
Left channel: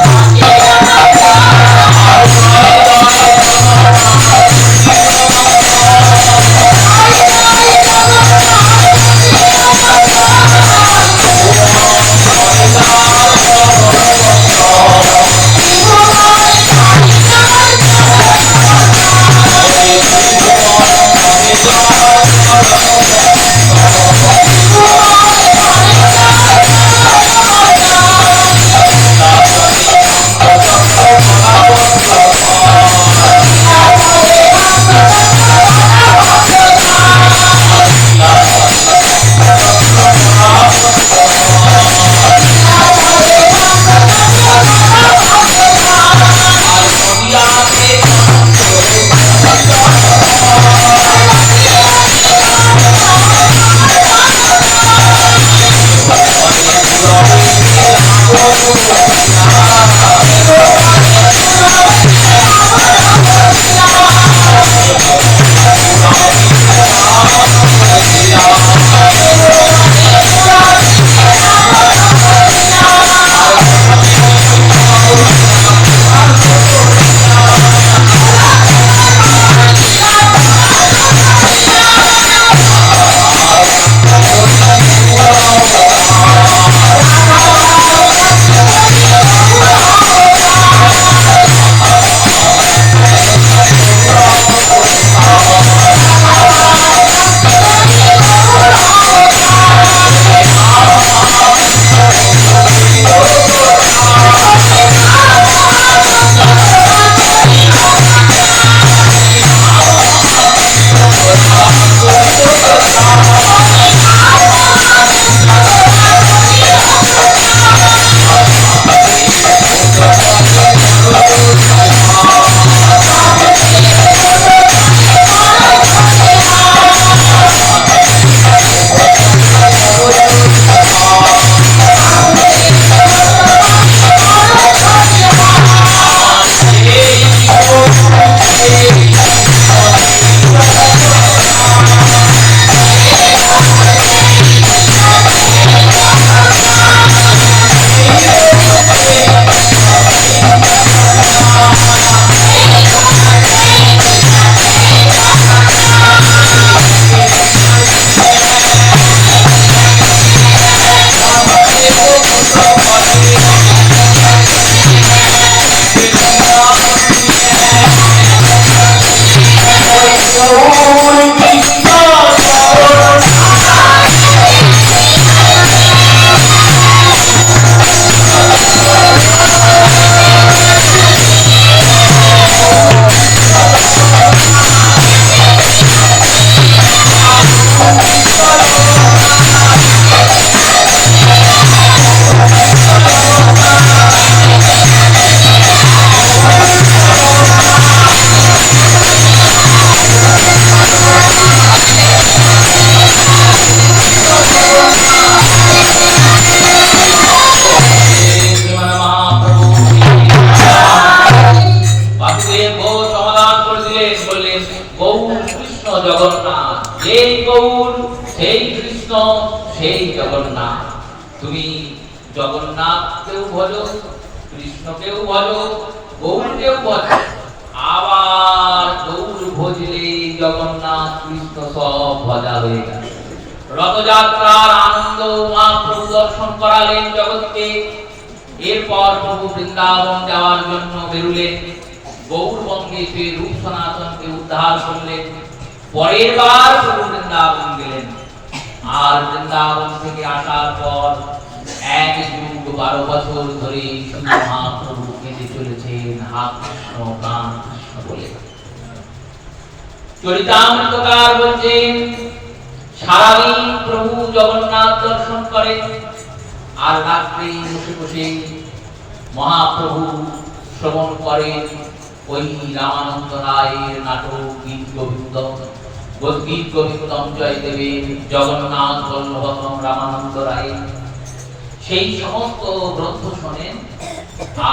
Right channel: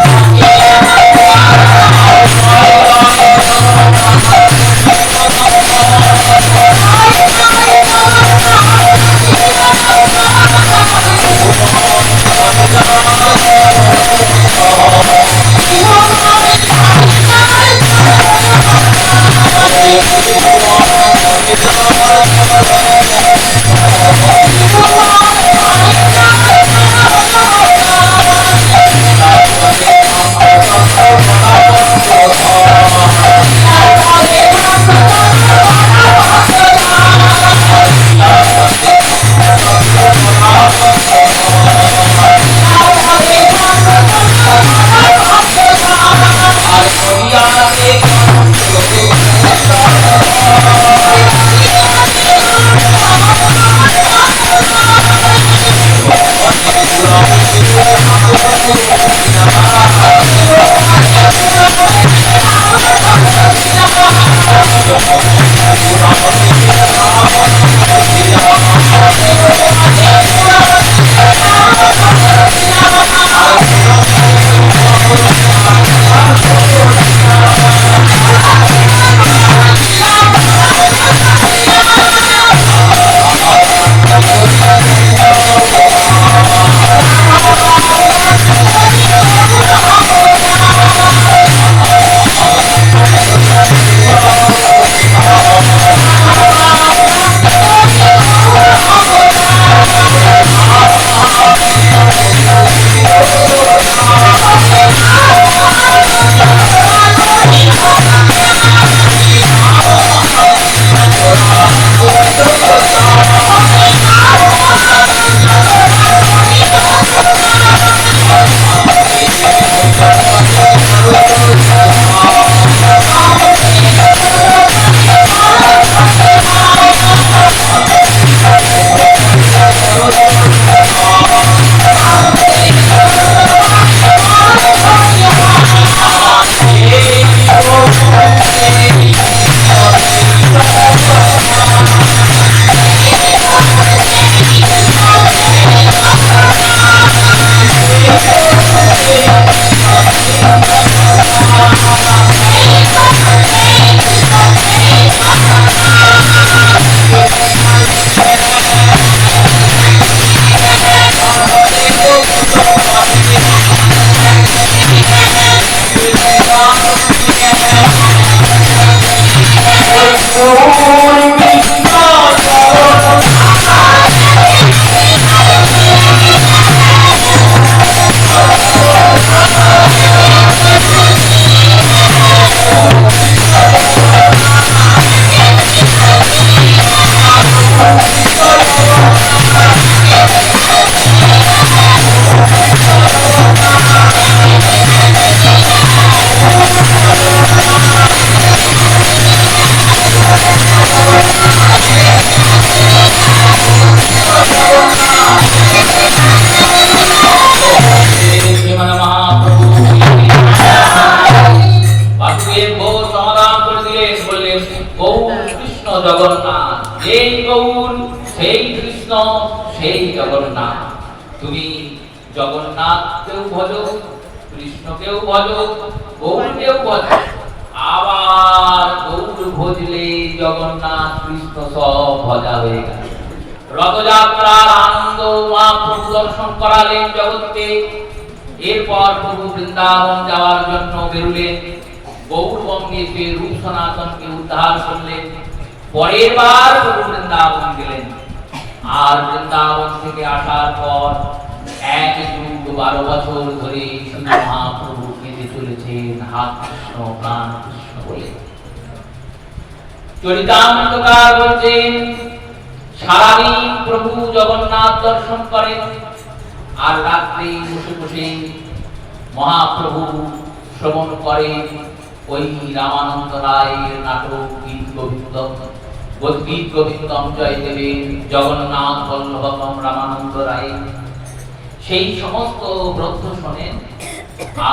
সচির জগন্নাথ। তুমি জগন্নাথকেও ভজো, কৃষ্ণকেও ভজো, গৌরকেও ভজো। আবার গৌর ভজলে জগন্নাথ কৃষ্ণ সব ভজা হয়ে গেল। রথযাত্রার আনন্দ মহাপ্রভু দর্শন করালেন জগৎকে। এরপর প্রভু বৃন্দাবন যাওয়ার জন্য বেরুলেন। গৌরবঙ্গে সে রূপ সনাতনকে উদ্ধার করলেন। পরের বার প্রভু বৃন্দাবন গেলেন। আর বৃন্দাবন থেকে আসার পর 1 যুগ 12 বছর ধরে শুধু মহাপ্রভু কেঁদে চলেছেন, হা কৃষ্ণ প্রাণ কৃষ্ণ বলে। চরিতামৃতকার বলছেন, সারাদিন প্রভু জগন্নাথ দর্শন করেন, আর রাত্রি বসে বসে মহাপ্রভু শ্রবণ করেন ওই রামানন্দ রায়ের নাটক গীত গোবিন্দ। গদ্গীত গোবিন্দম জয় দেবেন জগন্নাথ বল্লভম রামানন্দ রায় সেই সমস্ত গ্রন্থ শোনেন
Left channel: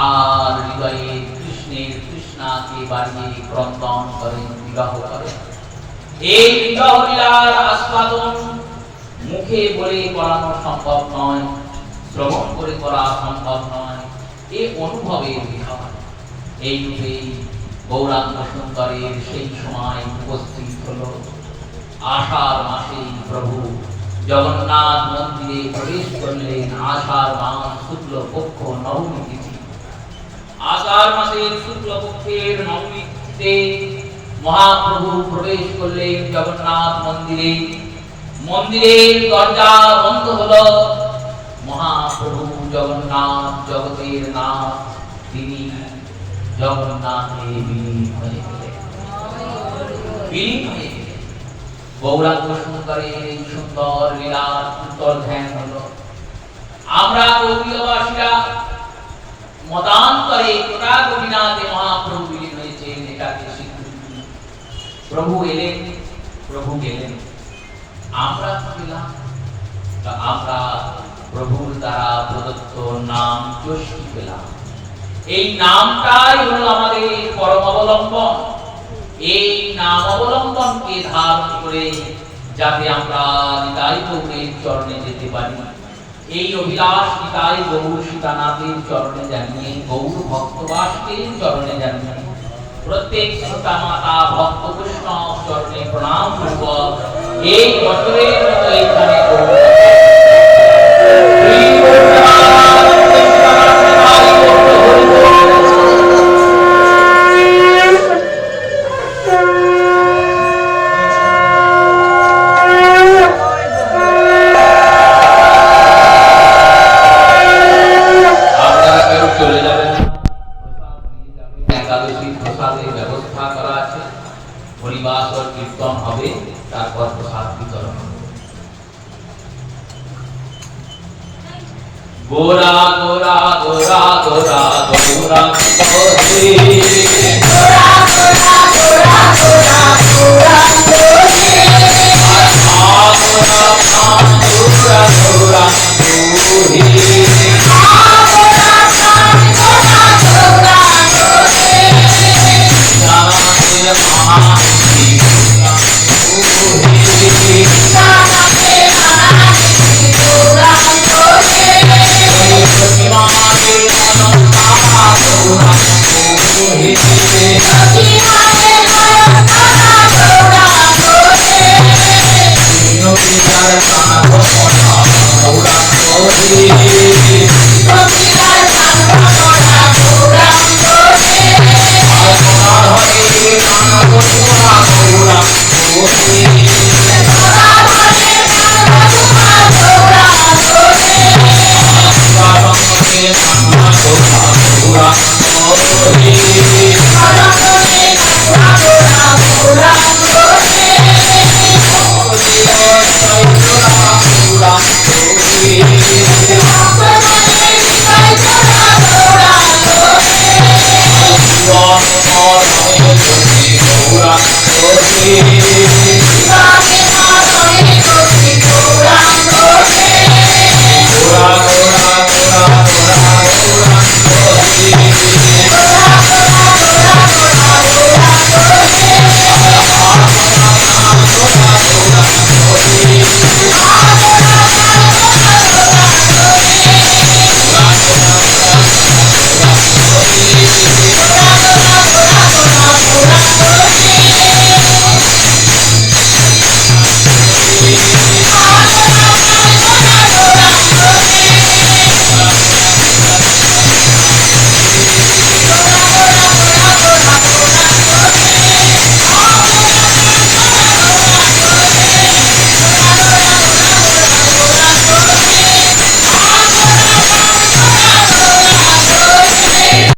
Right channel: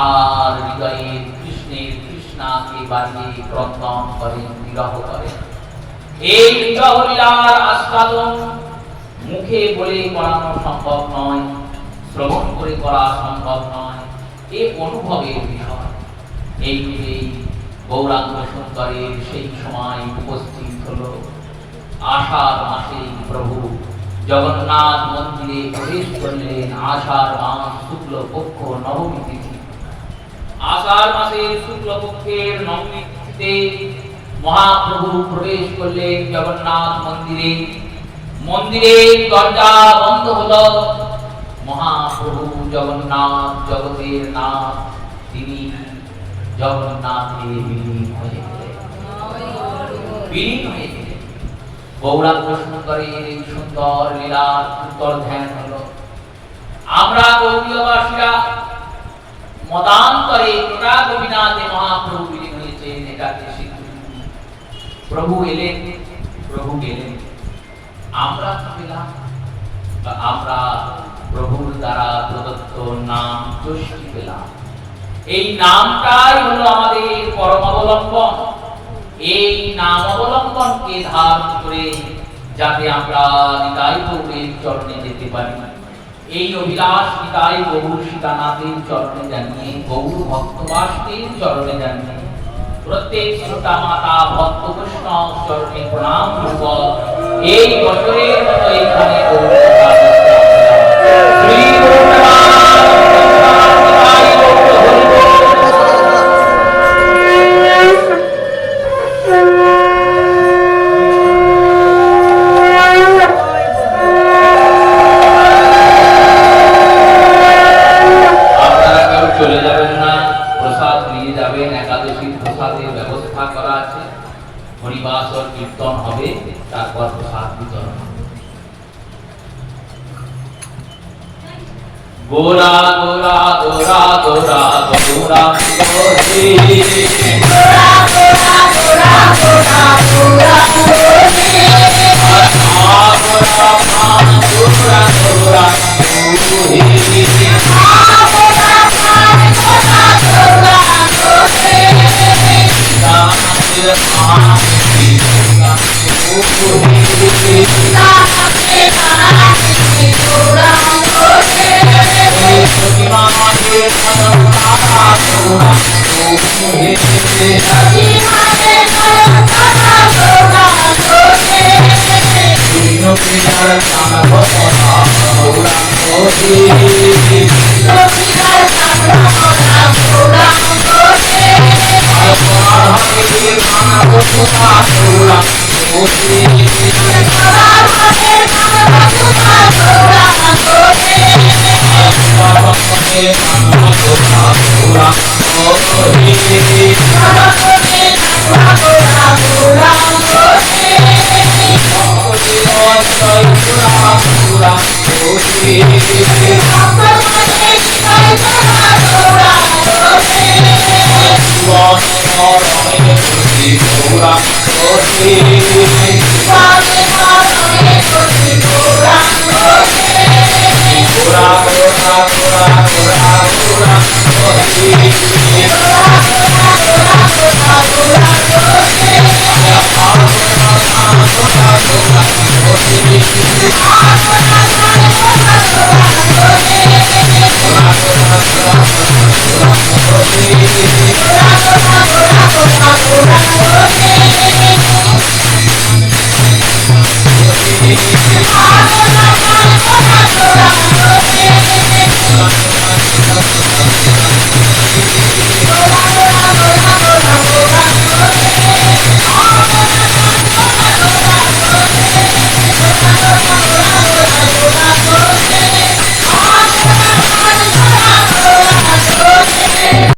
আর হৃদয়ে কৃষ্ণের কৃষ্ণাকে বাড়িয়ে ক্রন্দন করেন, বিবাহ করেন। এই বিবাহ লীলার আস্বাদন মুখে বলে করানো সম্ভব নয়, শ্রবণ করে করা সম্ভব নয়, এ অনুভবের বিষয়। এই রূপেই গৌরাঙ্গ সুন্দরের সেই সময় উপস্থিত হলো আষাঢ় মাসে প্রভু জগন্নাথ মন্দিরে প্রবেশ করলেন। আষাঢ় মাস শুক্ল পক্ষ নবমী তিথি। আষাঢ় মাসের শুক্ল পক্ষের নবমী তিথিতে মহাপ্রভু প্রবেশ করলেন জগন্নাথ মন্দিরে। মন্দিরের দরজা বন্ধ হলো। মহাপ্রভু জগন্নাথ জগতের নাথ, তিনি জগন্নাথে বিলীন হয়ে গেলেন। গৌরাঙ্গ সুন্দরের এই সুন্দর লীলার সুন্দর ধ্যান হলো। আমরা গৌরীয়বাসীরা মতান্তরে কোটা গোপীনাথে মহাপ্রভু বিলীন হয়েছেন এটাকে স্বীকৃতি। প্রভু এলেন, প্রভু গেলেন, আমরা পেলাম, আমরা প্রভুর দ্বারা প্রদত্ত নাম যশী পেলাম। এই নামটাই হলো আমাদের পরম অবলম্বন। এই নাম অবলম্বনকে ধারণ করে যাতে আমরা নিতাই গৌরের চরণে যেতে পারি, এই অভিলাষ নিতাই গৌর সীতানাথের চরণে জানিয়ে, গৌর ভক্তবাসীর চরণে জানিয়ে, প্রত্যেক শ্রোতা মাতা ভক্ত কৃষ্ণ চরণে প্রণাম পূর্বক এই বছরের মতো এইখানে কীর্তন হবে, তারপর প্রসাদ বিতরণ। গোরা গোরা গোরা গোরা গোরা গোরে গোরা গোরা গোরা গোরা গোরা গোরে গোরা গোরা গোরা গোরা গোরে গোরা Thank you.